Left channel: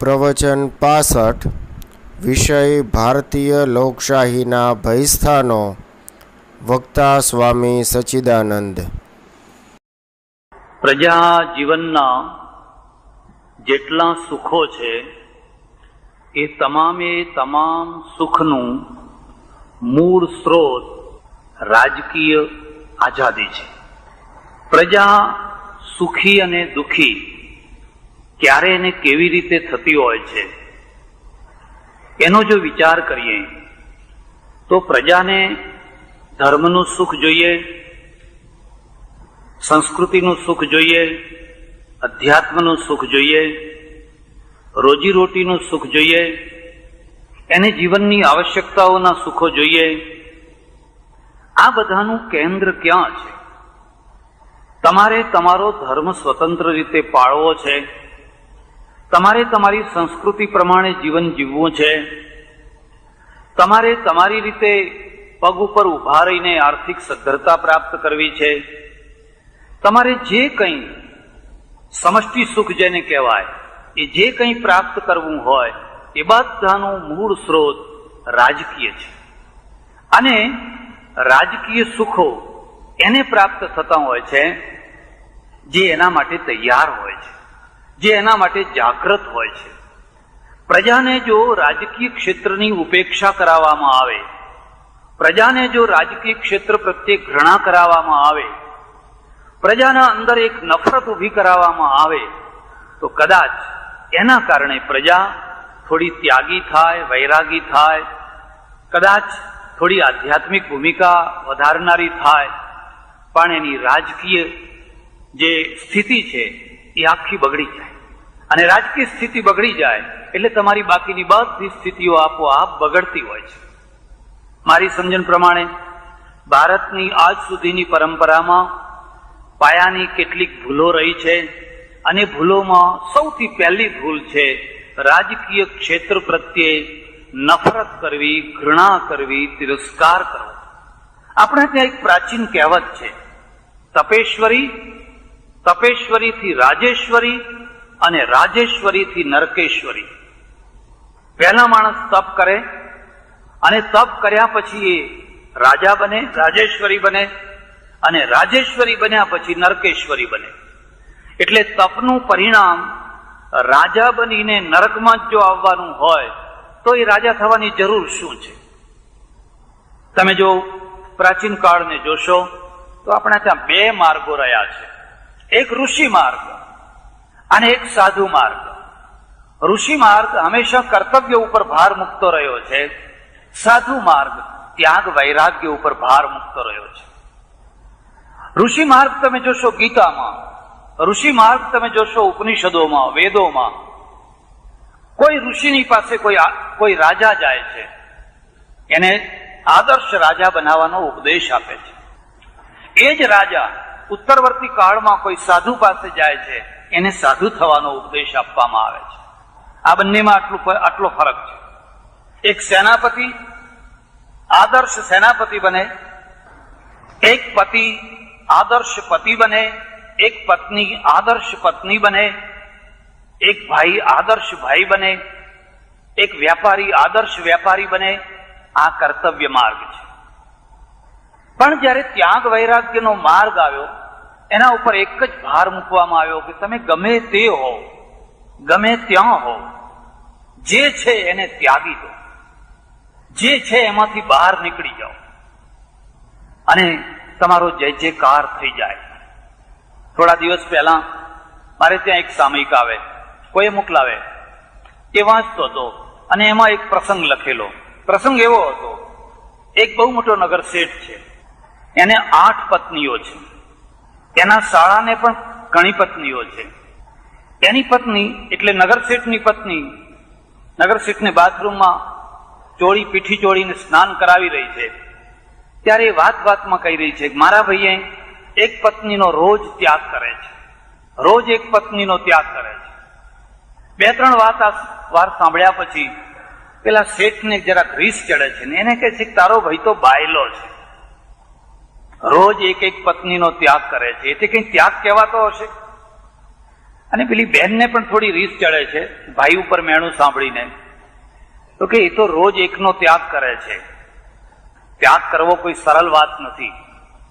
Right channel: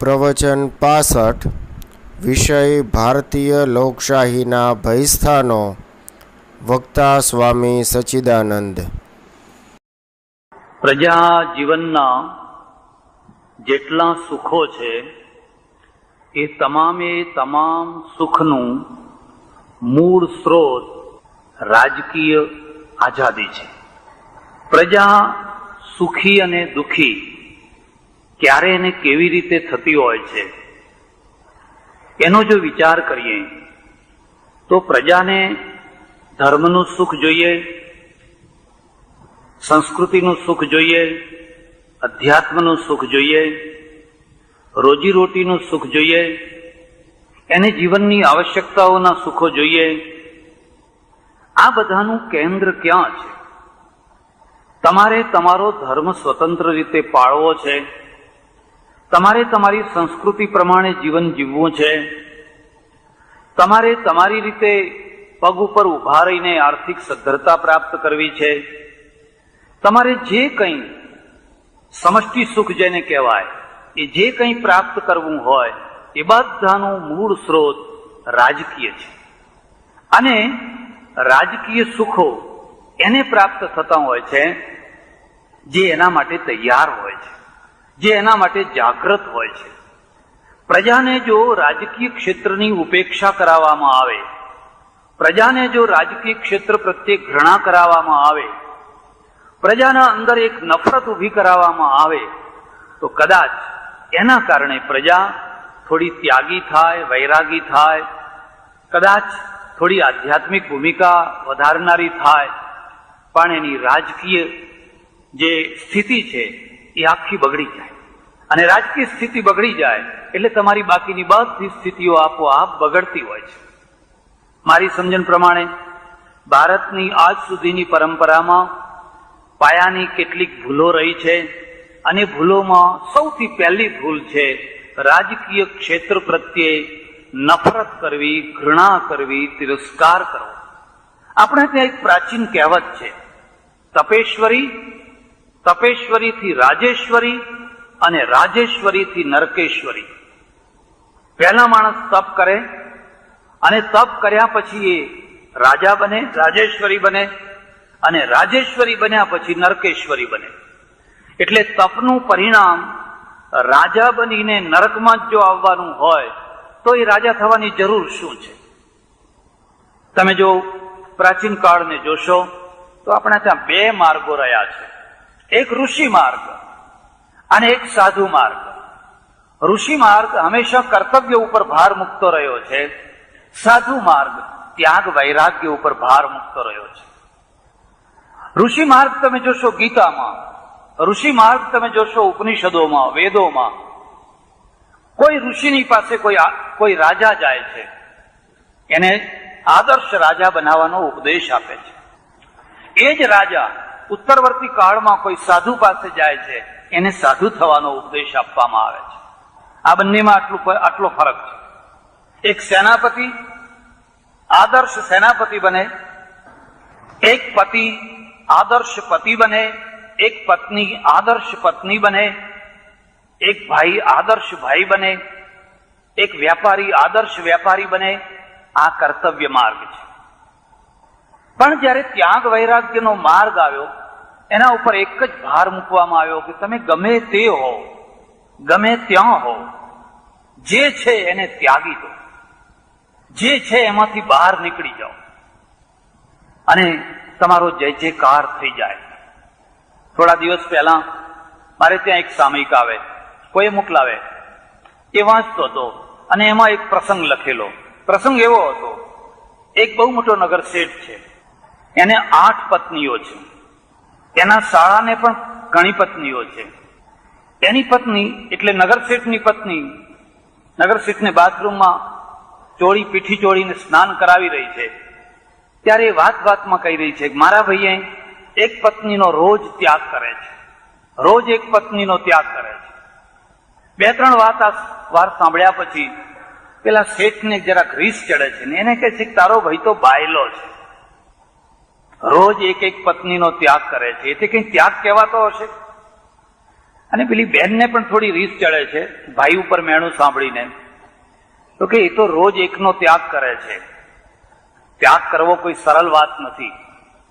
પ્રવચન 65 વિષય ભારતીય લોકશાહીના ભયસ્થાનો. વક્તા સ્વામી સચ્ચિદાનંદ. પ્રજા જીવનના જેટલા સુખો છે એ તમામ સુખનું મૂળ સ્ત્રોત રાજકીય આઝાદી છે. પ્રજા સુખી અને દુઃખી ક્યારે એને કેવી રીતે થતી હોય છે એનો જો વિચાર કરીએ તો પ્રજાને ધર્મનું સુખ જોઈએ, સંસ્કૃતિનું સુખ જોઈએ, અધ્યાત્મનું સુખ જોઈએ, રોજીરોટીનું સુખ જોઈએ, એને જીવનની આવશ્યકતાઓના સુખો જોઈએ. આ બધાનું કેન્દ્ર ક્યાં છે? તમારે તમારો ધર્મ સ્વતંત્ર રીતે પાળવો છે, તમારે તમારી સંસ્કૃતિ પ્રમાણે જીવન જીવવું છે, તમારે તમારી રીતે પગ ઉપર ઊભા રહીને આર્થિક સદ્ધરતા પ્રાપ્ત કરવી છે, તમારે જે કંઈ સમષ્ટિ સુખ જેને કહેવાય એ જે કંઈ પ્રાપ્ત કરવું હોય એ બધાનું મૂળ સ્ત્રોત રાજકીય છે. અને રાજકીય સુખો એને પ્રાપ્ત થતા હોય છે જે એના માટે તૈયાર હોય છે, જે એના માટે જાગૃત હોય છે. પ્રજાને જો રાજકીય ક્ષેત્રની ઉપેક્ષા કરાવવામાં આવે, પ્રજાને જો રાજકીય ક્ષેત્ર પ્રત્યે ઘૃણા કરાવવામાં આવે, પ્રજાના અંદર એક નફરત ઊભી કરાવવામાં આવે તો કદાચ એના કારણે પ્રજા થોડી ત્યાગી થાય, વૈરાગી થાય, કદાચ થોડી આધ્યાત્મિક ભૂમિકા વધારનારી થાય, પણ એની રાજકીય જે સ્થિતિ છે એ આખી બગડી જાય. અને રાજકીય સ્થિતિ બગડી જાય એટલે તમારી બાકીની બધી સ્થિતિઓ આપોઆપ બગડતી હોય છે. મારી સમજણ પ્રમાણે ભારતની આજ સુધીની પરંપરામાં પાયાની કેટલીક ભૂલો રહી છે, અને ભૂલોમાં સૌથી પહેલી ભૂલ છે રાજકીય ક્ષેત્ર પ્રત્યે નફરત કરવી, ઘૃણા કરવી, તિરસ્કાર કરવો. આપણે ત્યાં એક પ્રાચીન કહેવત છે, તપેશ્વરીથી રાજેશ્વરી અને રાજેશ્વરીથી નરકેશ્વરી. પહેલા માણસ તપ કરે અને તપ કર્યા પછી એ રાજા બને, રાજેશ્વરી બને, અને રાજેશ્વરી બન્યા પછી નરકેશ્વરી બને. એટલે તપનું પરિણામ રાજા બનીને નરકમાં જ જો આવવાનું હોય તો એ રાજા થવાની જરૂર શું છે? તમે જો પ્રાચીન કાળને જોશો તો આપણે ત્યાં બે માર્ગો રહ્યા છે, એક ઋષિ માર્ગ અને એક સાધુ માર્ગ. ઋષિ માર્ગ હંમેશા કર્તવ્ય ઉપર ભાર મૂકતો રહ્યો છે, સાધુ માર્ગ ત્યાગ વૈરાગ્ય ઉપર ભાર મૂકતો રહ્યો છે. ઋષિ માર્ગ તમે જોશો ગીતામાં, ઋષિ માર્ગ તમે જોશો ઉપનિષદોમાં, વેદોમાં. કોઈ ઋષિની પાસે કોઈ રાજા જાય છે, એને આદર્શ રાજા બનાવવાનો ઉપદેશ આપે છે. એ જ રાજા ઉત્તરવર્તી કાળમાં કોઈ સાધુ પાસે જાય છે, એને સાધુ થવાનો ઉપદેશ આપવામાં આવે છે. આ બંનેમાં આટલો ફરક છે. એક સેનાપતિ આદર્શ સેનાપતિ બને, એક પતિ આદર્શ પતિ બને, એક પત્ની આદર્શ પત્ની બને, એક ભાઈ આદર્શ ભાઈ બને, એક વ્યાપારી આદર્શ વ્યાપારી બને. આ કર્તવ્ય માર્ગ છે. પણ જયારે ત્યાગ વૈરાગ્યનો માર્ગ આવ્યો, એના ઉપર એક જ ભાર મૂકવામાં આવ્યો કે તમે ગમે તે હો, ગમે ત્યાં હો, જે છે એને ત્યાગી દો, જે છે એમાંથી બહાર નીકળી જાઓ અને તમારો જય જયકાર થઈ જાય. થોડા દિવસ પહેલા મારે ત્યાં એક સામયિક આવે, કોઈ મોકલાવે, એ વાંચતો હતો અને એમાં એક પ્રસંગ લખેલો. પ્રસંગ એવો હતો, એક બહુ મોટો નગર શેઠ છે, એને 8 પત્નીઓ છે, એના શાળાને પણ ઘણી પત્નીઓ છે. એની પત્ની એટલે નગરશેઠની પત્ની નગરશેઠને બાથરૂમમાં પીઠી ચોળીને સ્નાન કરાવી રહી છે, ત્યારે એ વાતમાં કહી રહી છે કે મારા ભાઈએ એક પત્નીનો રોજ ત્યાગ કરે છે, રોજ એક પત્નીનો ત્યાગ કરે છે. 2-3 વાર સાંભળ્યા પછી પેલા શેઠને જરાક રીસ ચડે છે ને એને કહે છે કે તારો ભાઈ તો બાયલો છે, રોજ એક પત્નીનો ત્યાગ કરે છે, એથી કઈ ત્યાગ કહેવાતો હશે? અને પેલી બહેનને પણ થોડી રીસ ચડે છે ભાઈ ઉપર મેણું સાંભળીને, તો કે એ તો રોજ એકનો ત્યાગ કરે છે. ત્યાગ કરવો કોઈ સરળ વાત નથી,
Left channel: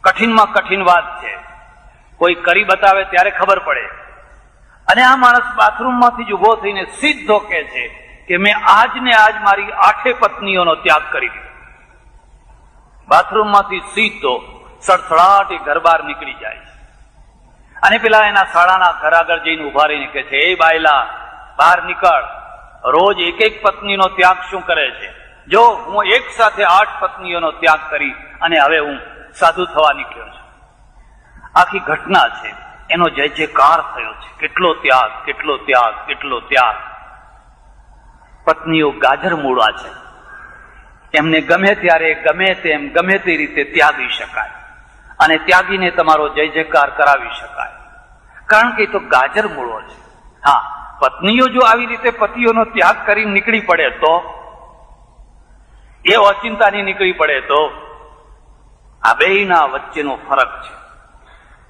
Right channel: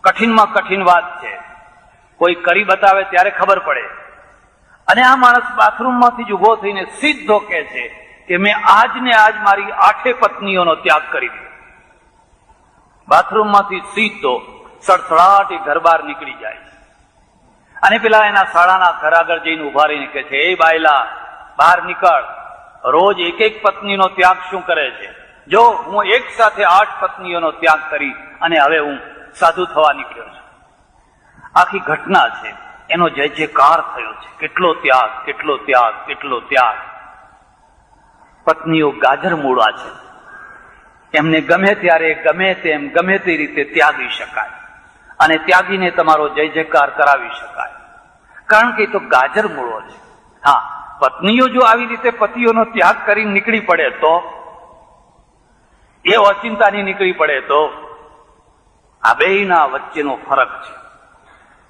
કઠિનમાં કઠિન વાત છે. કોઈ કરી બતાવે ત્યારે ખબર પડે. અને આ માણસ બાથરૂમમાંથી જ ઉભો થઈને સીધો કહે છે કે મેં આજ ને આજ મારી 8 પત્નીઓનો ત્યાગ કરી દીધો. બાથરૂમમાંથી સીધો સડસડાટ એ ઘર બહાર નીકળી જાય. અને પેલા એના શાળાના ઘર આગળ જઈને ઉભા રહીને કહે છે, એ બાયલા બહાર નીકળ, રોજ એક પત્નીનો ત્યાગ શું કરે છે? જો હું એક સાથે 8 પત્નીઓનો ત્યાગ કરી અને હવે હું સાધુ થવા નીકળ્યો છું. આખી ઘટના છે, એનો જય જયકાર થયો છે. કેટલો ત્યાગ, કેટલો ત્યાગ, કેટલો ત્યાગ. પત્નીઓ ગાજર મૂળા છે, એમને ગમે ત્યારે ગમે તેમ ગમે તે રીતે ત્યાગી શકાય અને ત્યાગીને તમારો જય જયકાર કરાવી શકાય, કારણ કે એ તો ગાજર મૂળો છે. હા, પત્નીઓ જો આવી રીતે પતિઓનો ત્યાગ કરી નીકળી પડે તો, એ ઓચિંતાની નીકળી પડે તો, આ બેયના વચ્ચેનો ફરક છે.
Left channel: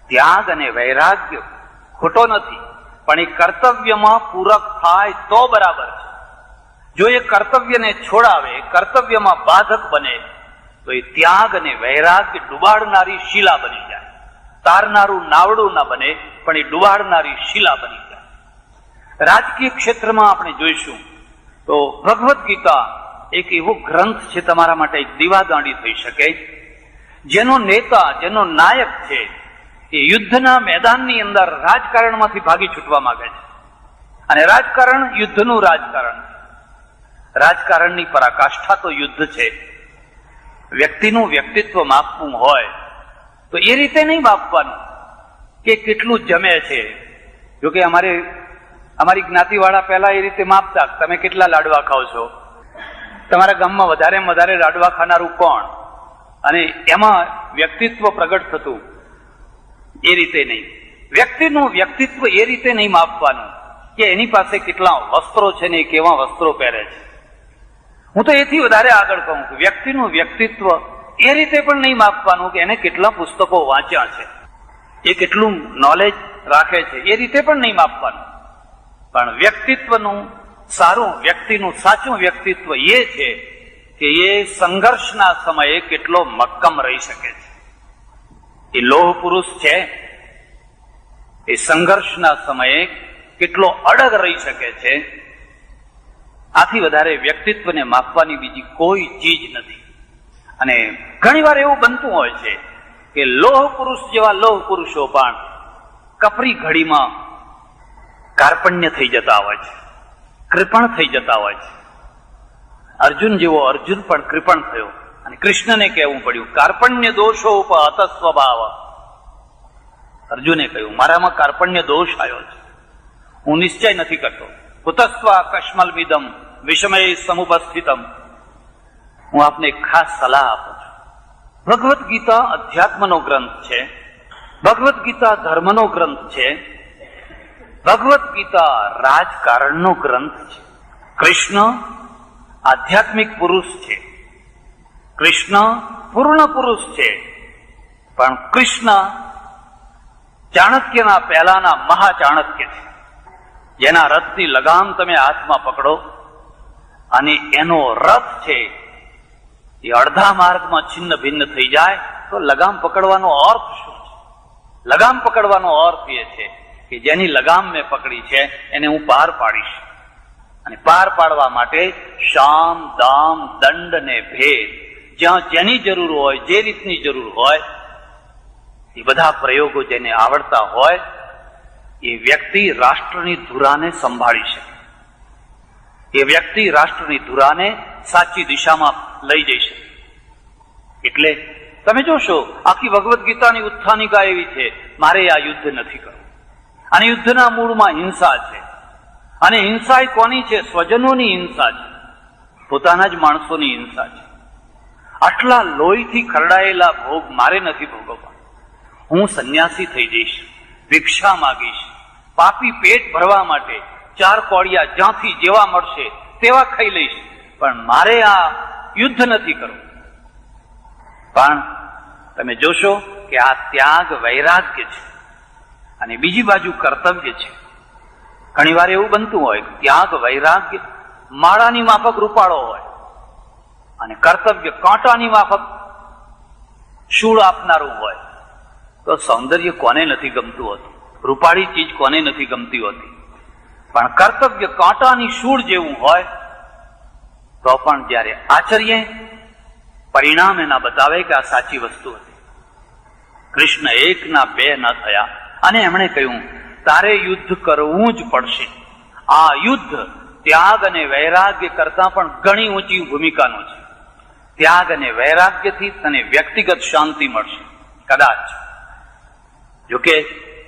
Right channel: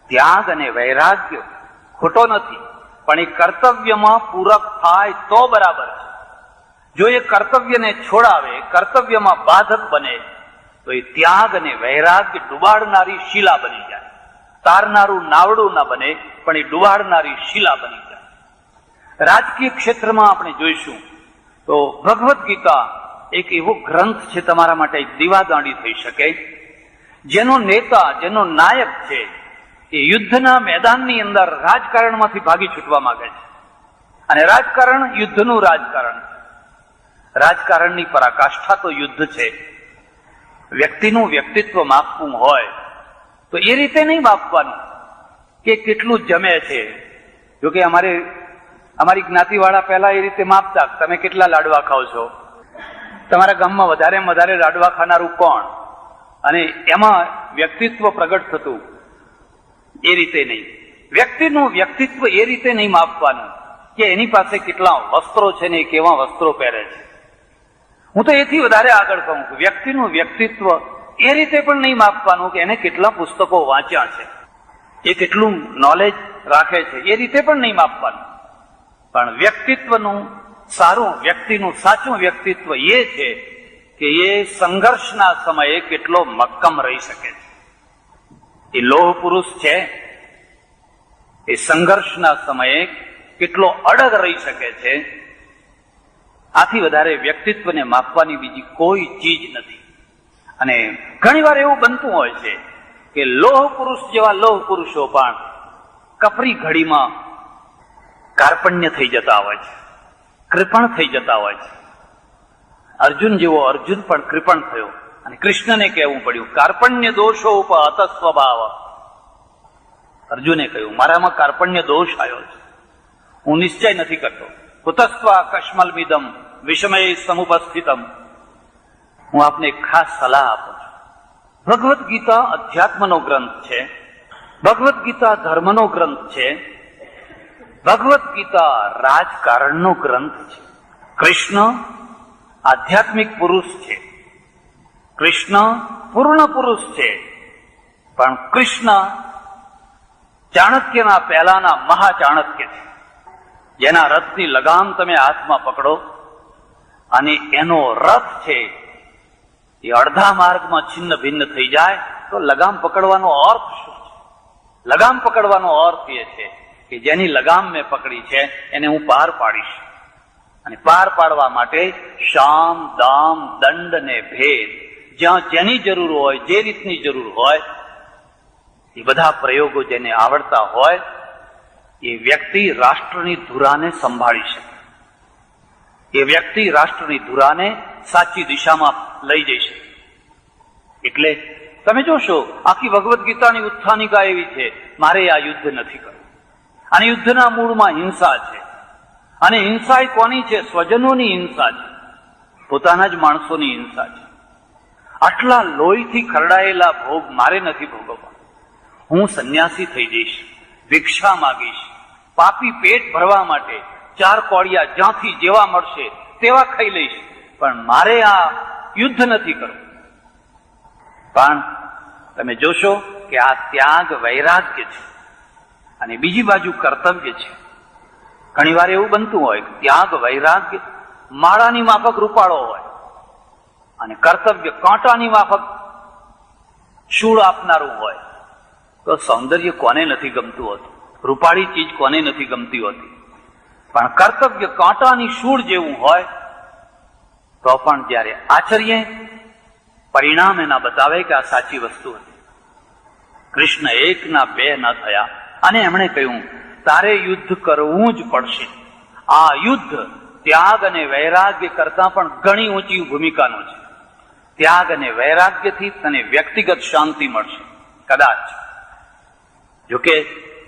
ત્યાગ અને વૈરાગ્ય ખોટો નથી, પણ એ કર્તવ્યમાં પૂરક થાય તો બરાબર છે. જો એ કર્તવ્યને છોડાવે, કર્તવ્યમાં બાધક બને, તો એ ત્યાગ અને વૈરાગ્ય ડુબાડનારી શિલા બની જાય. તારનારું નાવડું ના બને, પણ એ ડુબાડનારી શિલા બની જાય. રાજકીય ક્ષેત્રમાં આપણે જોઈશું તો ભગવદ્ ગીતા એક એવો ગ્રંથ છે તમારા માટે દીવાદાંડી થઈ શકે, જેનો નેતા, જેનો નાયક છે, એ યુદ્ધના મેદાનની અંદર રાજકારણમાંથી ભાગી છૂટવા માંગે છે. અને રાજકારણ યુદ્ધનું રાજકારણ. રાજકારણની પરાકાષ્ઠા તો યુદ્ધ છે. વ્યક્તિનું વ્યક્તિત્વ માપવું હોય તો એ રીતે નહીં માપવાનું કે કેટલું જમે છે. જોકે અમારી જ્ઞાતિવાળા પહેલા એ રીતે માપતા, તમે કેટલા લાડવા ખાવ છો, તમારા ગામમાં વધારે લાડવા ખાનારું કોણ, અને એમાં વ્યક્તિત્વ પ્રગટ થતું. એ રીતે નહીં. વ્યક્તિનું વ્યક્તિત્વ એ રીતે નહીં માપવાનું કે એની પાસે કેટલા વસ્ત્રો છે ને કેવા વસ્ત્રો પહેરે છે. હું તો એથી વધારે આગળ કહું છું, વ્યક્તિનું વ્યક્તિત્વ એ રીતે પણ નહીં માપવાનું કે એને કેટલા પુસ્તકો વાંચ્યા છે, એ કેટલું નોલેજ રાખે છે, એ રીતે પણ નહીં માપવાનું. પણ વ્યક્તિત્વનું સારું, વ્યક્તિનું સાચું વ્યક્તિત્વ એ છે કે એ સંઘર્ષના સમયે કેટલો મક્કમ રહી શકે છે. એ લોહ પુરુષ છે, એ સંઘર્ષના સમયે કેટલો અડગ રહી શકે છે. આથી વધારે વ્યક્તિત્વને માપવાની બીજી કોઈ ચીજ નથી. અને ઘણી વાર એવું બનતું હોય છે કે લોહ પુરુષ જેવા લોહ પુરુષો પણ કપરી ઘડીમાં કાર્પણ્ય થઈ જતા હોય છે, કૃપણ થઈ જતા હોય છે. અર્જુન જેવો અર્જુન પણ કૃપણ થયો અને કૃષ્ણને કહેવું પડ્યું, કાર્પણ્ય દોષો ઉપહત સ્વભાવ. અર્જુને કહ્યું, મારામાં કાર્પણ્ય દોષ આવ્યો છે, હું નિશ્ચય નથી કરતો. કુતસ્વા કશ્મલમિદમ વિષમય સમુપસ્થિતમ. હું આપને ખાસ સલાહ આપું છું. ભગવદ્ ગીતા અધ્યાત્મનો ગ્રંથ છે, ભગવદ્ ગીતા ધર્મનો ગ્રંથ છે, ભગવદ્ ગીતા રાજકારણનો ગ્રંથ છે. કૃષ્ણ આધ્યાત્મિક પુરુષ છે, કૃષ્ણ પૂર્ણ પુરુષ છે, પણ કૃષ્ણ ચાણક્યના પહેલાના મહાચાણક્ય છે, જેના રથની લગામ તમે હાથમાં પકડો અને એનો રથ છે એ અડધા માર્ગમાં છિન્ન ભિન્ન થઈ જાય તો લગામ પકડવાનો અર્થ શું છે? લગામ પકડવાનો અર્થ એ છે કે જેની લગામ મેં પકડી છે એને હું પાર પાડીશ. અને પાર પાડવા માટે શામ, દામ, દંડ ને ભેદ, જ્યાં જેની જરૂર હોય, જે રીતની જરૂર હોય, એ બધા પ્રયોગો જેને આવડતા હોય એ વ્યક્તિ રાષ્ટ્રની ધુરાને સંભાળી શકે. એ વ્યક્તિ રાષ્ટ્રની ધુરાને સાચી દિશામાં લઈ જઈ શકે. એટલે તમે જોશો આખી ભગવદ્ ગીતાની ઉત્થાનિકા એવી છે, મારે આ યુદ્ધ નથી કરવું. અને યુદ્ધના મૂળમાં હિંસા છે. અને હિંસા એ કોની છે? સ્વજનોની હિંસા છે, પોતાના જ માણસોની હિંસા છે. આટલા લોહીથી ખરડાયેલા ભોગ મારે નથી ભોગવવા. હું સંન્યાસી થઈ જઈશ, ભિક્ષા માગીશ, પાપી પેટ ભરવા માટે 4 કોળિયા જ્યાંથી જેવા મળશે તેવા ખાઈ લઈશ, પણ મારે આ યુદ્ધ નથી કરવું. પણ તમે જોશો કે આ ત્યાગ વૈરાગ્ય છે અને બીજી બાજુ કર્તવ્ય છે. ઘણી વાર એવું બનતું હોય ત્યાગ વૈરાગ્ય માળાની માફક રૂપાળો હોય અને કર્તવ્ય કાંટાની માફક શૂળ આપનારું હોય, તો સૌંદર્ય કોને નથી ગમતું હોતું, રૂપાળી ચીજ કોને નથી ગમતી હોતી, પણ કર્તવ્ય કાંટાની શૂળ જેવું હોય તો પણ જ્યારે આચરીએ પરિણામ એના બતાવે કે આ સાચી વસ્તુ હતી. કૃષ્ણ એકના બે ન થયા અને એમણે કહ્યું તારે યુદ્ધ કરવું જ પડશે. આ યુદ્ધ ત્યાગ અને વૈરાગ્ય કરતા પણ ઘણી ઊંચી ભૂમિકાનું છે. ત્યાગ અને વૈરાગ્યથી તને વ્યક્તિગત શાંતિ મળશે. કદાચ જોકે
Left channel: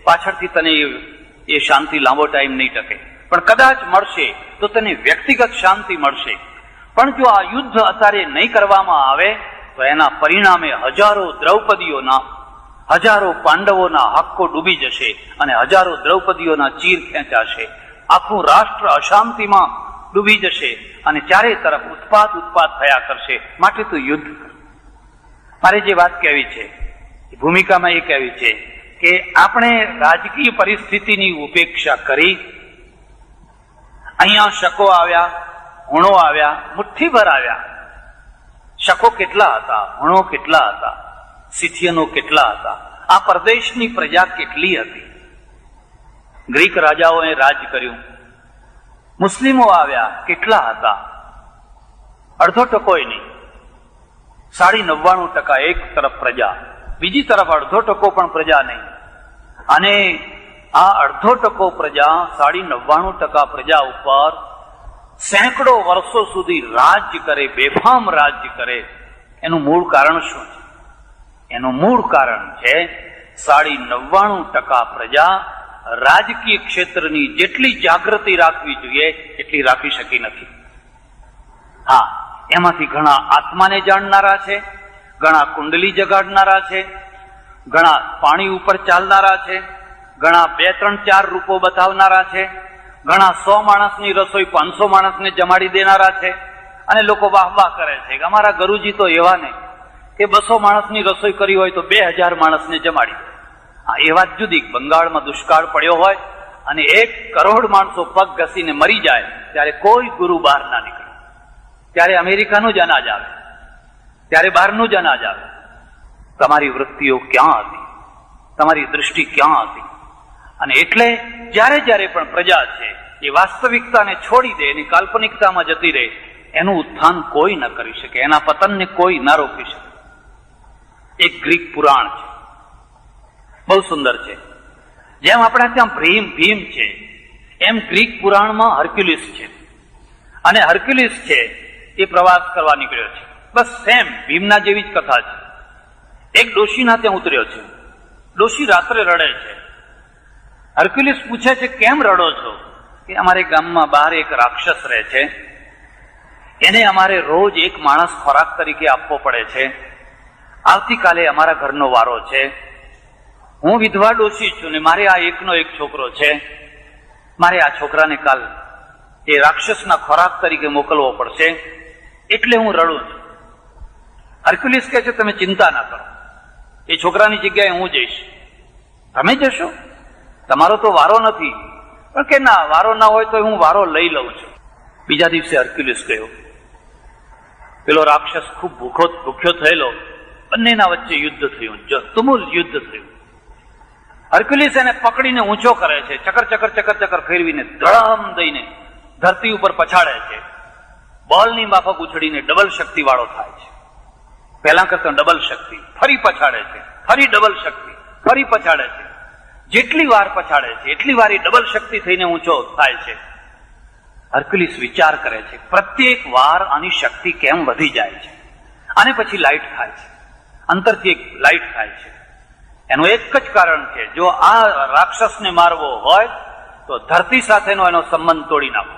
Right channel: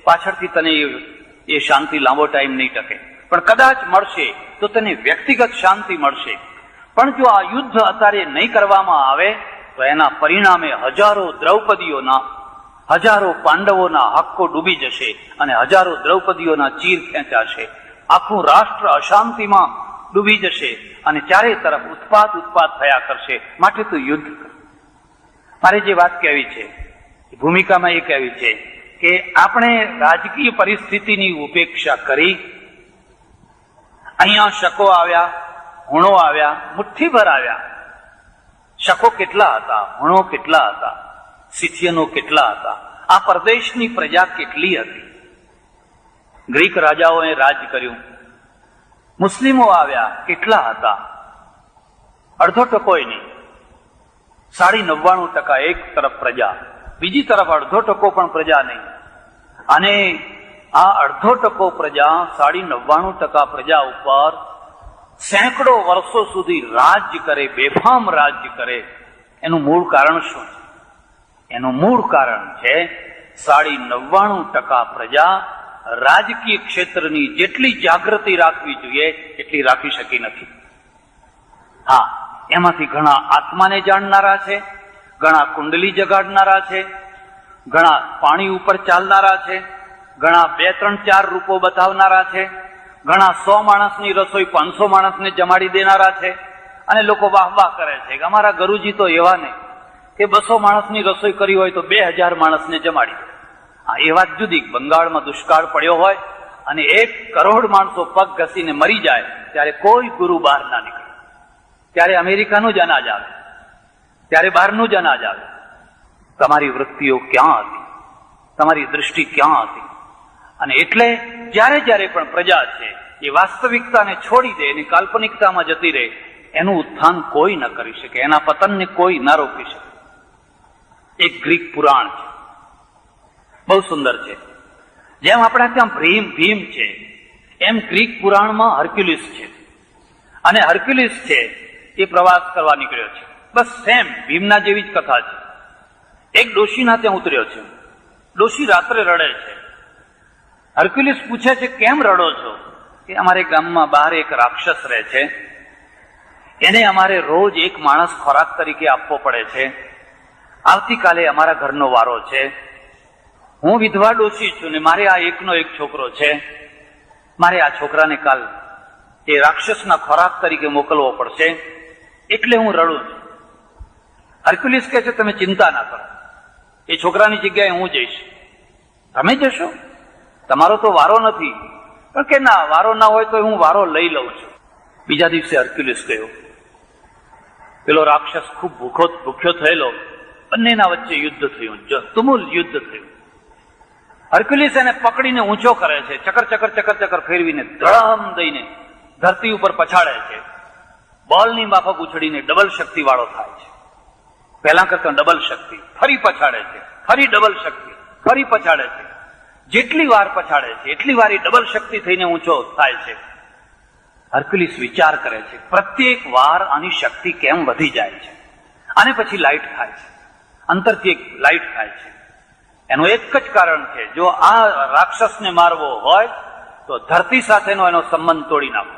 પાછળથી તને એ શાંતિ લાંબો ટાઈમ નહીં ટકે, પણ કદાચ મળશે તો તને વ્યક્તિગત શાંતિ મળશે. પણ જો આ યુદ્ધ અત્યારે નહીં કરવામાં આવે તો એના પરિણામે હજારો દ્રૌપદીઓના, હજારો પાંડવોના હક્કો ડૂબી જશે અને હજારો દ્રૌપદીઓના ચીર ખેંચાશે. આખું રાષ્ટ્ર અશાંતિમાં ડૂબી જશે અને ચારે તરફ ઉત્પાત થયા કરશે. માટે તો યુદ્ધ. મારે જે વાત કહેવી છે ભૂમિકામાં એ કહેવી છે કે આપણે રાજકીય પરિસ્થિતિની ઉપેક્ષા કરી અહીંયા શકો આવ્યા, હુણો આવ્યા, મુઠ્ઠીભર આવ્યા. શકો કેટલા હતા, હુણો કેટલા હતા, સિથિયનો કેટલા હતા, આ પ્રદેશની પ્રજા કેટલી હતી. ગ્રીક રાજાઓએ રાજ કર્યું. મુસ્લિમો આવ્યા, કેટલા હતા, અડધો ટકોય નહીં. 99% એક તરફ પ્રજા, બીજી તરફ અડધો ટકો પણ પ્રજા નહીં. અને આ અડધો ટકો પ્રજા 99% પ્રજા ઉપર સેંકડો વર્ષો સુધી રાજ્ય કરે, બેફામ રાજ્ય કરે. એનું મૂળ કારણ શું છે? એનું મૂળ કારણ છે 99% પ્રજા રાજકીય ક્ષેત્રની જેટલી જાગૃતિ રાખવી જોઈએ એટલી રાખી શકી નથી. હા, એમાંથી ઘણા આત્માને જાણનારા છે, ઘણા કુંડલી જગાડનારા છે, ઘણા પાણી ઉપર ચાલનારા છે, ઘણા 2, 3, 4 રૂપો બતાવનારા છે, ઘણા 100 માણસની રસોઈ 500 માણસને જમાડી દેનારા છે. અને લોકો વાહ વાહ કરે છે કે અમારા ગુરુજી તો એવા ને કે 200 માણસની રસોઈ કરી હોય તો 2000 માણસને જમાડી. હા, એ વાત જુદી. બંગાળમાં દુષ્કાળ પડ્યો હોય અને 1 કરોડ માણસો પગ ઘસીને મરી જાય ત્યારે કોઈ ગુરુ બહાર ના નીકળે. ત્યારે અમેરિકાનું જ અનાજ આવે, ત્યારે બહારનું જ અનાજ આવે. તમારી વૃત્તિઓ ક્યાં હતી, તમારી દૃષ્ટિ ક્યાં હતી? અને એટલે જ્યારે જ્યારે પણ પ્રજા છે એ વાસ્તવિકતાને છોડી દે, એની કાલ્પનિકતામાં જતી રહે, એનું ઉત્થાન કોઈ ન કરી શકે, એના પતનને કોઈ ન રોકી શકે. એક ગ્રીક પુરાણ છે, બહુ સુંદર છે. જેમ આપણા ત્યાં ભીમ છે એમ ગ્રીક પુરાણમાં હર્ક્યુલિસ છે. અને હર્ક્યુલિસ છે એ પ્રવાસ કરવા નીકળ્યો છે. બસ સેમ ભીમના જેવી જ કથા છે. એક ડોશીના ત્યાં ઉતર્યો છે. ડોશી રાત્રે રડે છે. હર્ક્યુલિસ પૂછે છે કેમ રડો છો? કે અમારે ગામમાં બહાર એક રાક્ષસ રહે છે, એને અમારે રોજ એક માણસ ખોરાક તરીકે આપવો પડે છે. આવતીકાલે અમારા ઘરનો વારો છે. હું વિધવા ડોશી છું ને મારે આ એકનો એક છોકરો છે. મારે આ છોકરાને કાલ એ રાક્ષસના ખોરાક તરીકે મોકલવો પડશે, એટલે હું રડું છું. હર્ક્યુલિસ કહે છે તમે ચિંતા ના કરો, એ છોકરાની જગ્યાએ હું જઈશ. તમે જશો? તમારો તો વારો નથી. પણ કે ના, વારો ના હોય તો હું વારો લઈ લઉં છું. બીજા દિવસે હર્ક્યુલિસ ગયો. પેલો રાક્ષસ ખૂબ ભૂખ્યો થયેલો. બંનેના વચ્ચે યુદ્ધ થયું, તુમુલ યુદ્ધ થયું. હર્ક્યુલિસ એને પકડીને ઊંચો કરે છે, ચકર ફેરવીને ધડમ દઈને ધરતી ઉપર પછાડે છે. બોલની માફક ઉછળીને ડબલ શક્તિ વાળો થાય છે. પહેલા કરતા ડબલ શક્તિ. ફરી પછાડે છે, ફરી ડબલ શક્તિ, ફરી પછાડે છે. જેટલી વાર પછાડે છે એટલી વાર એ ડબલ શક્તિ થઈને ઊંચો થાય છે. હર્ક્યુલિસ વિચાર કરે છે પ્રત્યેક વાર આની શક્તિ કેમ વધી જાય છે. અને પછી લાઇટ થાય છે, અંતરથી એક લાઇટ થાય છે. એનું એક જ કારણ છે, જો આ રાક્ષસને મારવો હોય તો ધરતી સાથેનો એનો સંબંધ તોડી નાખો.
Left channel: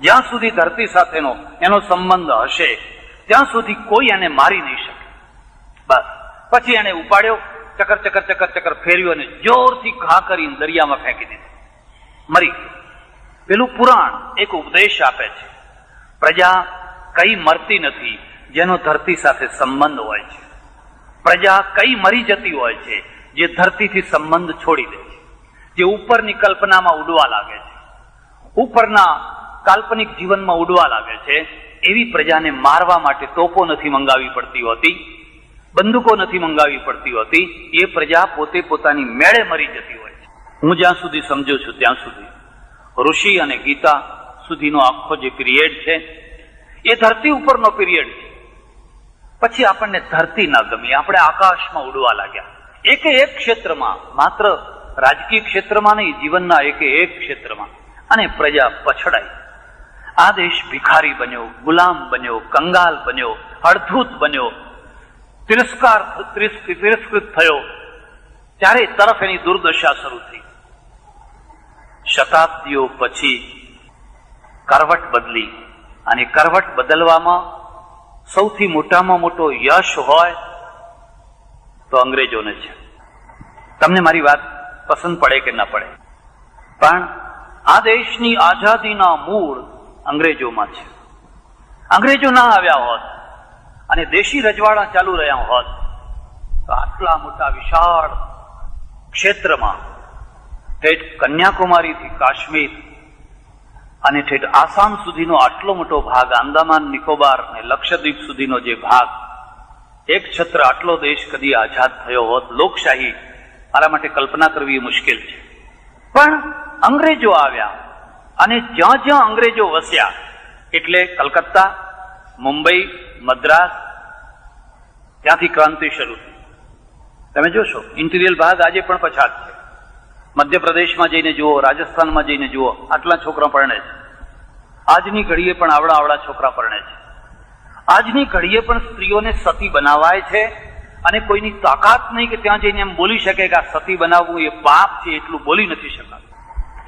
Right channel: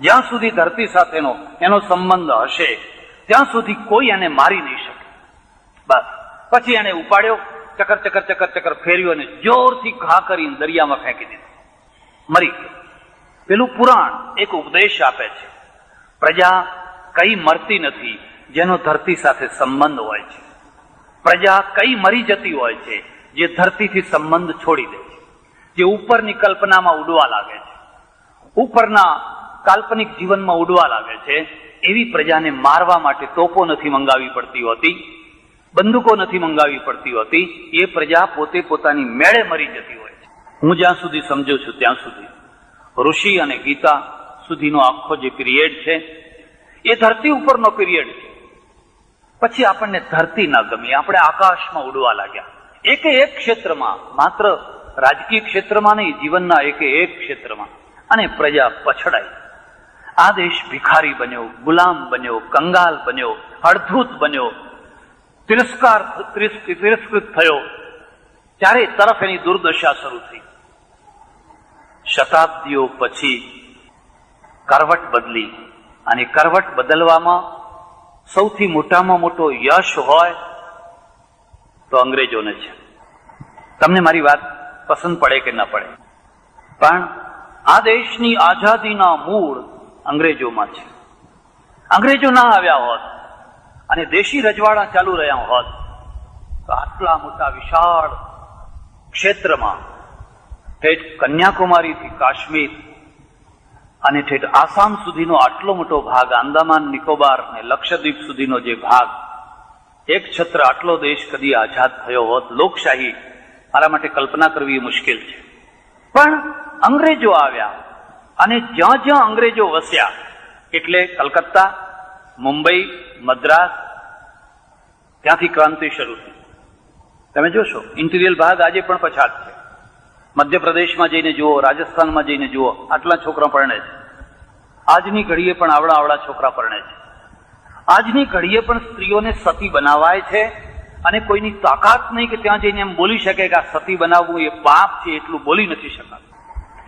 જ્યાં સુધી ધરતી સાથેનો એનો સંબંધ હશે ત્યાં સુધી કોઈ એને મારી નહીં શકે. બસ પછી એને ઉપાડ્યો, ચકર ફેર્યો અને જોરથી ઘા કરીને દરિયામાં ફેંકી દીધો, મરી ગયો. પેલું પુરાણ એક ઉપદેશ આપે છે, પ્રજા કઈ મરતી નથી જેનો ધરતી સાથે સંબંધ હોય છે. પ્રજા કઈ મરી જતી હોય છે જે ધરતીથી સંબંધ છોડી દે છે, જે ઉપરની કલ્પનામાં ઉડવા લાગે છે. ઉપરના કાલ્પનિક જીવનમાં ઉડવા લાગે છે, એવી પ્રજાને મારવા માટે તોપો નથી મંગાવી પડતી હોતી, બંદૂકો નથી મંગાવી પડતી હોતી. એ પ્રજા પોતે પોતાની મેળે મરી જતી હોય છે. હું જ્યાં સુધી સમજુ છું ત્યાં સુધી ઋષિ અને ગીતા સુધીનો આખો જે પિરિયડ છે એ ધરતી ઉપરનો પિરિયડ છે. પછી આપણને ધરતી ના ગમી, આપણે આકાશમાં ઉડવા લાગ્યા. એક એક ક્ષેત્રમાં, માત્ર રાજકીય ક્ષેત્રમાં નહીં, જીવનના એક એક ક્ષેત્રમાં, અને પ્રજા પછડાઈ. આ દેશ ભિખારી બન્યો, ગુલામ બન્યો, કંગાલ બન્યો, અડધૂત બન્યો, તિરસ્કૃત થયો. ચારે તરફ એની દુર્દશા શરૂ થઈ. શતાબ્દીઓ પછી કરવટ બદલી, અને કરવટ બદલવામાં સૌથી મોટામાં મોટો યશ હોય તો અંગ્રેજોને છે. તમને મારી વાત પસંદ પડે કે ન પડે, પણ આ દેશની આઝાદીના મૂળ અંગ્રેજોમાં છે. અંગ્રેજો ના આવ્યા હોત અને દેશી રજવાડા ચાલુ રહ્યા હોત તો આટલા મોટા વિશાળ ક્ષેત્રમાં, ઠેઠ કન્યાકુમારીથી કાશ્મીર અને ઠેઠ આસામ સુધીનો આટલો મોટો ભાગ, આંદામાન નિકોબાર અને લક્ષદ્વીપ સુધીનો જે ભાગ, એક છત્ર આટલો દેશ કદી આઝાદ થયો હોત, લોકશાહી, મારા માટે કલ્પના કરવી મુશ્કેલ છે. પણ અંગ્રેજો આવ્યા અને જ્યાં જ્યાં અંગ્રેજો વસ્યા, એટલે કલકત્તા, મુંબઈ, મદ્રાસ, ત્યાંથી ક્રાંતિ શરૂ થઈ. તમે જોશો ઇન્ટિરિયર ભાગ આજે પણ પછાત છે. મધ્યપ્રદેશમાં જઈને જુઓ, રાજસ્થાનમાં જઈને જુઓ, આટલા છોકરા પરણે છે. આજની ઘડીએ પણ આવડા છોકરા પરણે છે. આજની ઘડીએ પણ સ્ત્રીઓને સતી બનાવાય છે, અને કોઈની તાકાત નહીં કે ત્યાં જઈને એમ બોલી શકે કે આ સતી બનાવવું એ પાપ છે, એટલું બોલી નથી શકાતું.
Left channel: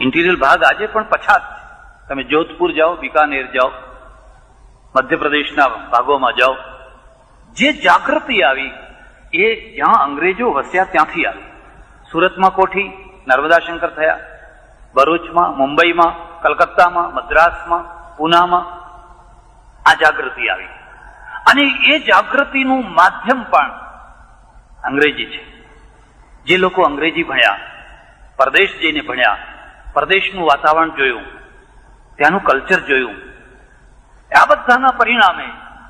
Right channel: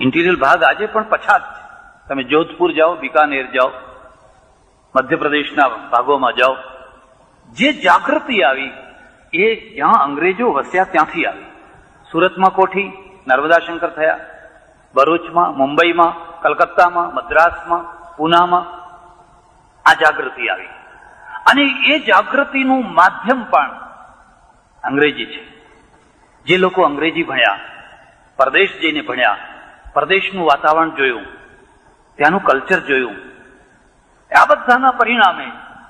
ઇન્ટિરિયર ભાગ આજે પણ પછાત છે. તમે જોધપુર જાઓ, બિકાનેર જાઓ, મધ્યપ્રદેશના ભાગોમાં જાઓ, જે જાગૃતિ આવી એ જ્યાં અંગ્રેજો વસ્યા ત્યાંથી આવી. સુરતમાં કોઠી, નર્મદા શંકર થયા, ભરૂચમાં, મુંબઈમાં, કલકત્તામાં, મદ્રાસમાં, પૂનામાં આ જાગૃતિ આવી. અને એ જાગૃતિનું માધ્યમ પણ અંગ્રેજી છે. જે લોકો અંગ્રેજી ભણ્યા, પરદેશ જઈને ભણ્યા, પરદેશનું વાતાવરણ જોયું, ત્યાંનું કલ્ચર જોયું, આ બધાના પરિણામે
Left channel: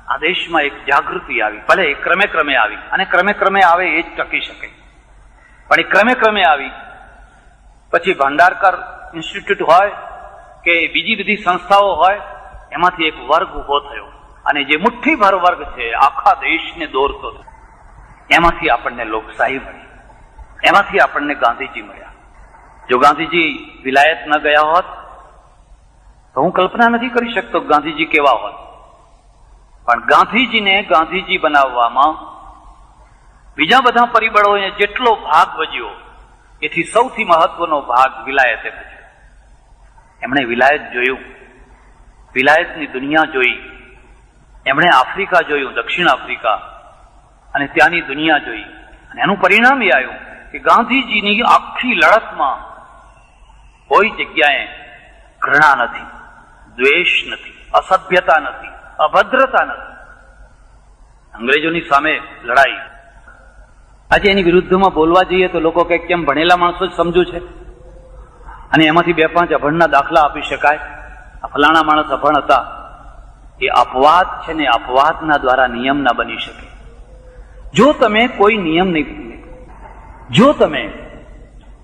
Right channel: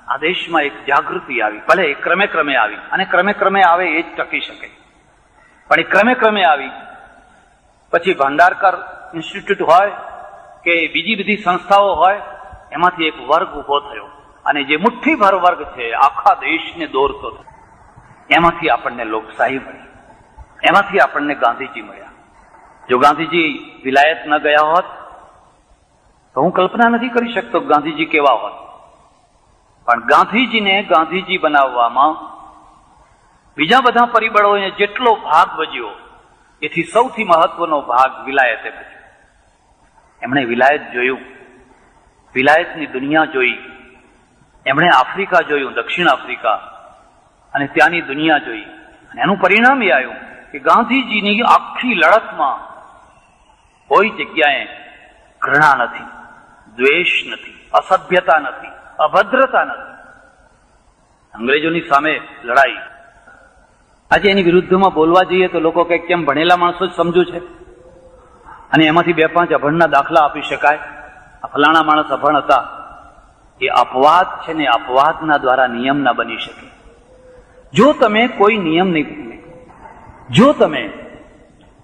આ દેશમાં એક જાગૃતિ આવી. ભલે એ ક્રમે ક્રમે આવી, અને ક્રમે ક્રમે આવે એ જ ટકી શકે, પણ એ ક્રમે ક્રમે આવી. પછી ભાંડારકર ઇન્સ્ટિટ્યૂટ હોય કે બીજી બધી સંસ્થાઓ હોય, એમાંથી એક વર્ગ ઉભો થયો, અને જે મુઠ્ઠીભર વર્ગ છે આખા દેશને દોરતો, એમાંથી આપણને લોકશાહી મળી, એમાંથી આપણને ગાંધીજી મળ્યા. જો ગાંધીજી વિલાયત ન ગયા હોત તો હું કલ્પના નથી કરી શકતો ગાંધીજી કેવા હોત. પણ ગાંધીજીને ગાંધીજી બનાવવામાં બીજા બધા પરિબળોએ જેટલો ભાગ ભજ્યો, એથી સૌથી મહત્વનો ભાગ વિલાયતે ભજ્યો. એમણે વિલાયત જોયું, વિલાયતની દુનિયા જોઈ. એમણે આફ્રિકા જોયું, દક્ષિણ આફ્રિકા, અને ત્યાંની દુનિયા જોઈ. અને એનું પરિણામ એ આવ્યું કે ગાંધીજીની આખી લડતમાં કોઈ જગ્યાએ ઘૃણા નથી, દ્વેષ નથી, અસભ્યતા નથી, અભદ્રતા નથી. અંગ્રેજોની સામે લડાઈ. આજે એની વિરુદ્ધમાં બોલવા જઈએ તો લોકો કે કેમ ભણેલા માણસો જ સમજુ છે, અને એમાંથી 2-5 અભણના દાખલા આપી શકાય. આ ફલાણા માણસ અભણ હતા, એ અપવાદ છે ને, અપવાદના દ્વારા નિયમ ના બની શકે. જો તમે કોઈ નિયમ નહીં, જો તમે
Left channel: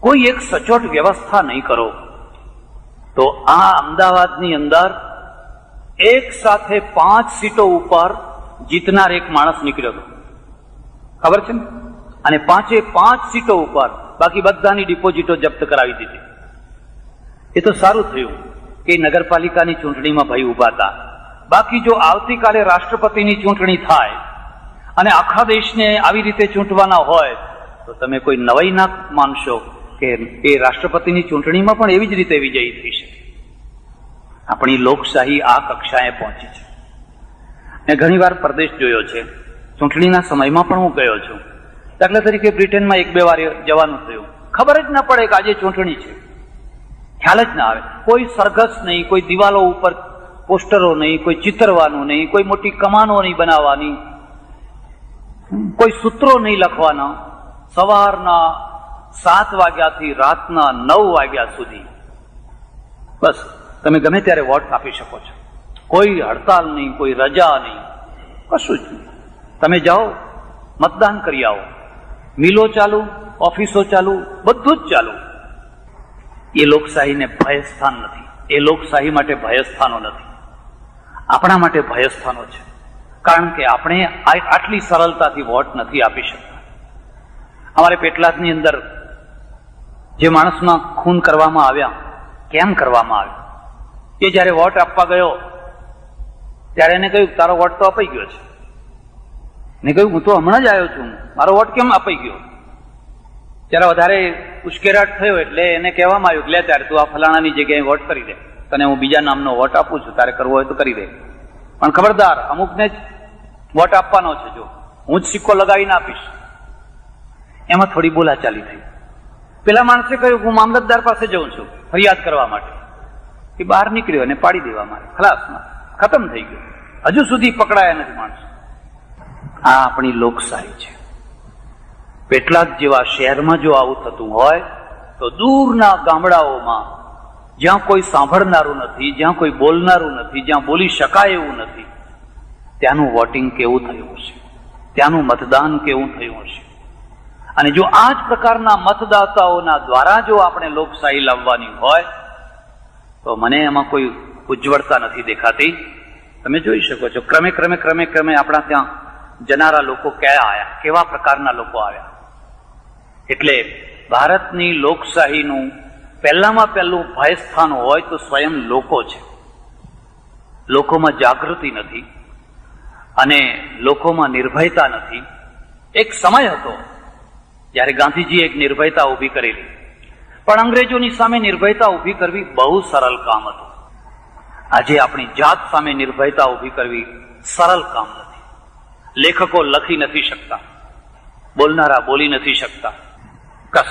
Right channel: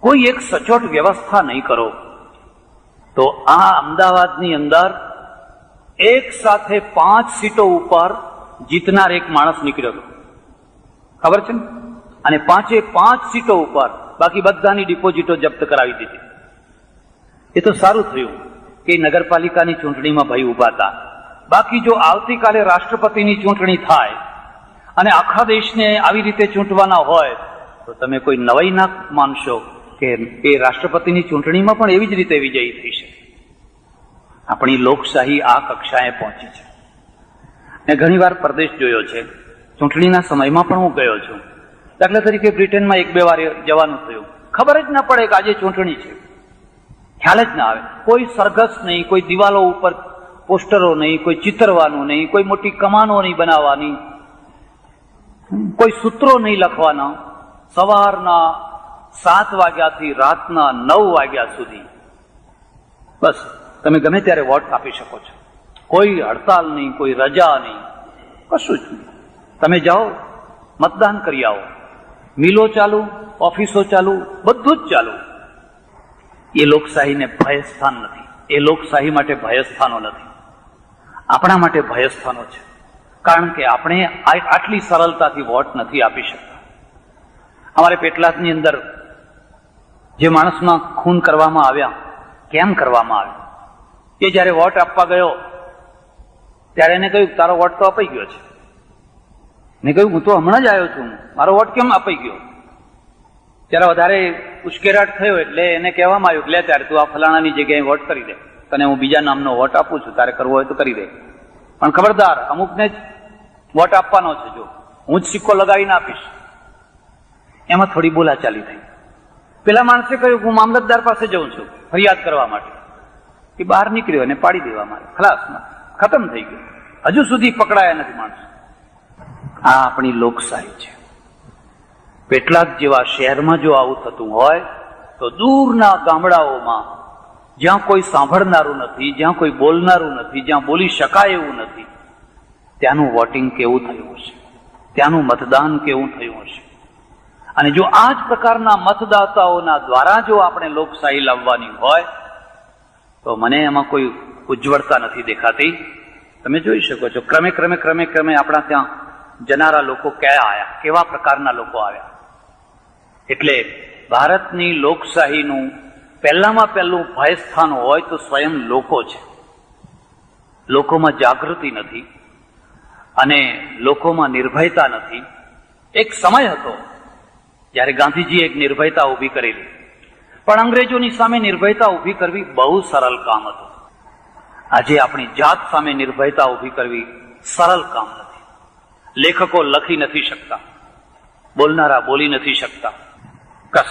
કોઈ એક સચોટ વ્યવસ્થા નહીં કરો, તો આ અમદાવાદની અંદર એક સાથે 5 સીટો ઉપર જીતનાર એક માણસ નીકળ્યો હતો, ખબર છે ને? અને 5 સીટો ઉપર બાકી બધાની ડિપોઝિટો જપ્ત કરાવી દીધી. એ તો સારું થયું કે નગરપાલિકાની ચૂંટણીમાં ભાઈ ઉભા હતા. બાકી જો આવતીકાલે રાષ્ટ્રપતિની ચૂંટણી થાય અને આખા દેશને આવી રીતે ચૂંટવાના હોય તો તમે કોઈ નવાઈ ના માનશો કે એ રાષ્ટ્રપતિની ચૂંટણીમાં પણ એવી જ રીતે વિજયી થઈ શકે. આપણી લોકશાહી આ કક્ષાએ પહોંચી છે. મેં ઘણી વાર પરદેશ જોયો છે, ચૂંટણીના સમયમાં પણ હું ગયો છું. દાખલા તરીકે બ્રિટનમાં 1-2 વાર જવાનું થયું, ખબર જ ના પડે કે આજે ચૂંટણી છે, ખ્યાલ જ ના આવે. કોઈ સરઘસ નહીં, કોઈ દિવાલો ઉપર પોસ્ટરો નહીં, કોઈ ચિતરવાનું નહીં, કોઈ મોટી કમાનો નહીં બનાવવાની, કોઈ સૂત્રો નહીં લખવાના. સવારના 7 વાગ્યાથી રાતના 9 વાગ્યા સુધી બસ તમે ગમે ત્યારે વોટ આપી શકો છો. કોઈ હડતાલ નહીં, કોઈ રજા નહીં, કશું જ નહીં. તમે જાઓ, મતદાન કરી આવો. મિલો ચાલુ, ઓફિસો ચાલુ, બધું જ ચાલુ. એ લોકશાહીને ભયસ્થાન નથી. એ લોકશાહી માટે ભયસ્થાનો નથી, આપણા માટે ભયસ્થાનો છે. કારણ કે આપણે આટલી સરળતાથી વોટ નથી આપી શકતા. અમારે પેટલાદની અંદર જે માણસના ખૂન કરવામાં આવ્યા, કેમ કરવામાં આવ્યા? એ જયારે વોટ આપવા ગયો ત્યારે એને કહ્યું તારો વોટ તો અપાઈ ગયો છે. મેં કહ્યું હું તો હમણાં જ આવ્યો છું, મારો વોટ કેમ અપાઈ ગયો? ત્યારે વધારે ઉશ્કેરાટ થયો એટલે એને કહેવામાં આવ્યું કે લે ત્યારે તું આ ફલાણાની જગ્યાએ વોટ કરી દે, તને હું બીજા નામનો વોટ આપું છું, તારે કરવો હોય તો કરી દે, પણ ખબરદાર અમુકને જ વોટ આપવાનો છે, જો હું જ સિક્કો લગાવીને આપીશ. એમાં થોડી બોલાચાલી થઈ. પેલા માણસે કહ્યું હું મામલતદાર પાસે જઉં છું ફરિયાદ કરવા માટે. એ બહાર નીકળ્યો અને પાડી દેવા માટે ખલાસ, ખતમ થઈ ગયો. હજુ સુધી પકડાયા નથી માણસો. આ આપણી લોકશાહી છે. પેટલાદ જેવા શહેરમાં જો આવું થતું હોય તો દૂરના ગામડાઓમાં જ્યાં કોઈ સાંભળનારું નથી, જ્યાં કોઈ બોલનારું નથી, જ્યાં બોલી શકાય એવું નથી, ત્યાંનું વોટિંગ કેવું થયું હશે, ત્યાંનું મતદાન કેવું થયું હશે. અને જો આ જ પ્રકારના મતદાતાઓના દ્વારા જો આપણે લોકશાહી લાવવાની હોય તો મને એમાં કોઈ ઉજ્જવળતા નથી દેખાતી. તમે જોઈ શકો છો ક્રમે ક્રમે ક્રમે ક્રમે આપણા ત્યાં જનારા લોકો ક્યાં આવ્યા, કેવા પ્રકારના લોકો આવ્યા. એટલે ભારતની લોકશાહીનું પહેલામાં પહેલું ભયસ્થાન હોય તો સ્વયં લોકો છે. લોકોમાં જાગૃતિ નથી અને લોકોમાં નિર્ભયતા નથી. એક સમય હતો જ્યારે ગાંધીજીએ એક નિર્ભયતા ઊભી કરેલી, પણ અંગ્રેજોની સામે નિર્ભયતા ઊભી કરવી બહુ સરળ કામ હતું. આજે આપણી જાત સામે નિર્ભયતા ઊભી કરવી સરળ કામ નથી. લેખકો લખી નથી શકતા, બોલનારા બોલી નથી શકતા.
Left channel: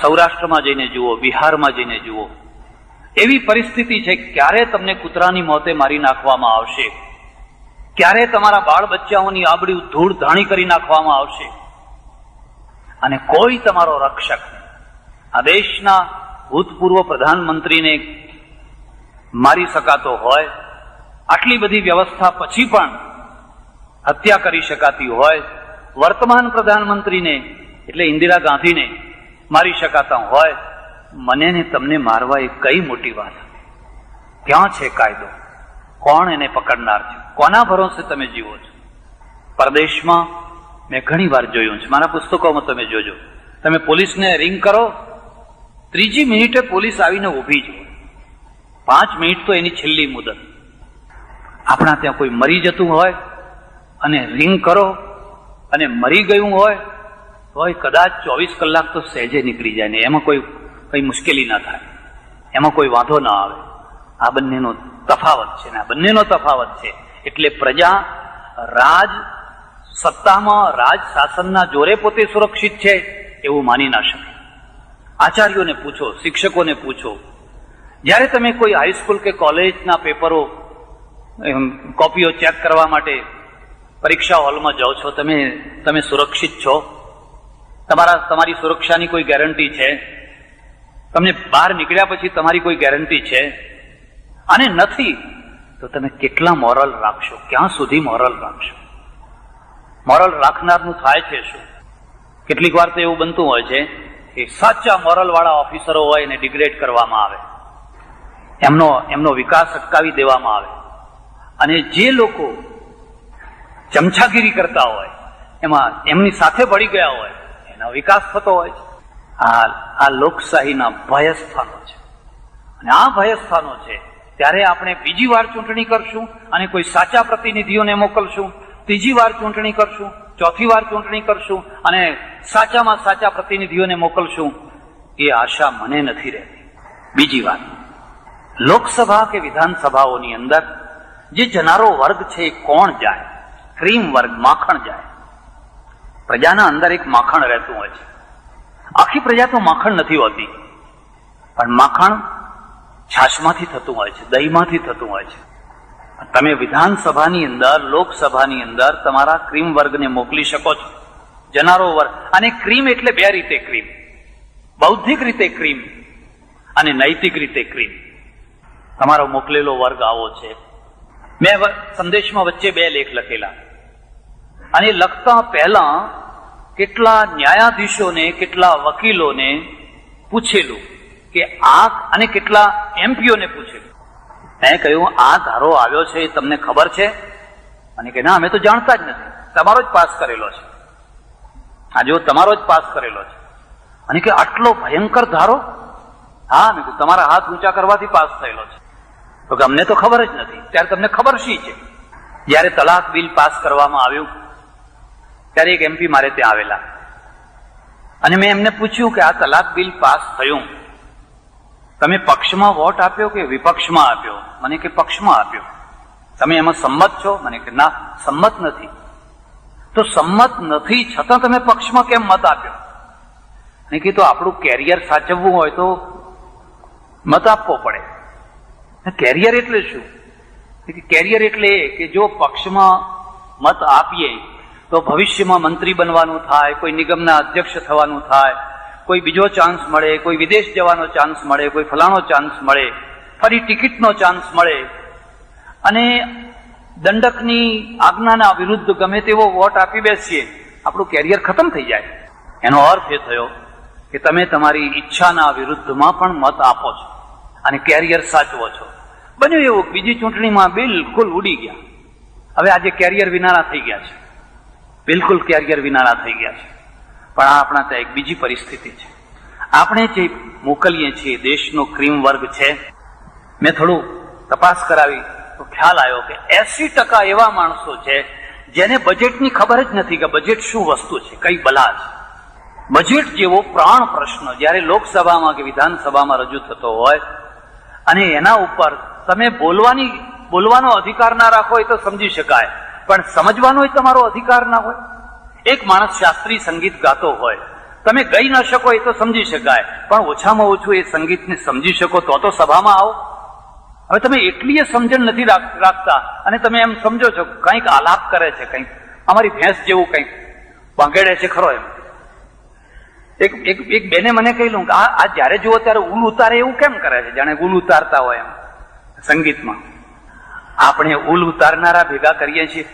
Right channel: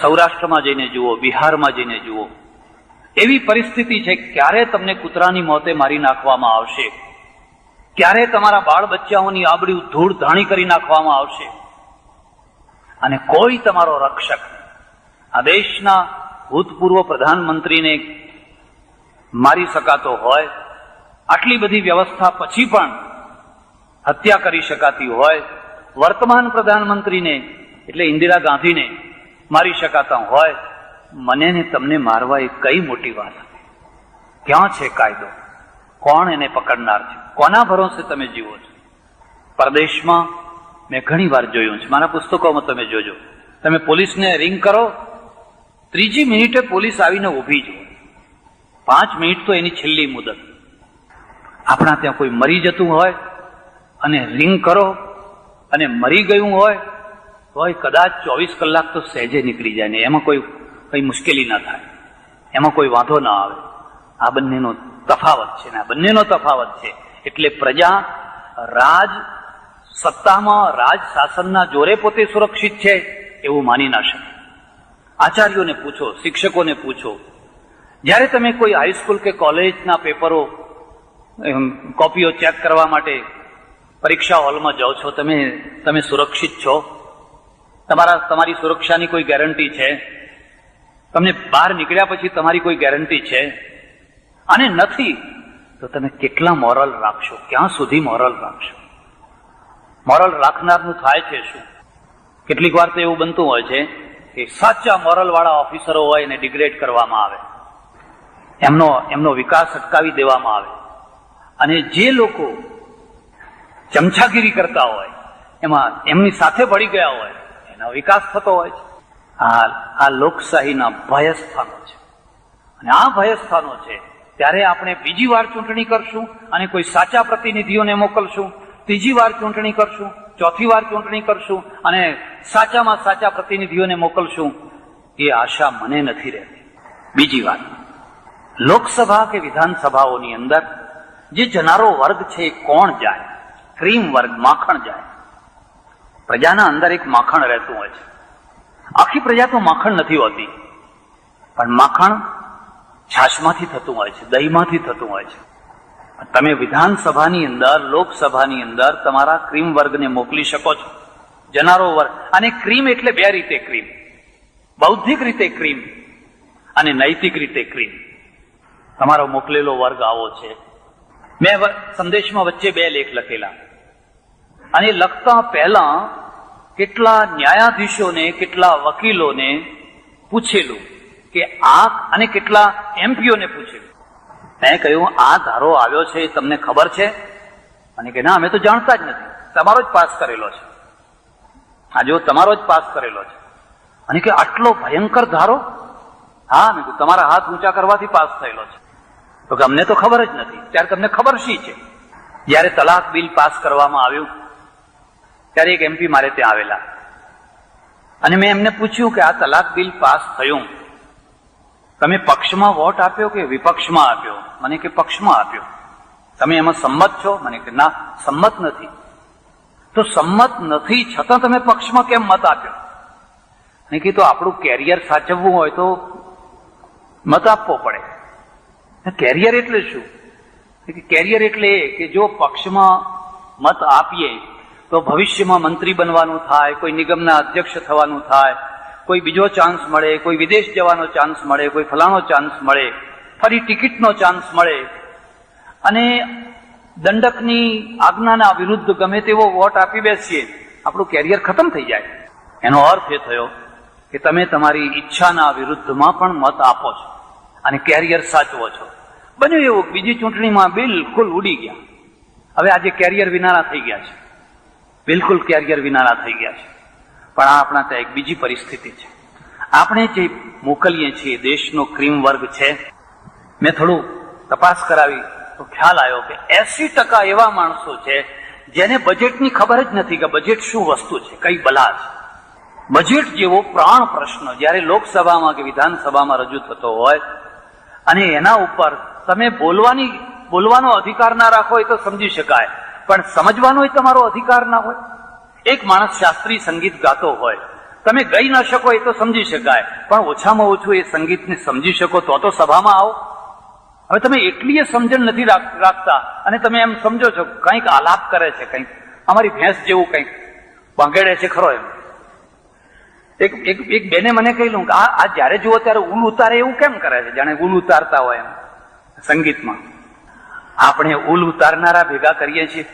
સૌરાષ્ટ્રમાં જઈને જુઓ, બિહારમાં જઈને જુઓ, એવી પરિસ્થિતિ છે ક્યારે તમને કૂતરાની મોતે મારી નાખવામાં આવશે, ક્યારે તમારા બાળ બચ્ચાઓની આબરૂ ધૂળ ધાણી કરી નાખવામાં આવશે અને કોઈ તમારો રક્ષક નહીં. આ દેશના ભૂતપૂર્વ પ્રધાનમંત્રીને મારી શકાતો હોય, આટલી બધી વ્યવસ્થા પછી પણ હત્યા કરી શકાતી હોય, વર્તમાન પ્રધાનમંત્રીને એટલે ઇન્દિરા ગાંધીને મારી શકાતા હોય, મને ને તમને મારવા એ કઈ મોટી વાત? ક્યાં છે કાયદો? કોણ એને પકડનાર છે? કોના ભરોસે તમે જીવો છો? પરદેશમાં મેં ઘણી વાર જોયું છે, મારા પુસ્તકોમાં તમે જોજો, તમે પોલીસને રિંગ કરો, 3જી મિનિટે પોલીસ આવીને ઊભી છે. 5 મિનિટ તો એની છેલ્લી મુદત. આપણા ત્યાં કોઈ મરી જતું હોય અને રિંગ કરો અને મરી ગયું હોય તોય કદાચ 24 કલાક તો સહેજે નીકળી જાય ને એમાં કઈ મુશ્કેલી ના થાય, એમાં કોઈ વાંધો ના આવે. આ બંનેનો તફાવત છે ને આ બંનેનો તફાવત છે. એટલે પ્રજા રાજ સત્તામાં, રાજ શાસનના જોરે પોતે સુરક્ષિત છે એવું માની ના શકે. આચાર્યોને પૂછો, શિક્ષકોને પૂછો, જ્યારે તમે કોઈ હાઈસ્કૂલ કે કોલેજના પેપરો કોપીઓ ચેક કરવા માટે પરીક્ષા હોલમાં જાઓ છો, તમે સુરક્ષિત છો? તમારી સુરક્ષાની કોઈ ગેરંટી છે? તમને બહાર નીકળ્યા પછી તમારી કોઈ ગેરંટી છે? અને નથી તો તમે કેટલા મોરલ રાખશો? ક્યાં સુધી મોરલ રાખશો? મોરલ રાખનારનું થાય છે શું? કેટલીક વાર તો એવું બનતું હોય છે કે સાચા મોરલ વાળા ઓફિસરો હોય એને ડિગ્રેડ કરવામાં આવે, એમનો વિકાસ અટકાવી દેવામાં આવે, અને જે લોકો ચમચાગીરી કરતા હોય એમાં એમની સાથે ભળી ગયા હોય એનો વિકાસ થતો હોય. આ લોકશાહીના ભયસ્થાનો છે. અને આ ભયસ્થાનો છે ત્યારે આપણે બીજી વાર ચૂંટણી કરશું અને કોઈ સાચા પ્રતિનિધિઓને મોકલશું, ત્રીજી વાર ચૂંટણી કરશું, ચોથી વાર ચૂંટણી કરશું અને સાચામાં સાચા પ્રતિનિધિઓને મોકલશું, એ આશા મને નથી રહેતી. બીજી વાત, લોકસભા કે વિધાનસભાઓની અંદર જે જનારો વર્ગ છે એ કોણ જાય? ક્રીમ વર્ગ, માખણ જાય. પ્રજાના અંદર એક માખણ રહેતું હોય છે. આખી પ્રજા તો માખણ નથી હોતી, પણ માખણ છાશમાંથી થતું હોય છે, દહીંમાંથી થતું હોય છે. તમે વિધાનસભાની અંદર, લોકસભાની અંદર તમારા ક્રીમ વર્ગને મોકલી શકો છો, જનારો વર્ગ. અને ક્રીમ એટલે બે રીતે ક્રીમ, બૌદ્ધિક રીતે ક્રીમ અને નૈતિક રીતે ક્રીમ. તમારો મોકલેલો વર્ગ આવો છે. મેં સંદેશમાં વચ્ચે 2 લેખ લખેલા, અને લખતા પહેલા કેટલા ન્યાયાધીશોને, કેટલા વકીલોને પૂછેલું કે આ, અને કેટલા એમપીઓને પૂછેલું. મેં કહ્યું, આ ધારો આવ્યો છે એ તમને ખબર છે? અને કે ના, અમે તો જાણતા જ નથી, તમારો જ પાસ કરેલો છે. આ જો તમારો જ પાસ કરેલો છે. અને કે આટલો ભયંકર ધારો? હા, મેં કીધું તમારા હાથ ઊંચા કરવાથી પાસ થયેલો છે. તો કે અમને તો ખબર જ નથી. ત્યારે તમને ખબર શી છે? જયારે તલાક બિલ પાસ કરવામાં આવ્યું ત્યારે એક એમપી મારે ત્યાં આવેલા, અને મેં એમને પૂછ્યું કે આ તલાક બિલ પાસ થયું, તમે પક્ષમાં વોટ આપ્યો કે વિપક્ષમાં આપ્યો? મને કે પક્ષમાં આપ્યો. તમે એમાં સંમત છો? મને કે ના, સંમત નથી. તો સંમત નથી છતાં તમે પક્ષમાં કેમ મત આપ્યો? મેં કીધું આપણું કેરિયર સાચવવું હોય તો મત આપવો પડે. કેરિયર એટલે શું? કેરિયર એટલે એ કે જો પક્ષમાં મત આપીએ તો ભવિષ્યમાં મંત્રી બનવાનું થાય, કોઈ નિગમના અધ્યક્ષ થવાનું થાય, કોઈ બીજો ચાન્સ મળે, કોઈ વિદેશ જવાનો ચાન્સ મળે, કોઈ ફલાણો ચાન્સ મળે, ફરી ટિકિટનો ચાન્સ મળે, અને દંડકની આજ્ઞાના વિરુદ્ધ ગમે તેવો વોટ આપી બેસીએ, આપણું કેરિયર ખતમ થઈ જાય. એનો અર્થ એ થયો કે તમે તમારી ઈચ્છાના વિરુદ્ધમાં પણ મત આપો છો અને કેરિયર સાચવો છો. બન્યું એવું બીજી ચૂંટણીમાં બિલકુલ ઉડી ગયા. હવે આજે કેરિયર વિનાના થઈ ગયા છે, બિલકુલ કેરિયર વિનાના થઈ ગયા છે. પણ આ આપણા ત્યાં એક બીજી પરિસ્થિતિ છે. આપણે જે મોકલીએ છીએ દેશનો ક્રીમ વર્ગ છે, મેં થોડું તપાસ કરાવી તો ખ્યાલ આવ્યો કે 80% એવા માણસો છે જેને બજેટની ખબર જ નથી કે બજેટ શું વસ્તુ છે, કઈ બલા છે. બજેટ જેવો પ્રાણ પ્રશ્ન જ્યારે લોકસભામાં કે વિધાનસભામાં રજૂ થતો હોય અને એના ઉપર તમે બોલવાનો અધિકાર ના રાખો એ તો સમજી શકાય, પણ સમજવાનો તમારો અધિકાર ના હોય. એક માણસ શાસ્ત્રીય સંગીત ગાતો હોય, તમે ગઈ ન શકો એ તો સમજી શકાય, પણ ઓછામાં ઓછું એ સંગીતને સમજી શકો તો સભામાં આવો. હવે તમે એટલી સમજણ નથી રાખતા અને તમે એમ સમજો છો કંઈક આલાપ કરે છે, કંઈક અમારી ભેંસ જેવું કંઈક ભાંગેડે છે ખરો. એમ એક બેને મને કહ્યું કે આ જયારે જુઓ ત્યારે ઉલ ઉતારે એવું કેમ કરે છે, જાણે ઉલ ઉતારતા હોય એમ સંગીતમાં. આપણે ઉલ ઉતારનારા ભેગા કરીએ છીએ.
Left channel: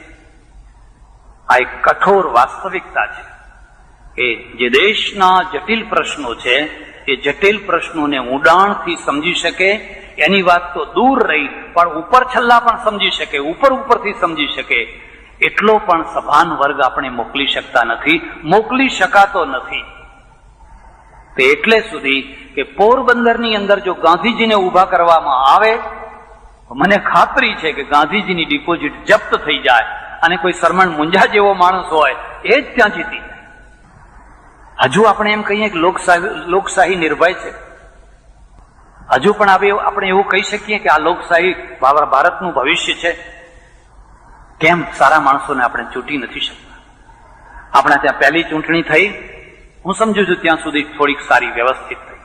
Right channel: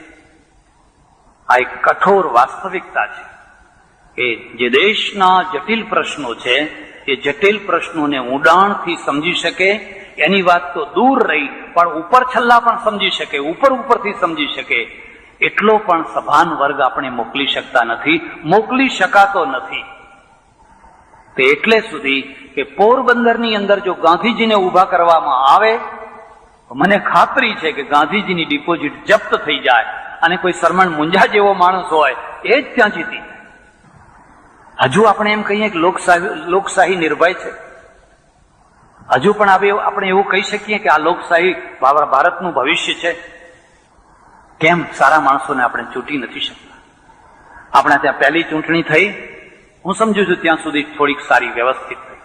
આ એક કઠોર વાસ્તવિકતા છે કે જે દેશના જટિલ પ્રશ્નો છે એ જટિલ પ્રશ્નોને ઊંડાણથી સમજી શકે, એની વાત તો દૂર રહી, પણ ઉપર છલ્લા પણ સમજી શકે, ઉપરથી સમજી શકે, એટલો પણ સભાન વર્ગ આપણે મોકલી શકતા નથી, મોકલી શકાતો નથી. તે એટલે સુધી કે પોરબંદરની અંદર જો ગાંધીજીને ઉભા કરવામાં આવે તો મને ખાતરી છે કે ગાંધીજીની ડિપોઝિટ જપ્ત થઈ જાય અને કોઈ સરમણ મુંજા જેવો માણસ હોય એ જ ત્યાં જીતી જાય. હજુ આપણે એમ કહીએ કે લોકશાહી નિર્ભય છે. હજુ પણ આપણે એવું કહી શકીએ કે આ લોકશાહી ભારતનું ભવિષ્ય છે. કેમ સારા માણસોને આપણે ચૂંટી નથી શકતા? આપણા ત્યાં પહેલી ચૂંટણી થઈ, હું સમજુ છું ત્યાં સુધી થોડીક સારી વ્યવસ્થિત થઈ.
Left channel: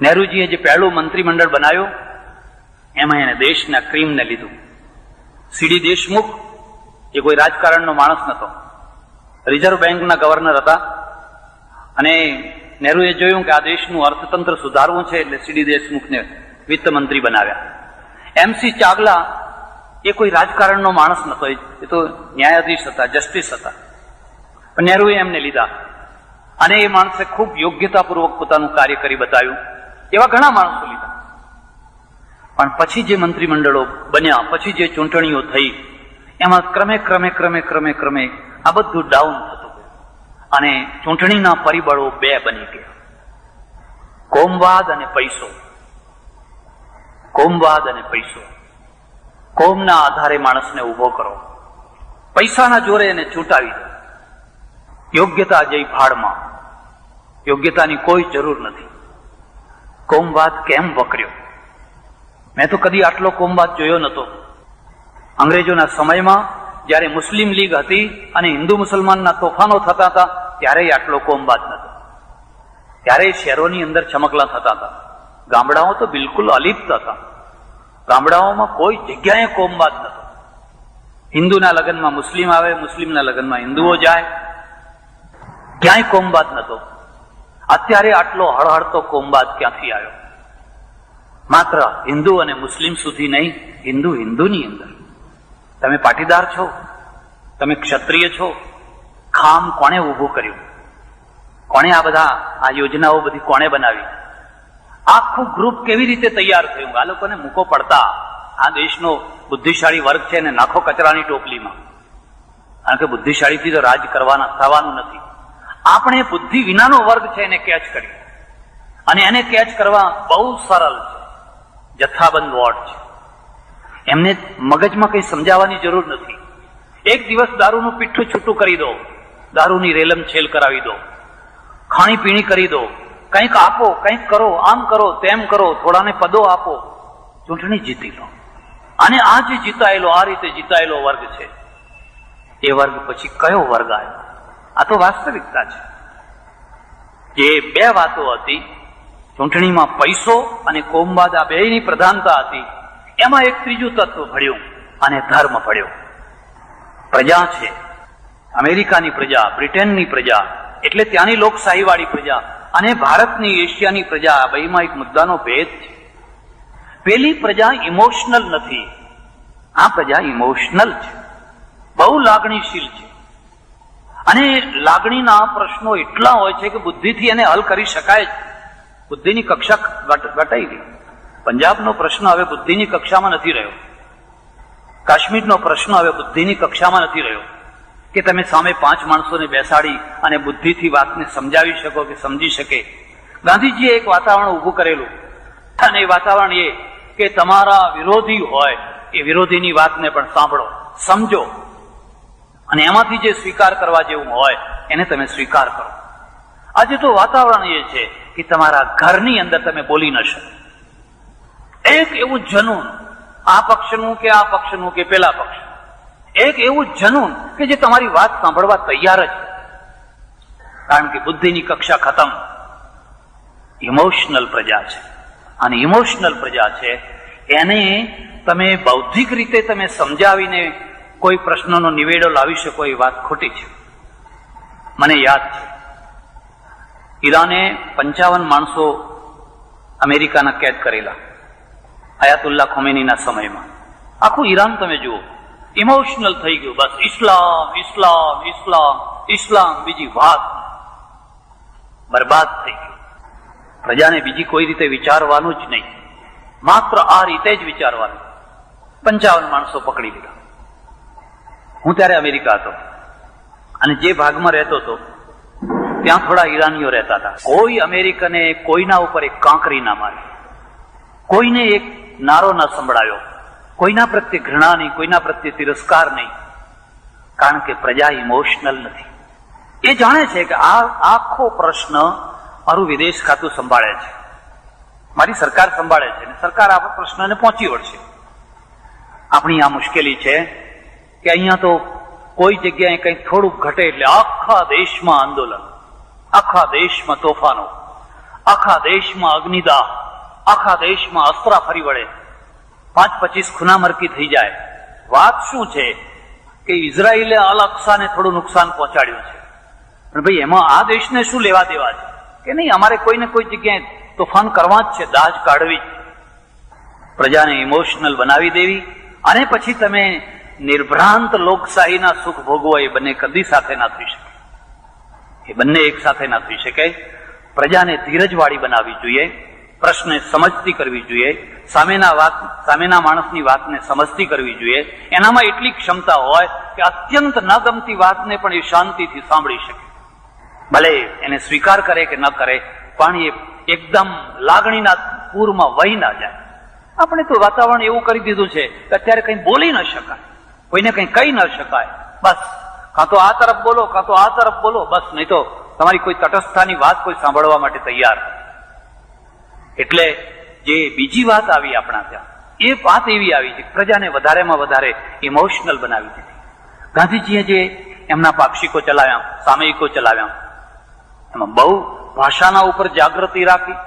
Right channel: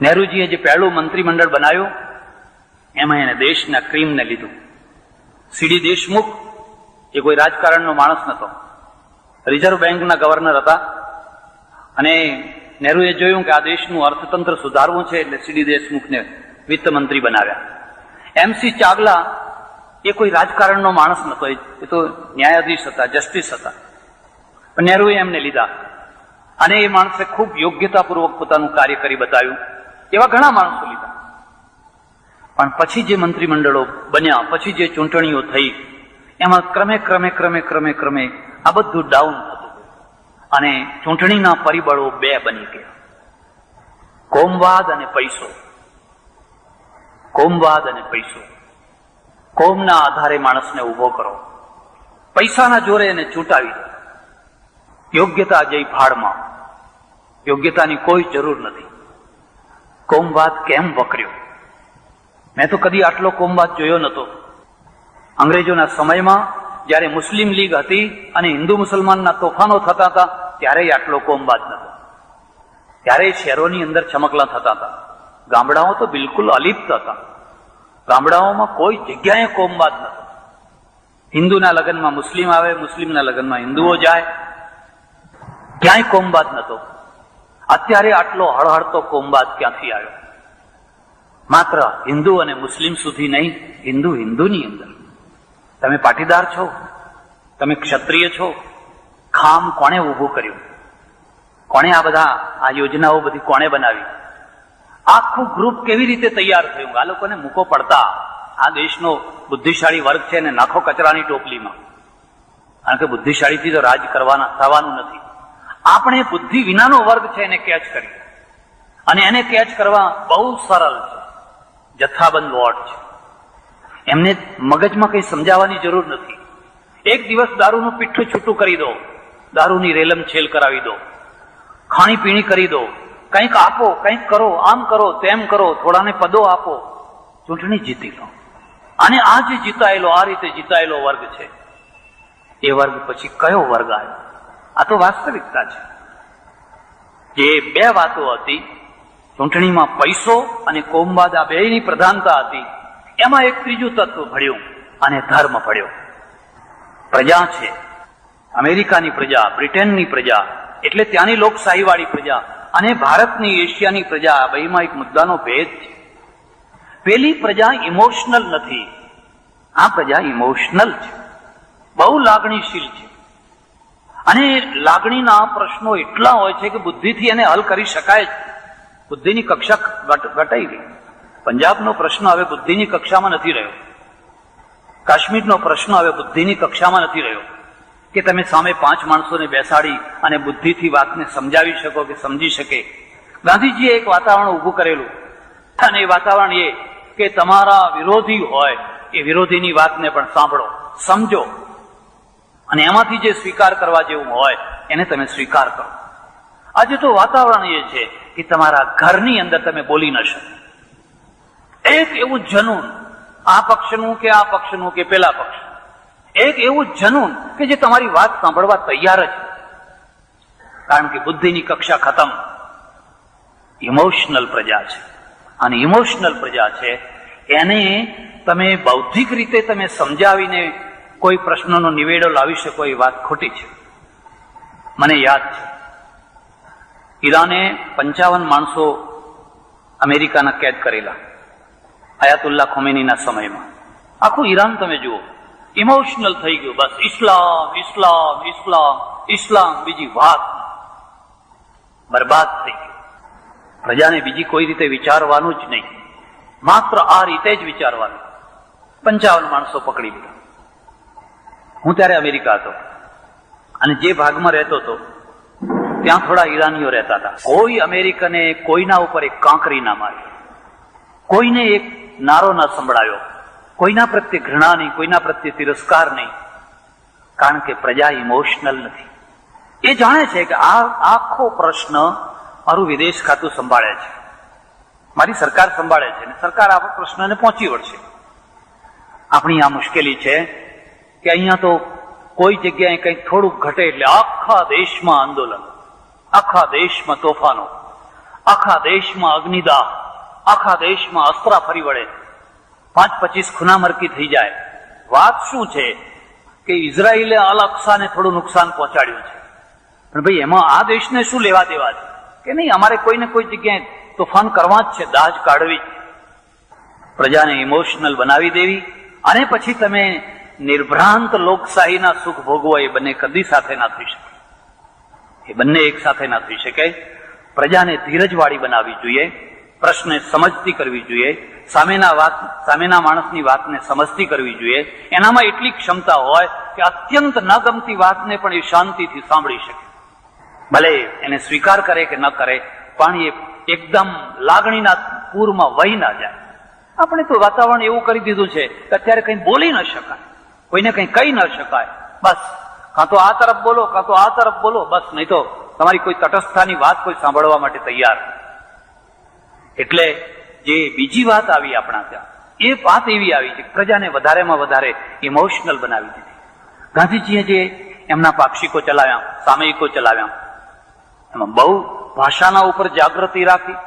નહેરુજીએ જે પહેલું મંત્રીમંડળ બનાવ્યું એમાં એને દેશના ક્રીમને લીધું. સીડી દેશમુખ એ કોઈ રાજકારણનો માણસ નતો, રિઝર્વ બેંકના ગવર્નર હતા, અને નહેરુએ જોયું કે આ દેશનું અર્થતંત્ર સુધારવું છે એટલે સીડી દેશમુખને વિત્ત મંત્રી બનાવ્યા. MC ચાવલા એ કોઈ રાજકારણનો માણસ નતો, એ તો ન્યાયાધીશ હતા, જસ્ટિસ હતા, પણ નહેરુએ એમને લીધા અને એ માણસે ખૂબ યોગ્યતાપૂર્વક પોતાનું કાર્ય કરી બતાવ્યું. એવા ઘણા માણસો લીધા. પણ પછી જે મંત્રીમંડળો બન્યા, પછી જે ચૂંટણીઓ થઈ, એમાં ક્રમે આ બધું ડાઉન થતું ગયું અને ચૂંટણીના પરિબળો 2 બની ગયા: કોમવાદ અને પૈસો. કોમવાદ અને પૈસો. કોમના આધારે માણસને ઉભો કરો, પૈસાના જોરે એને ચૂંટાવી દો. યોગ્યતા જઈ ભાડમાં, યોગ્યતાની કોઈ જરૂર નથી. કોમવાદ કેમ વકર્યો? મેં તો કદી આટલો કોમવાદ જોયો નતો. અંગ્રેજોના સમયમાં જયારે મુસ્લિમ લીગ હતી અને હિન્દુ મુસલમાનના તોફાનો થતા હતા ત્યારે આટલો કોમવાદ નતો. ત્યારે શહેરોની અંદર ચમકલા થતા હતા, ગામડાઓ તો બિલકુલ અલિપ્ત હતા. ગામડાઓમાં કોઈ જગ્યાએ કોમવાદ નતો. હિન્દુના લગ્નમાં મુસ્લિમ આવે, મુસ્લિમના લગ્નમાં હિન્દુઓ જાય, ક્યાંય કોમવાદ નતો. અત્યારે આટલો હળહળતો કોમવાદ ક્યાંથી આવ્યો? માત્ર હિન્દુ અને મુસ્લિમ સુધી નહીં, હિન્દુ હિન્દુની અંદર. તમે પાટીદાર છો, તમે ક્ષત્રિય છો, ખામ કોણે ઊભું કર્યું? કોણે આ યોજનાઓ બધી કોણે બનાવી? આખું ગ્રુપ કેવી રીતે તૈયાર થયું? આ લોકોને મૂકો પડતા આ દેશનો બુદ્ધિશાળી વર્ગ છે ને નાખો કચરાની ટોપલીમાં. કારણ કે બુદ્ધિશાળીથી તો રાજ થવાનું નથી. આપણે બુદ્ધિ વિનાનો વર્ગ છે એને કેચ કરીએ, અને એને કેચ કરવા બહુ સરળ છે. જથ્થાબંધ વોટ છે, એમને મગજમાં કંઈ સમજાવવાની જરૂર નથી. એક દિવસ દારૂનું પીઠું છૂટું કરી દો, દારૂની રેલમ છેલ કરાવી દો, ખાણીપીણી કરી દો, કંઈક આપો, કંઈક કરો, આમ કરો, તેમ કરો, થોડાને પદો આપો, ચૂંટણી જીતી લો. અને આ જે જીતાયેલો, આ રીતે જીતાયેલો વર્ગ છે, એ વર્ગ પછી કયો વર્ગ આવ્યો? આ તો વાસ્તવિકતા છે. જે બે વાતો હતી, ચૂંટણીમાં પૈસો અને કોમવાદ, આ બેની પ્રધાનતા હતી, એમાં એક ત્રીજું તત્વ ભળ્યું અને ધર્મ ભળ્યો. પ્રજા છે, અમેરિકાની પ્રજા, બ્રિટનની પ્રજા, એટલે ત્યાંની લોકશાહીવાળી પ્રજા, અને ભારતની, એશિયાની પ્રજા, આ બેમાં એક મુદ્દાનો ભેદ છે. પેલી પ્રજા ઇમોશનલ નથી, આ પ્રજા ઇમોશનલ છે, બહુ લાગણીશીલ છે. અને લાગણીના પ્રશ્નો એટલા હોય છે કે બુદ્ધિથી એને હલ કરી શકાય છે. બુદ્ધિની કક્ષા ઘટાઈ ગઈ. પંજાબનો પ્રશ્ન હવે બુદ્ધિની કક્ષામાં નથી રહ્યો. કાશ્મીરનો પ્રશ્ન હવે બુદ્ધિની કક્ષામાં નથી રહ્યો કે તમે સામે 5 માણસોને બેસાડી અને બુદ્ધિથી વાતને સમજાવી શકો કે સમજી શકે. ગાંધીજીએ એક વાતાવરણ ઊભું કરેલું, અને એ વાતાવરણ એ કે તમારા વિરોધી હોય એ વિરોધીની વાતને પણ સાંભળો, સમજો, અને એમાંથી જે સ્વીકાર કરવા જેવું હોય એને તમે સ્વીકાર કરો. આજે તો વાતાવરણ એ છે કે તમારા ઘરની અંદર તમે બોલી ન શકો. એક એવું જનૂન, આ પક્ષનું કે આ પક્ષનું કે પેલા પક્ષ, એક એવું જનૂન કે જે તમારી વાત સાંભળવા તૈયાર જ છે. કારણ કે બુદ્ધિની કક્ષા ખતમ. ઇમોશનલ પ્રજા છે, અને ઇમોશનલ પ્રજા છે એને તમે બૌદ્ધિક રીતે તમે સમજાવીને કોઈ પ્રશ્નનો નિવેડો લાવી શકો એ વાત ખોટી છે. મને યાદ છે, ઈરાને 55 માણસો અમેરિકાના કેદ કરેલા અયાતુલ્લા ખોમેનીના સમયમાં. આખું ઈરાન તમે જુઓ, ઇમોશનલ થઈ ગયું. બસ ઇસ્લામ, ઇસ્લામ, ઇસ્લામ, ઇસ્લામ, બીજી વાત. બરબાદ થઈ ગયું. પ્રજાને બીજી કોઈ રીતે વિચારવાનું જ નહીં, માત્ર આ રીતે જ વિચારવાનું. 55 માણસો પકડી લીધા. હું ત્યારે અમેરિકા હતો, અને જે ભાગમાં રહેતો હતો ત્યાં થોડા ઈરાનીઓ રહેતા હતા. કોઈ અમેરિકને કોઈના ઉપર એક કાંકરી ના મારી, કોઈને એક નારો ના સંભળાયો, કોઈના પ્રત્યે ઘૃણા નહીં, કોઈના પ્રત્યે તિરસ્કાર નહીં. કારણ કે પ્રજા ઇમોશનલ નથી. એ જાણે છે કે આ આખો પ્રશ્ન મારું વિદેશ ખાતું સંભાળે છે, મારી સરકાર સંભાળે છે, અને સરકાર આ પ્રશ્નને પહોંચી વળશે. આપણી આ મુશ્કેલી છે કે અહીંયા તો કોઈ જગ્યાએ કંઈક થોડુંક ઘટે એટલે આખા દેશમાં આંદોલન, આખા દેશમાં તોફાનો, આખા દેશમાં અગ્નિદાહ, આખા દેશમાં અસ્ત્રા ફરી વળે, 5-25 ખૂનામરકી થઈ જાય. વાત શું છે કે ઇઝરાયેલે અલ અક્સાને થોડું નુકસાન પહોંચાડ્યું છે, પણ ભાઈ એમાં આ દેશને શું લેવા દેવા છે? કે નહીં, અમારે કોઈને કોઈ જગ્યાએ તોફાન કરવા જ છે, દાજ કાઢવી, પ્રજાને ઇમોશનલ બનાવી દેવી, અને પછી તમે નિર્ભ્રાંત લોકશાહીના સુખ ભોગવો. એ બંને કદી સાથે ના થઈ શકે, એ બંને એક સાથે ના થઈ શકે. પ્રજાને ધીરજવાળી બનાવવી જોઈએ, પ્રશ્ને સમજતી કરવી જોઈએ, સામેના માણસની વાતને સમજતી કરવી જોઈએ. એનામાં એટલી ક્ષમતા હોય કે અત્યંત ન ગમતી વાતને પણ એ શાંતિથી સાંભળી શકે. ભલે એને સ્વીકાર કરે કે ન કરે, પણ એ એકદમ લાગણીના પૂરમાં વહી ના જાય. આપણે તો વાતાવરણ એવું કરી દીધું છે કે અત્યારે કંઈ બોલી ન શકાય, કોઈને કંઈ કહી ન શકાય. બસ કાં તો આ તરફ બોલો, કાં તો આ તરફ બોલો, બસ. નહીં તો તમારી કોઈ તટસ્થતાની વાત કોઈ સાંભળવા માટે તૈયાર. એટલે જે બીજી વાત આવી આપણા ત્યાં, એ વાત એવી આવી કે પ્રજાને વધારેમાં વધારે ઇમોશનલ બનાવી દીધી. ગાંધીજીએ જે એમના પાક્ષિકો ચલાવ્યા, સામયિકો ચલાવ્યા, એમાં બહુ ભાષાના ઉપર જાગૃતિ રાખી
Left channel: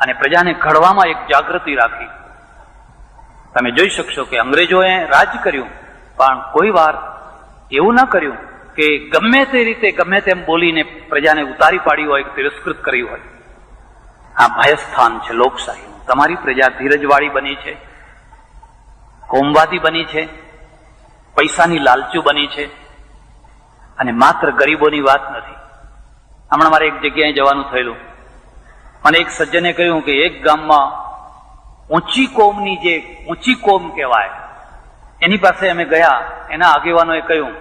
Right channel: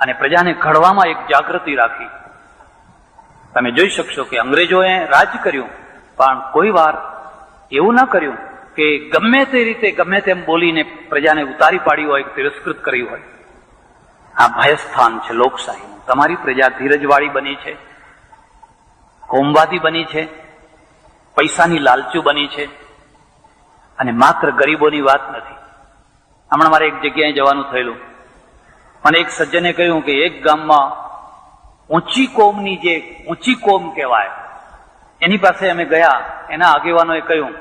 અને પ્રજાને ઘડવામાં એક જાગૃતિ રાખી. તમે જોઈ શકશો કે અંગ્રેજોએ રાજ કર્યું, પણ કોઈ વાર એવું ન કર્યું કે ગમે તે રીતે ગમે તેમ બોલીને પ્રજાને ઉતારી પાડી હોય, તિરસ્કૃત કરી હોય. આ ભયસ્થાન છે લોકશાહીનું. તમારી પ્રજા ધીરજવાળી બની છે, કોમવાદી બની છે, પૈસાની લાલચુ બની છે, અને માત્ર ગરીબોની વાત નથી. હમણાં મારે એક જગ્યાએ જવાનું થયેલું. મને એક સજ્જને કહ્યું કે એક ગામમાં ઊંચી કોમની જે ઊંચી કોમ કહેવાય એની પાસે અમે ગયા. એના આગેવાનોએ કહ્યું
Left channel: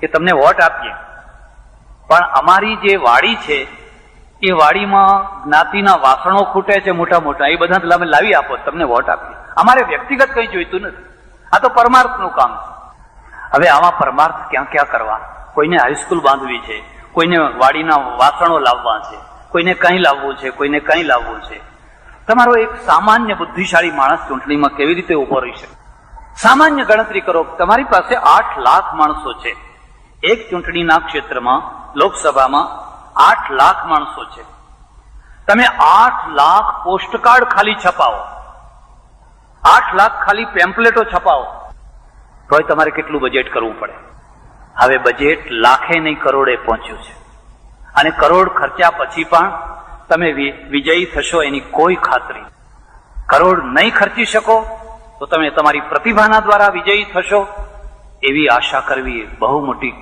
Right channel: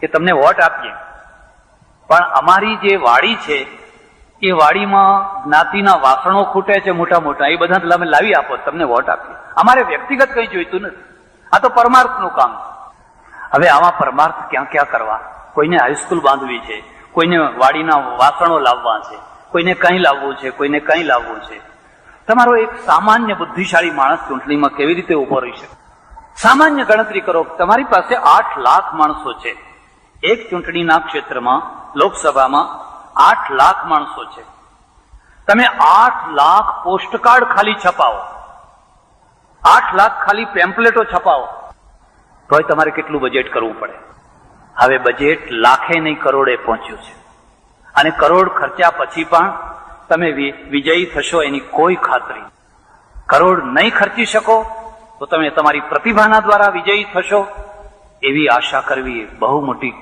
કે તમને વોટ આપીએ, પણ અમારી જે વાડી છે એ વાડીમાં જ્ઞાતિના વાસણો ખૂટે છે મોટા મોટા, એ બધા તમે લાવી આપો, તમને વોટ આપીએ. અમારે વ્યક્તિગત કંઈ જોઈતું નથી, આ તો પરમાર્થનું કામ છે. હવે આમાં પરમાર્થ ક્યાં ક્યાં કરવા? કોઈને હાઈસ્કૂલ બાંધવી છે, કોઈને વાડીના વાસણો લાવવા છે, કોઈને કંઈ લાવવું છે, કોઈને કંઈ લાવવું છે. તમારો એક સામાન્ય બુદ્ધિશાળી માણસ ચૂંટણીમાં કેવી રીતે ઉભો રહી શકે? સામાન્ય ગણતરી કરો, તમારી પાસે 8 લાખ માણસો છે. એક ચૂંટણીના ક્ષેત્રમાં લોકસભામાં 8 લાખ માણસો છે. તમે 8 લાખ પોસ્ટકાર્ડ ખાલી છપાવો, 8 લાખ ખાલી પેમ્પલેટો છપાવો, તોય તમારે કેટલું બજેટ કરવું પડે? હવે બજેટ લાખે નહીં કરોડે પહોંચ્યું છે, અને કરોડ ખર્ચ્યા પછી પણ તમે વિજયી થશો એની કોઈ ખાતરી. કરોડ નહીં ખર્ચી શકો તો તમે તમારી પ્રતિભાના દ્વારા વિજયી થશો એવી આશા કરવી એ બહુ મોટી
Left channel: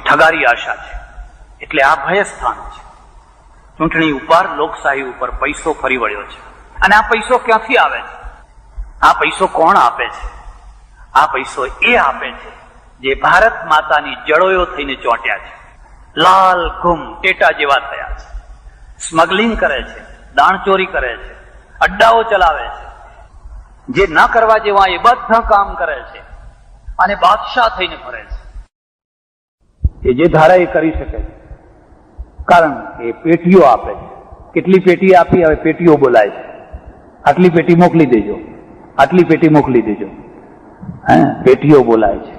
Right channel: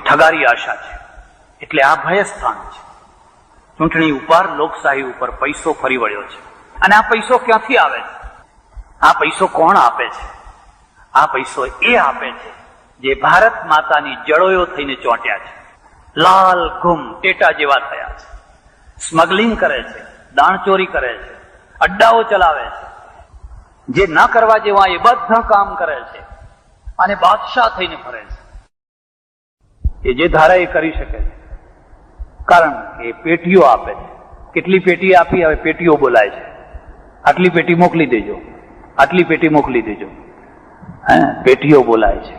ઠગારી આશા છે. એટલે આ ભયસ્થાન છે. ચૂંટણી ઉપર, લોકશાહી ઉપર પૈસો ફરી વળ્યો છે. અને આ પૈસો ક્યાંથી આવે છે? આ પૈસો કોણ આપે છે? આ પૈસો એ આપે છે જે ભારત માતાની જળોયો થઈને ચોંટ્યા છે, લાલ ગુમ ટેટા જેવા થયા છે, સ્મગલિંગ કરે છે, દાણચોરી કરે છે, અડ્ડાઓ ચલાવે છે, જે ન કરવા જેવા એ બધા કામ કરે છે, અને બાદશાહ થઈને ફરે છે. એ જે ધારે એ કરી શકે છે, કારણ કે પેટીઓ આપે છે. કેટલી પેટી આપી? હવે પેટીઓ બોલાય છે. આટલી પેટી મોકલી દેજો, આટલી પેટી મોકલી દેજો. પેટીઓ બોલાય છે.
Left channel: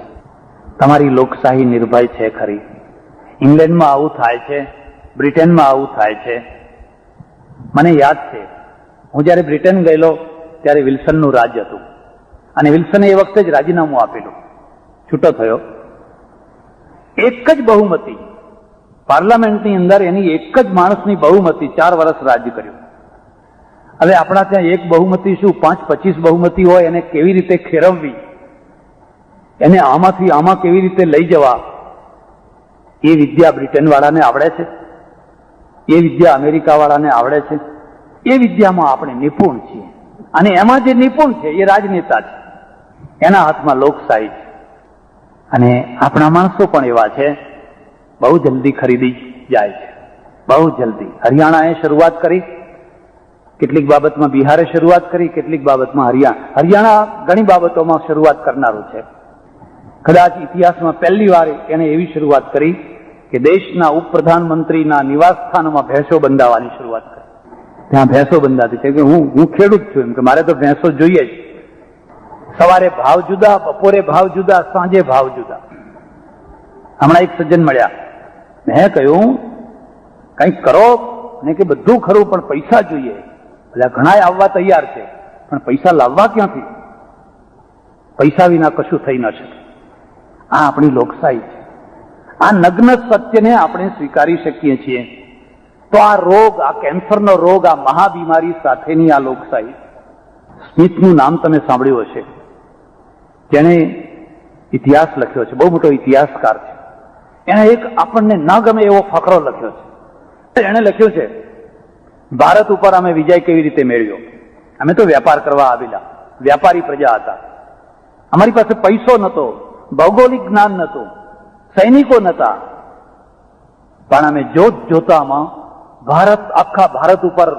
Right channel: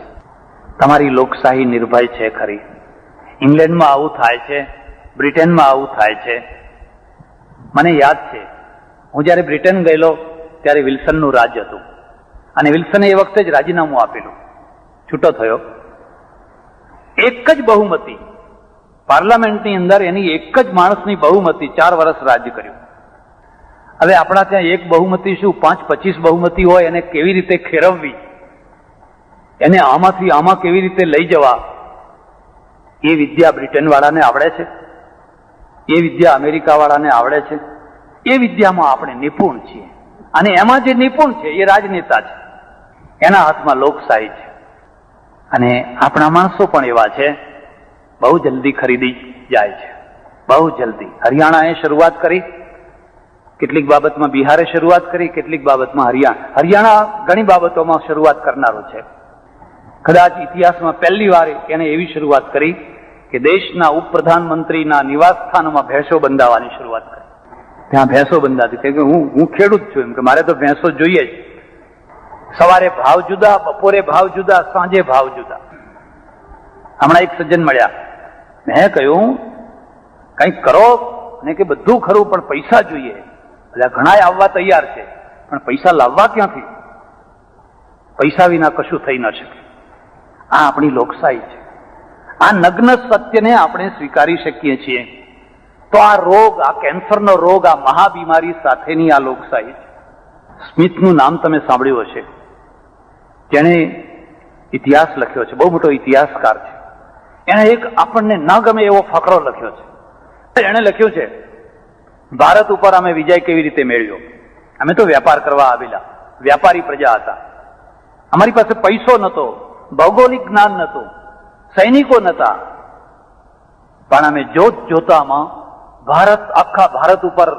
તમારી લોકશાહી નિર્ભય છે ખરી? ઇંગ્લેન્ડમાં આવું થાય છે, બ્રિટનમાં આવું થાય છે. મને યાદ છે, હું જયારે બ્રિટન ગયેલો ત્યારે વિલ્સનનું રાજ હતું, અને વિલ્સને એ વખતે જ રાજીનામું આપેલું, છૂટો થયો. એક જ બહુમતી પાર્લામેન્ટની અંદર, એની એક જ માણસની બહુમતી 4 વર્ષ રાજ્ય કર્યું. હવે આપણા ત્યાં એક બહુમતી શું, 5-25 બહુમતી હોય, એને કેવી રીતે ખેરવવી, એને આમાંથી આમાં કેવી રીતે લઈ જવા, એ વિદ્યા બ્રિટન વાળાને આવડે છે, એ વિદ્યા અમેરિકા વાળાને આવડે છે. એ વિદ્યામાં આપણે નિપુણ છીએ, અને એમાં જે નિપુણ છે એ રાજનેતા છે, એના હાથમાં લોકશાહી છે. અને આપણા માણસો પણ એવા છે, બહુ જલ્દી ખરીદી જાય છે, બહુ જલ્દી. હરિયાણાએ શરૂઆત કરી, કેટલીક બાબતમાં બિહારે શરૂઆત કરી, કેટલીક બાબતમાં હરિયાણા ઘણી બાબતોમાં શરૂઆત કરનારો છે. કદાચ ઇતિહાસમાં પહેલી વાર એને એવી શરૂઆત કરી કે દેશના ઉપપ્રધાનમંત્રીના નિવાસ સ્થાનમાં ભેંસો બંધાવવાની શરૂઆત કરી. ત્યાં ભેંસો બંધાતી, કે હું ખેડૂત છું, એમ કે મારે તો ભેંસો જોઈએ જ. સવારે ભાવ જુદા, બપોરે ભાવ જુદા, સાંજે ભાવ જુદા. હમણાં એક સજ્જન મળ્યા, મેં કહ્યું કંઈક કરો ને, કે બધું ખરું પણ પૈસા જોઈએ. એટલે ઘણા આવવા તૈયાર છે, પણ પૈસા લાવવા ક્યાંથી? પૈસા વિના કશું થઈ ન શકે. આ આપણી લોકશાહી છે. આ નગ્ન સત્યને આપણે સ્વીકારી શકીએ છીએ તો આ રોગ, આ કેન્સરનો રોગ, આ મહાબીમારી સાથેની આ લોકશાહી છે. સ્મિથનું નામ તમે સાંભળ્યું હશે, જેણે ઇતિહાસ લખ્યો છે, બહુ મોટો ઇતિહાસકાર છે. એણે એક આપણને ન ગમે એવો ફકરો લખ્યો છે. એણે લખ્યું છે, ભારત ઉપર અમે વિજય કેવી રીતે મેળવ્યો. અમે તો વેપાર કરવા આવેલા, વ્યાપારી પ્રજા હતા. અમારી પાસે પૈસો નહોતો, ભૌગોલિક જ્ઞાન નહોતું, સૈનિકો નહોતા, પણ અમે જોતામાં આખા ભારત ઉપર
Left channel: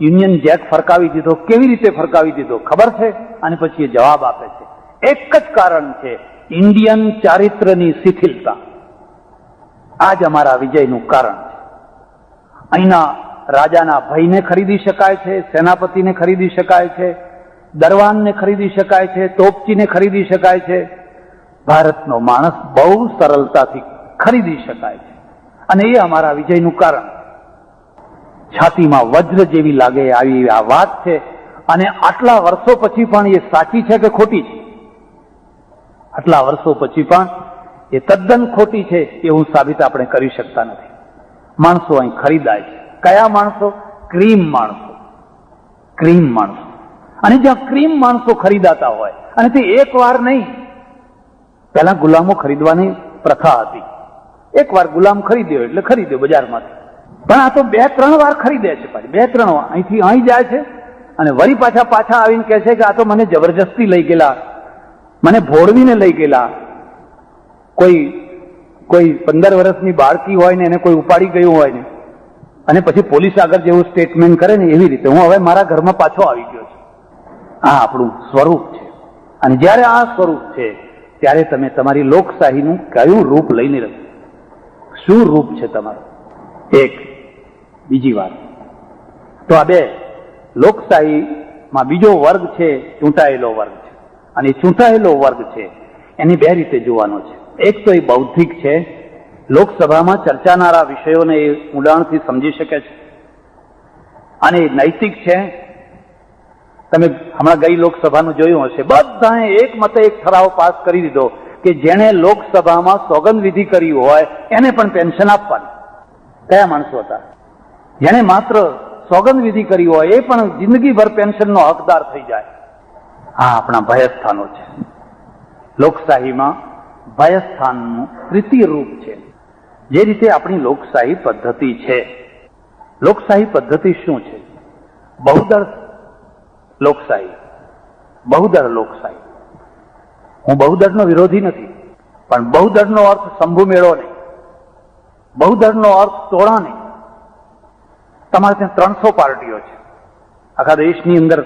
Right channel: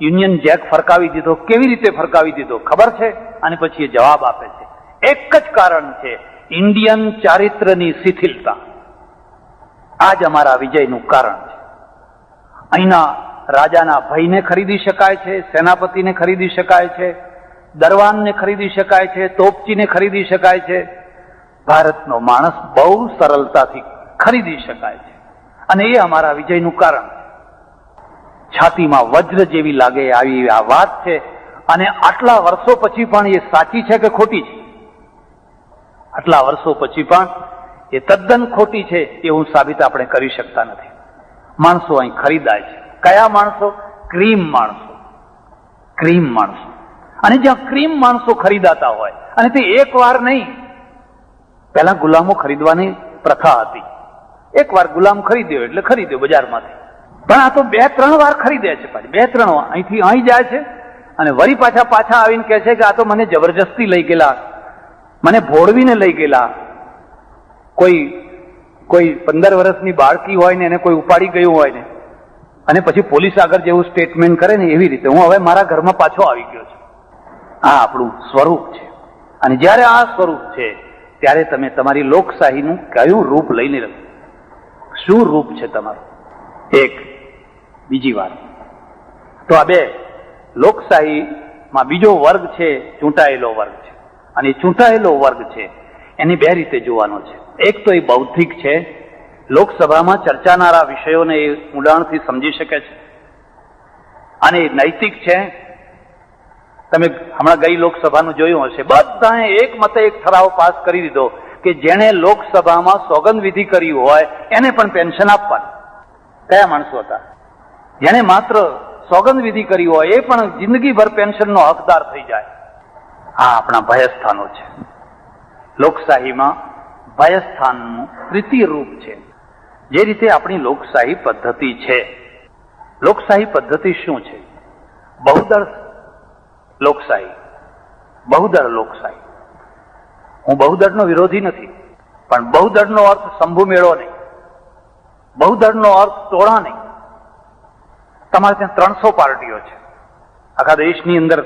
યુનિયન જેક ફરકાવી દીધો. કેવી રીતે ફરકાવી દીધો ખબર છે? અને પછી એ જવાબ આપે છે, એક જ કારણ છે, ઇન્ડિયન ચારિત્ર્યની શિથિલતા. આ જ અમારા વિજયનું કારણ છે. અહીંના રાજાના ભયને ખરીદી શકાય છે, સેનાપતિને ખરીદી શકાય છે, દરવાનને ખરીદી શકાય છે, તોપચીને ખરીદી શકાય છે. ભારતનો માણસ બહુ સરળતાથી ખરીદી શકાય છે, અને એ અમારા વિજયનું કારણ. છાતીમાં વજ્ર જેવી લાગે આવી આ વાત છે, અને આટલા વર્ષો પછી પણ એ સાચી છે કે ખોટી છે? આટલા વર્ષો પછી પણ એ તદ્દન ખોટી છે એવું સાબિત આપણે કરી શકતા નથી. માણસો અહીં ખરીદાય છે. કયા માણસો? ક્રીમ માણસો. ક્રીમ માણસો. અને જ્યાં ક્રીમ માણસો ખરીદાતા હોય, અને તે એક વાર નહીં, પહેલા ગુલામો ખરીદવાની પ્રથા હતી. એક વાર ગુલામ ખરીદ્યો એટલે ખરીદ્યો બજારમાંથી, પણ આ તો 2-3 વાર ખરીદે છે. પાછી 2-3 વાર અહીંથી અહીં જાય છે અને વળી પાછા આવીને કહે છે કે આ તો મને જબરજસ્તી લઈ ગયેલા, મને ભોળવીને લઈ ગયેલા. કોઈ 15 વર્ષની બાળકી હોય ને એને કોઈ ઉપાડી ગયું હોય ને, અને પછી પોલીસ આગળ જેવું સ્ટેટમેન્ટ કરે ને એવી રીતે હું હવે મારા ઘરમાં પાછો આવી ગયો છું. આ આપણું સ્વરૂપ છે. અને જ્યારે આ સ્વરૂપ છે ત્યારે તમે તમારી લોકશાહીનું કયું રૂપ લઈને રહ્યો, શું રૂપ છે તમારું? એક બીજી વાત તો આ બે લોકશાહીમાં બીજો વર્ગ છે ચૂંટાયેલો વર્ગ છે. અને ચૂંટાયેલો વર્ગ છે એને બે રીતે જોવાનો છે. એક તો એ બૌદ્ધિક છે, લોકસભામાં ચર્ચાનારા વિષયોને એ ઊંડાણથી સમજી શકે છે. અને નૈતિક છે. તમે હમણાં ગઈ લોકસભાનું જોયું હશે, બધાએ એક મતે એક ઠરાવ પાસ કરી દીધો કે જેણે લોકસભામાં સોગંદવિધિ કરી હોય એને પણ પેન્શન આપવાનું. કયા માણસો હતા? જેણે માત્ર સોગંદવિધિ કરી હોય એ પણ જિંદગીભર પેન્શનનો હકદાર થઈ જાય. આ આપણા ભયસ્થાનો છે. લોકશાહીમાં ભયસ્થાનનું તૃતીય રૂપ છે. જે રીતે આપણી લોકશાહી પદ્ધતિ છે. લોકશાહી પદ્ધતિ શું છે? બહુદળ લોકશાહી, બહુદળ લોકશાહી. હું બહુદળનો વિરોધી નથી, પણ બહુદળનો અર્થ શંભુ મેળો નહીં, બહુદળનો અર્થ ટોળા નહીં. તમારે ત્યાં 300 પાર્ટીઓ છે, આખા દેશની અંદર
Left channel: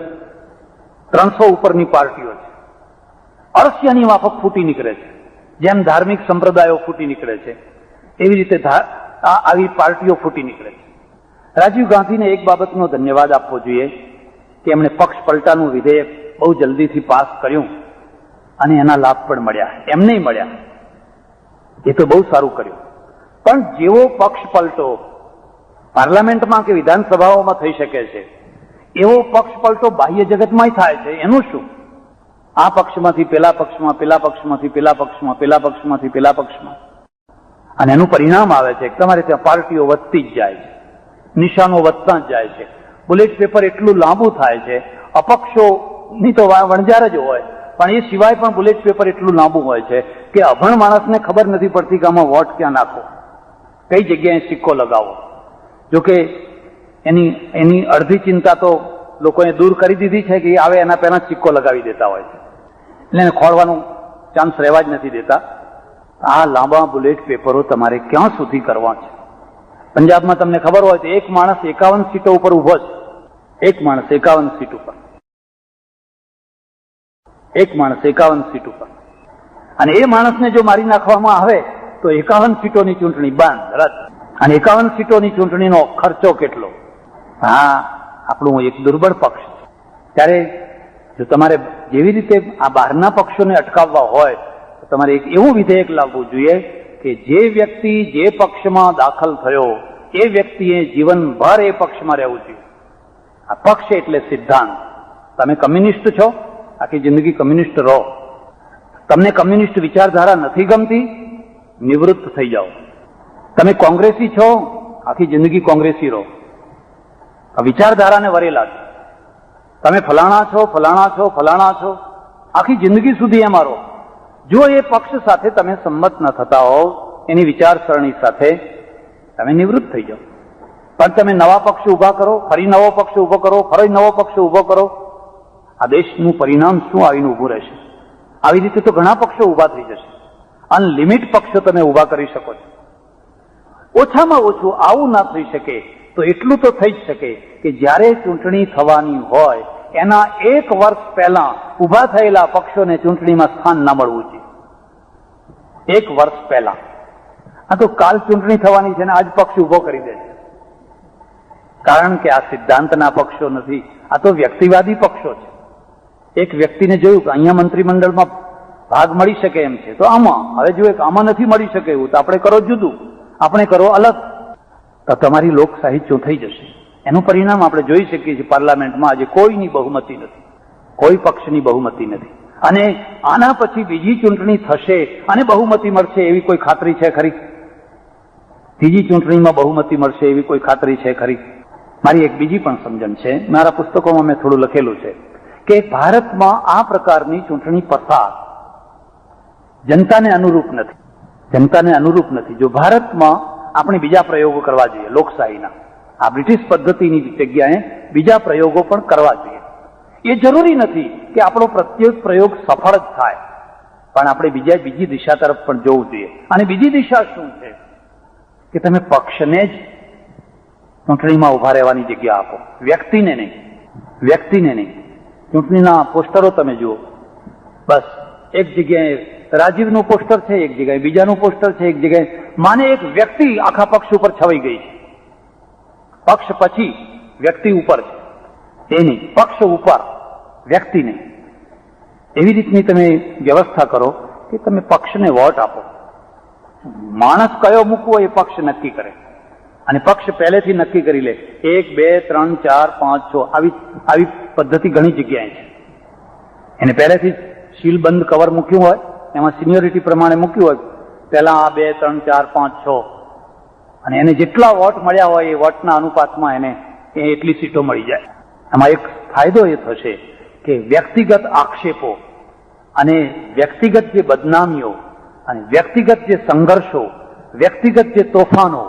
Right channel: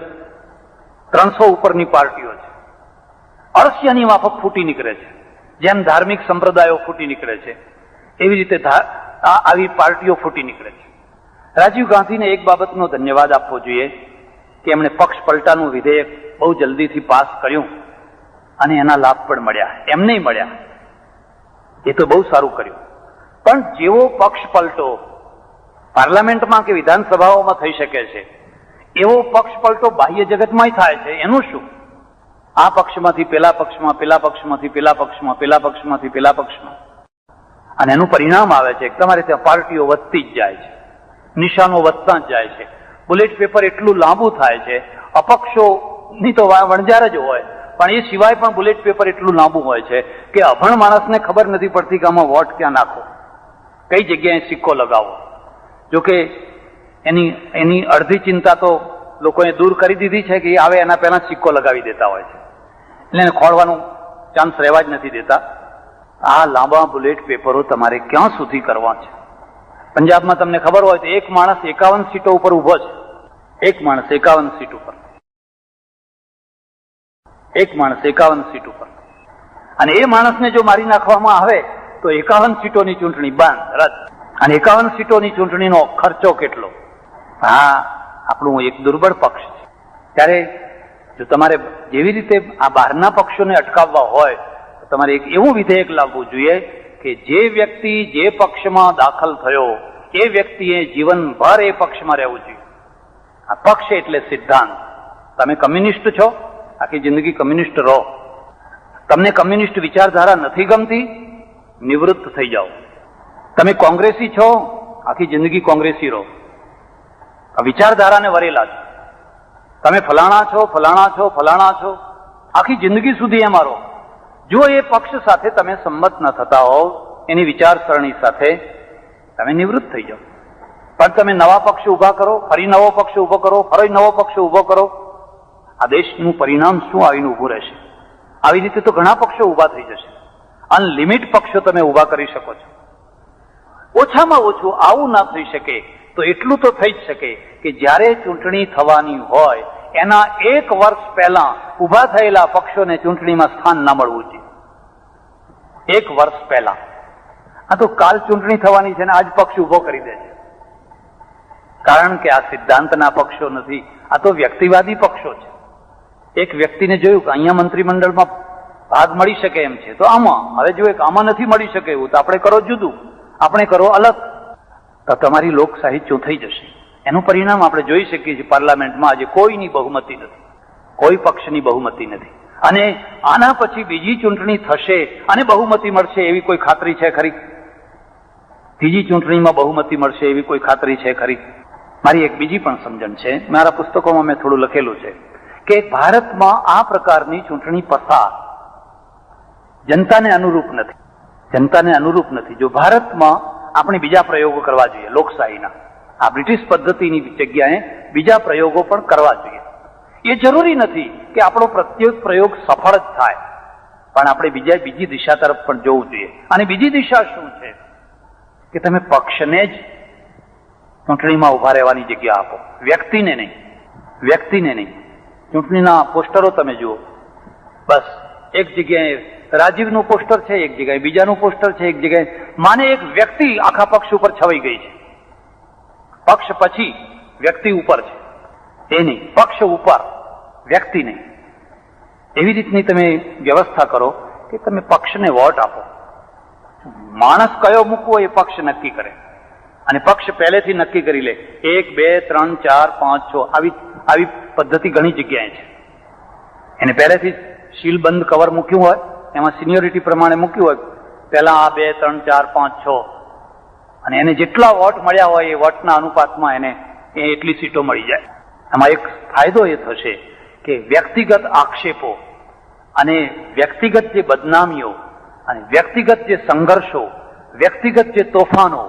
300 ઉપરની પાર્ટીઓ છે. અળસિયાની માફક ફૂટી નીકળે છે. જેમ ધાર્મિક સંપ્રદાયો ફૂટી નીકળે છે એવી રીતે આવી પાર્ટીઓ ફૂટી નીકળે છે. રાજીવ ગાંધીને એક બાબતનો ધન્યવાદ આપવો જોઈએ કે એમણે પક્ષ પલટાનું વિધેયક બહુ જલ્દીથી પાસ કર્યું અને એના લાભ પણ મળ્યા. એમને મળ્યા, એ તો બહુ સારું કર્યું. પણ જેવો પક્ષ પલટો પાર્લામેન્ટમાં કે વિધાનસભાઓમાં થઈ શકે છે એવો પક્ષ પલટો બાહ્ય જગતમાં થાય છે. એનું શું? આ પક્ષમાંથી પેલા પક્ષમાં, પેલા પક્ષમાંથી પેલા પક્ષમાં, પેલા પક્ષમાંથી પેલા પક્ષમાં, અને એનું પરિણામ આવે છે તમારે ત્યાં પાર્ટીઓ વધતી જ જાય છે, નિશાનો વધતા જ જાય છે, બુલેટ પેપર એટલું લાંબુ થાય છે. અપક્ષોની તો વણઝાર જ હોય, પણ એ સિવાય પણ બુલેટ પેપર એટલું લાંબુ હોય છે કે અભણ માણસને ખબર નથી પડતી કે આમાં વોટ ક્યાં નાખો, કઈ જગ્યાએ સિક્કો લગાવો. જોકે એની અડધી ચિંતા તો લોકોએ દૂર કરી દીધી છે કે આવે એના પહેલા સિક્કો લગાવી દેતા હોય છે, એટલે એને ખોળવાનો ચાન્સ રહેવા જ નથી દેતા. આ લાંબા બુલેટ પેપરો તમારે ક્યાં સુધી કરવા છે? પંજાબમાં તમને ખબર હોય તો એક માણસ 51 સીટો ઉપર ઉભો છે. એક માણસ 51 સીટ ઉપર, એક માણસ 51 સીટ ઉપર. અને એ માણસને જો મારી નાખવામાં આવે તો 51 સીટોની ચૂંટણી બંધ, રદ. અને 51 સીટોની ચૂંટણીનો ખર્ચો કેટલો? હા, આપણું એક દુર્બળ પક્ષ છે. ત્યારે જો તમારે જેવી રીતે આ બહારના પક્ષોને અટકાવવા હોય તો તમારે એક એવું વિધેયક લાવવું જોઈએ કે જે વ્યક્તિ જે પક્ષમાં દાખલ થયો એ વ્યક્તિએ જીવનભર એ પક્ષમાં રહેવું જોઈએ. આ પક્ષ એટલે સિદ્ધાંત. તમે કમ્યુનિસ્ટ છો, આખી જિંદગી કમ્યુનિસ્ટ રહો. તમને કમ્યુનિસ્ટ વિચારધારા નથી ગમતી, નિવૃત્ત થઈ જાઓ. તમે કોંગ્રેસી છો, આખી જિંદગી કોંગ્રેસી રહો. આ વિચારધારાને વરેલા છો. તમે ફલાણા છો, ફલાણા છો, ફલાણા છો, આખી જિંદગી સુધી એમાં રહો. જો એ પક્ષ સાથે તમે સંમત ન થતા હોવ, એની વિચારસરણી સાથે, તમે નિવૃત્ત થઈ જાઓ. પણ તમે નવા પક્ષ ઉભા કરો, ફરી નવો પક્ષ ઉભો કરો, ફરી નવો પક્ષ ઉભો કરો, આ દેશનું પરિણામ શું આવીને ઉભું રહેશે? આવી રીતે તો ઘણા પક્ષો ઉભા થઈ જશે. અનલિમિટ પક્ષો તમે ઉભા કરી શકો છો. ઓછામાં ઓછું આવું ના થઈ શકે તો એટલું તો થઈ જ શકે કે જ્યારે ચૂંટણી થવાની હોય એના 1 વર્ષ પહેલા ઉભા થયેલા પક્ષોને ચૂંટણીમાં સ્થાન ના મળવું જોઈએ. 1 વર્ષ પહેલા. આ તો કાલ ચૂંટણી થવાની છે ને આજ પક્ષ ઉભો કરી દે છે. કારણ કે આ સિદ્ધાંતના પક્ષો નથી, આ તો વ્યક્તિવાદી પક્ષો છે. એક વ્યક્તિને જોયું કે અહીંયા મંત્રીમંડળમાં ભાગ મળી શકે એમ છે તો આમાં, હવે જોયું કે આમાં નથી મળી શકે એવું તો આપણે કરો જુદું, આપણે કરો અલગ, તો તમારી લોકશાહી ચોંટાઈ જશે. એનું પરિણામ આપણે જોઈ શકીએ છીએ. પાર્લામેન્ટમાં આજે કોઈની બહુમતી નથી, કોઈ પક્ષની બહુમતી નથી. અને આના પછી બીજી ચૂંટણી થશે અને બહુમતી મળશે એવી કોઈ ખાતરી છે ખરી? ત્રીજી ચૂંટણીમાં બહુમતી મળશે એવી કોઈ ખાતરી છે ખરી? મારી એક બીજી પણ સમજણ છે, મારા પુસ્તકોમાં મેં થોડું લખેલું છે કે ભારતમાં આ પ્રકારની ચૂંટણી પ્રથા જનતાને અનુરૂપ નથી. જનતાને અનુરૂપ નથી. જો ભારતમાં આપણે બીજા પ્રયોગો કરવા જોઈએ લોકશાહીના, આ બ્રિટિશ પદ્ધતિની જગ્યાએ બીજા પ્રયોગો પણ કરવા જોઈએ. એ જરૂરી નથી કે આપણો પ્રત્યેક પ્રયોગ સફળ જ થાય, પણ આપણે બીજી દિશા તરફ પણ જોવું જોઈએ. અને બીજી દિશા શું છે કે તમે પક્ષને જ ચૂંટણીમાં ઉભા રહેવાની જગ્યા આપો, વ્યક્તિને નહીં. વ્યક્તિને નહીં. ચૂંટણીના પોસ્ટરો તમે જુઓ, બસ એક જગ્યાએ રાજીવનું પોસ્ટર છે, એક જગ્યાએ બીજાનું પોસ્ટર છે, એક જગ્યાએ માને એક વ્યક્તિ આખા પક્ષ ઉપર છવાઈ ગઈ છે. પક્ષ પછી વ્યક્તિ ઉપર છે, એ નહીં. પક્ષ ઉપર, વ્યક્તિ નહીં. એવી રીતની તમે વ્યવસ્થા કરો કે તમે પક્ષને વોટ આપો. માણસ કયો મૂકવો એ પક્ષ નક્કી કરે, અને પક્ષ પહેલેથી નક્કી કરી લે 1, 2, 3, 4, 5, 6 આવી પદ્ધતિ ઘણી જગ્યાએ છે. એને પહેલેથી સીલબંધ કવર મૂક્યું હોય, એમાં સિનિયોરિટી પ્રમાણે મૂક્યું હોય, પહેલા આ 2, 3, 4, 5, 6, અને એને જેટલા વોટ મળ્યા હોય એ વોટના અનુપાતમાં એને એટલી સીટો મળી જાય. આમાં એક ફાયદો એ થશે કે વ્યક્તિગત આક્ષેપો અને વ્યક્તિગત જે બદનામીઓ અને વ્યક્તિગત જે સંઘર્ષો, વ્યક્તિગત જે તોફાનો,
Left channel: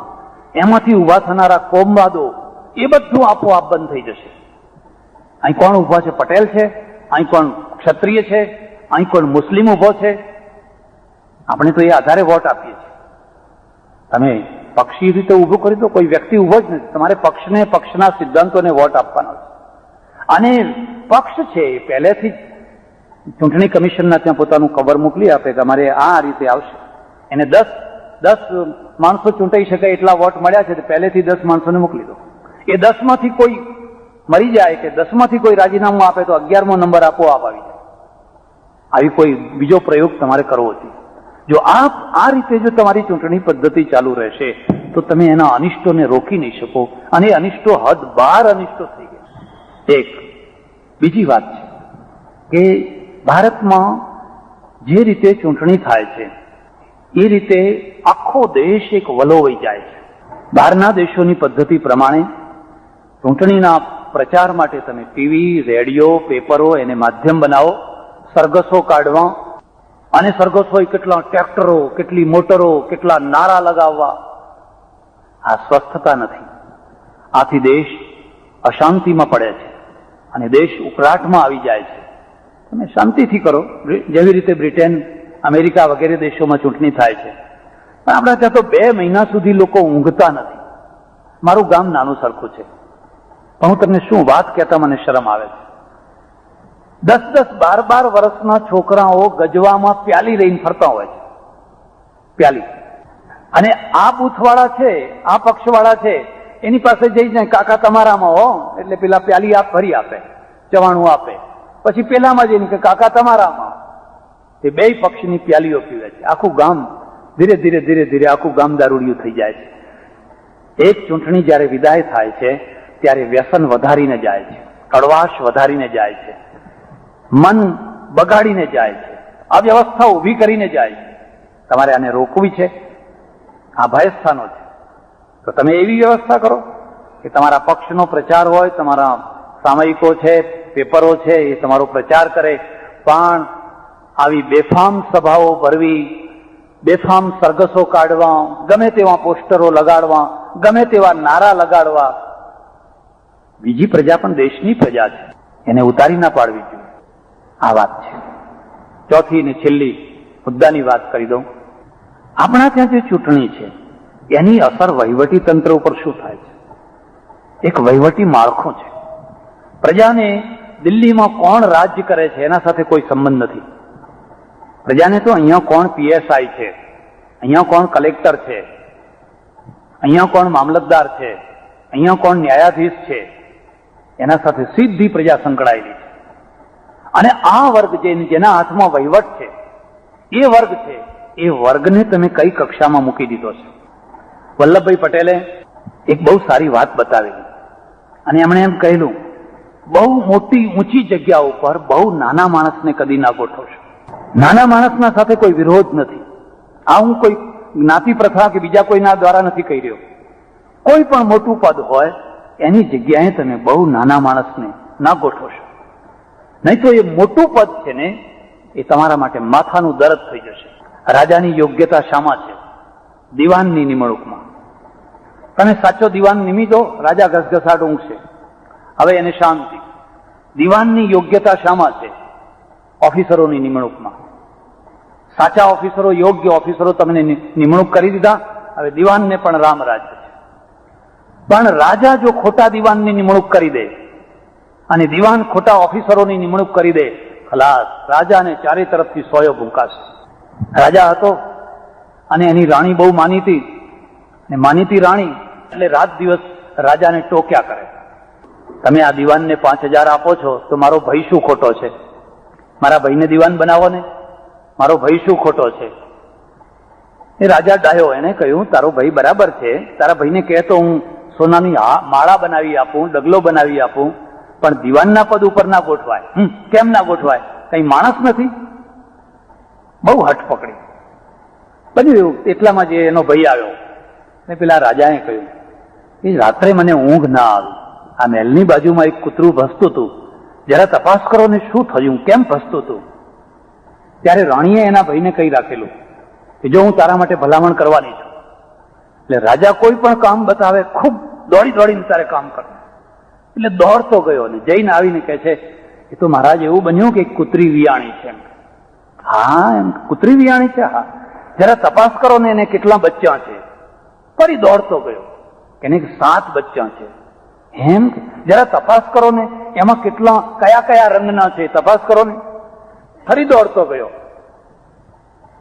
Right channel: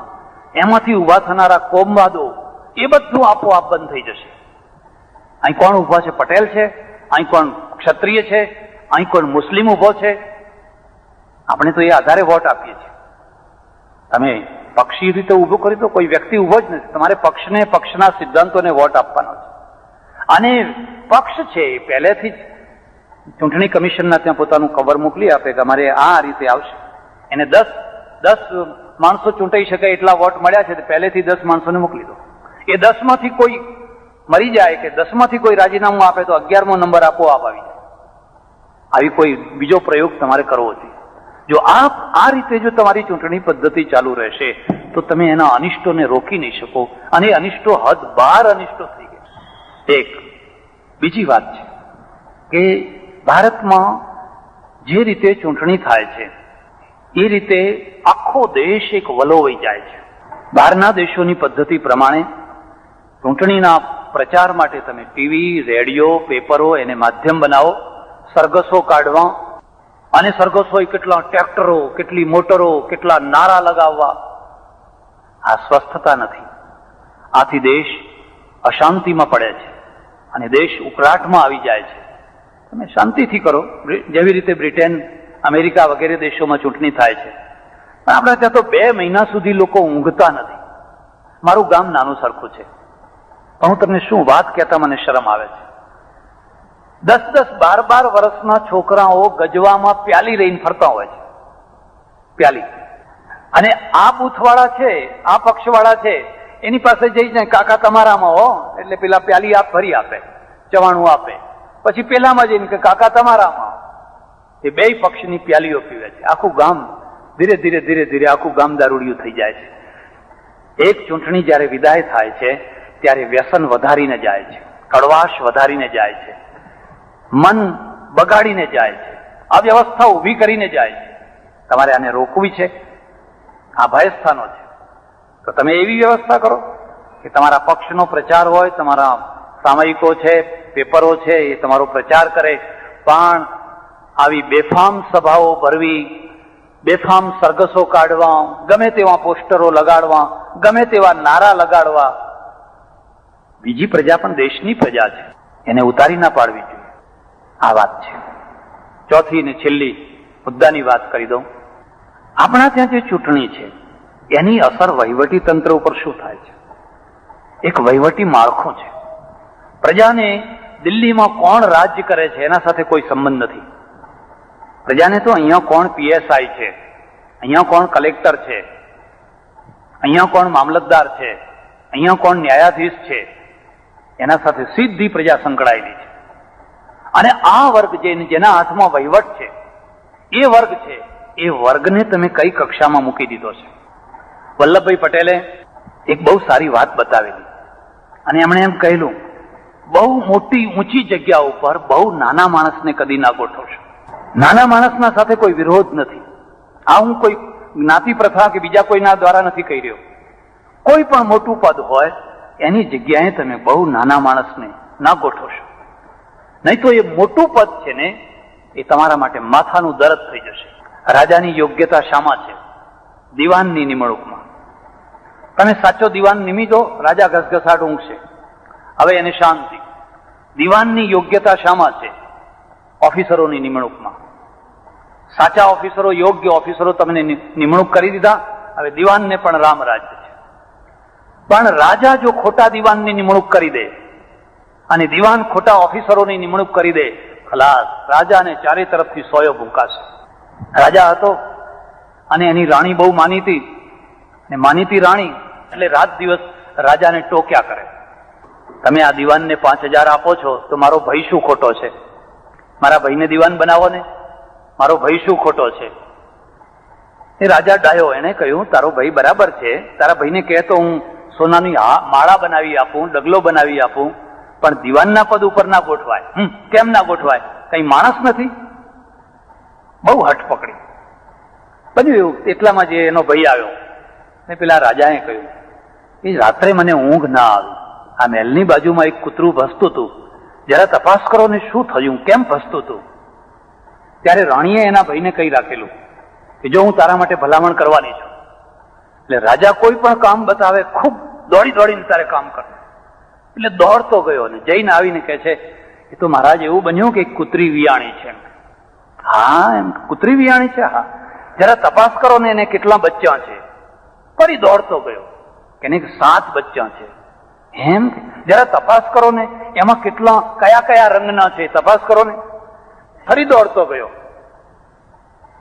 એમાંથી ઉભા થનારા કોમવાદો, એ બધું આપોઆપ બંધ થઈ જશે. અહીં કોણ ઉભા છે? પટેલ છે. અહીં કોણ ક્ષત્રિય છે? અહીં કોણ મુસ્લિમ ઉભો છે? આપણે તો એ આધારે વોટ આપીએ છીએ. તમે પક્ષી રીતે ઉભો કરી દો, કોઈ વ્યક્તિ ઉભો જ નથી. તમારે પક્ષને, પક્ષના સિદ્ધાંતોને વોટ આપવાનો છે. અને પક્ષ છે એ પહેલેથી જ ચૂંટણી કમિશનના ત્યાં પોતાનું કવર મોકલી આપે કે અમારે આ રીતે આવશે. એને 10 માણસો ચૂંટાઈ શકાય એટલા વોટ મળ્યા છે, પહેલેથી 10 માણસોને મોકલી દો. એ 10 માંથી કોઈ મરી જાય કે 10 માંથી કોઈ રાજીનામું આપે તો 11મો નંબર આપોઆપ આવી જાય. આવી કોઈ બીજો પ્રયોગ તમારે કરવો જોઈએ. જો આ રીતે જો તમારી ચૂંટણી પદ્ધતિ ચાલુ રહેશે તો તમે એના અનિષ્ટોને રોકી નહીં શકો, અને અનિષ્ટો હદ બહાર અનિષ્ટો થઈ ગયા. એક બીજી વાત છે કે ભારતમાં જે રીતે ચૂંટણી થાય છે એ રીતે આખો દેશ એક વલોવાઈ જાય છે. બહારના દેશોની પદ્ધતિ પ્રમાણે ચૂંટણીના પ્રચાર માટે તમે ટીવી, રેડિયો, પેપરો એને માધ્યમ બનાવો, સરઘસો કાઢવા, અને સરઘસો કેટલા ટ્રેક્ટરો, કેટલી મોટરો, કેટલા નારા લગાવવા. આ સ્વસ્થતા નથી. આથી દેશ અશાંતિમાં પડે છે અને દેશ ઉકળાટમાં આવી જાય છે. તમે શાંતિથી કરો, જેવી રીતે બ્રિટન, અમેરિકા વગેરે દેશોમાં ચૂંટણી થાય છે. પણ આપણે ત્યાં તો 2 મહિના સુધી લોકો ઊંઘતા નથી. મારું ગામ નાનું સરખું છે, પણ હું તમને શું વાત કહેતા મને શરમ આવે છે. 10-10, 12-12 વર્ષના છોકરાઓ ગજવામાં પ્યાલી લઈને ફરતા હોય છે. પ્યાલી. અને આ બૂથવાળા છે, આ પક્ષવાળા છે, એની પાસે જઈ જાય, કાકા તમારામાં હો, એટલે પેલા પ્યાલી ભરી આપે, 94 આપે. પછી પેલામાં જઈને કે કાકા તમારામાં. એ 2 પક્ષની પ્યાલીઓ પીવે છે. આખું ગામ ધીરે ધીરે આખું ગામ દારૂડિયું થઈ જાય છે. એક ચૂંટણી જયારે વિદાય થાય છે ત્યારે વ્યસન વધારીને જાય છે, કડવાશ વધારીને જાય છે, મન બગાડીને જાય છે, અવ્યવસ્થા ઉભી કરીને જાય છે. તમારે આને રોકવી છે. આ ભયસ્થાનો છે. તો તમે એવી વ્યવસ્થા કરો કે તમારા પક્ષનો પ્રચાર હોય, તમારા સામયિકો છે, પેપરો છે, એ તમારો પ્રચાર કરે, પણ આવી બેફામ સભાઓ ભરવી, બેફામ સરઘસો કાઢવા, ગમે તેવા પોસ્ટરો લગાડવા, ગમે તેવા નારા લગાડવા. બીજી પ્રજા પણ દેશની પ્રજા છે, એને ઉતારી ના પાડવી જોઈએ. આ વાત છે. ચોથી ને છેલ્લી મુદ્દાની વાત કરી દઉં. આપણા ત્યાં જે ચૂંટણી છે એની અસર વહીવટી તંત્ર ઉપર શું થાય છે? એક વહીવટી માળખું છે. પ્રજાને દિલ્હીમાં કોણ રાજ્ય કરે છે એના સાથે કોઈ સંબંધ નથી. પ્રજાને તો અહીંયા કોણ પીએસઆઈ છે, અહીંયા કોણ કલેક્ટર છે, અહીંયા કોણ મામલતદાર છે, અહીંયા કોણ ન્યાયાધીશ છે, એના સાથે સીધી પ્રજા સંકળાયેલી છે. અને આ વર્ગ જેના હાથમાં વહીવટ છે, એ વર્ગ છે, એ વર્ગને તમે કઈ કક્ષામાં મૂકી દીધો છે? વલ્લભભાઈ પટેલે એક બહુ સારી વાત બતાવેલી, અને એમણે એમ કહેલું, બહુ મોટી ઊંચી જગ્યા ઉપર બહુ નાના માણસને કદી ના ગોઠવશો. નાના માણસના સાથે કોઈ વિરોધ નથી. આ હું કોઈ જ્ઞાતિ પ્રથા કે બીજા કોઈના દ્વારા નથી કહી રહ્યો. કોઈ પણ મોટું પદ હોય એની જગ્યાએ તમે બહુ નાના માણસને ના ગોઠવશો, નહીં તો એ મોટું પદ છે ને એ તમારા માટે માથાનું દર્દ થઈ જશે. રાજાની યોગ્યતા શામાં છે? દિવાનની નિમણૂકમાં. તમે સાચો દિવાન નિમી દો, રાજા ઘસઘસાટ ઊંઘશે, હવે એને શાંતિ. દિવાનની યોગ્યતા શામાં છે? ઓફિસરોની નિમણૂકમાં. સાચા ઓફિસરો, યોગ્ય ઓફિસરો તમને નિમણૂક કરી દીધા, હવે દિવાનને પણ રામ રાજ્ય છે. પણ રાજા જો ખોટા દિવાનની નિમણૂક કરી દે અને દિવાન ખોટા ઓફિસરોની નિમણૂક કરી દે, ખલાસ. રાજાને ચારે તરફથી સોયો ભૂંકાશે. રાજા હતો અને એની રાણી બહુ માનીતી, ને માનીતી રાણી એટલે રાત દિવસ રાજાને ટોક્યા કરે. તમે આ દિવાનને 5,000 આપો છો તો મારો ભાઈ શું ખોટો છે? મારા ભાઈને દિવાન બનાવો ને, મારો ભાઈ શું ખોટો છે? એ રાજા ડાયો, એને કહ્યું તારો ભાઈ બરાબર છે, તારા ભાઈને કહે તો હું સોનાની માળા બનાવી આપું, ડગલો બનાવી આપું, પણ દિવાનના પદ ઉપર ના ગોઠવાય. કેમ ના ગોઠવાય? કઈ માણસ નથી? બહુ હઠ પકડી. બધું એવું. એટલામાં જે એનો ભાઈ આવ્યો ને પેલા રાજાએ કહ્યું એ રાત્રે મને ઊંઘ ના આવી, આ મહેલની બાજુમાં એક કૂતરું ભસતું હતું, જરા તપાસ કરો ને શું થયું, કેમ ભસતું હતું? ત્યારે રાણીએ એના ભાઈને કહી રાખેલું કે જો હું તારા માટે ભલામણ કરવાની છું. એટલે રાજા કોઈ પણ કામ બતાવે ખૂબ દોડી દોડીને તારે કામ કરે. એટલે દોડતો ગયો ને જઈને આવીને કહે છે એ તો મહારાજ એવું બન્યું કે કૂતરી વિયાણી છે. હા, એમ કૂતરી વિયાણી છે? હા, જરા તપાસ કરો ને એને કેટલા બચ્ચા છે. ફરી દોડતો ગયો કે 7 બચ્ચા છે. એમ? જરા તપાસ કરો ને એમાં કેટલા કયા કયા રંગના છે, તપાસ કરો ને. ફરી દોડતો ગયો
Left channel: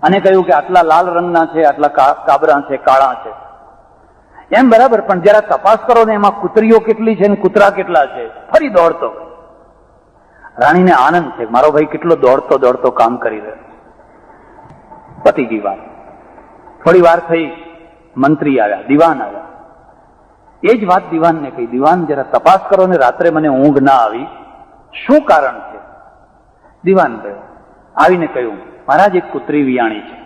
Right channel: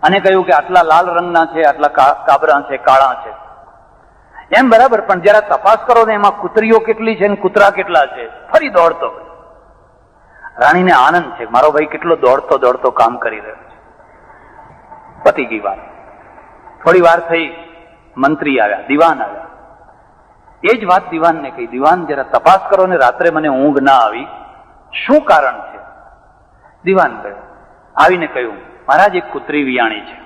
અને કહ્યું કે આટલા લાલ રંગના છે, આટલા કાબરા છે, કાળા છે. એમ બરાબર, પણ જરા તપાસ કરો ને એમાં કૂતરીઓ કેટલી છે ને કૂતરા કેટલા છે. ફરી દોડતો. રાણીને આનંદ છે મારો ભાઈ કેટલો દોડતો દોડતો કામ કરી રહ્યો છે. પતી ગઈ વાત. થોડી વાર થઈ, મંત્રી આવ્યા, દિવાન આવ્યા. એ જ વાત દિવાનને કહી, દિવાન જરા તપાસ કરો ને રાત્રે મને ઊંઘ ના આવી, શું કારણ છે? દિવાન ગયો, આવીને કહ્યું મહારાજ એક કૂતરી વિયાણી છે.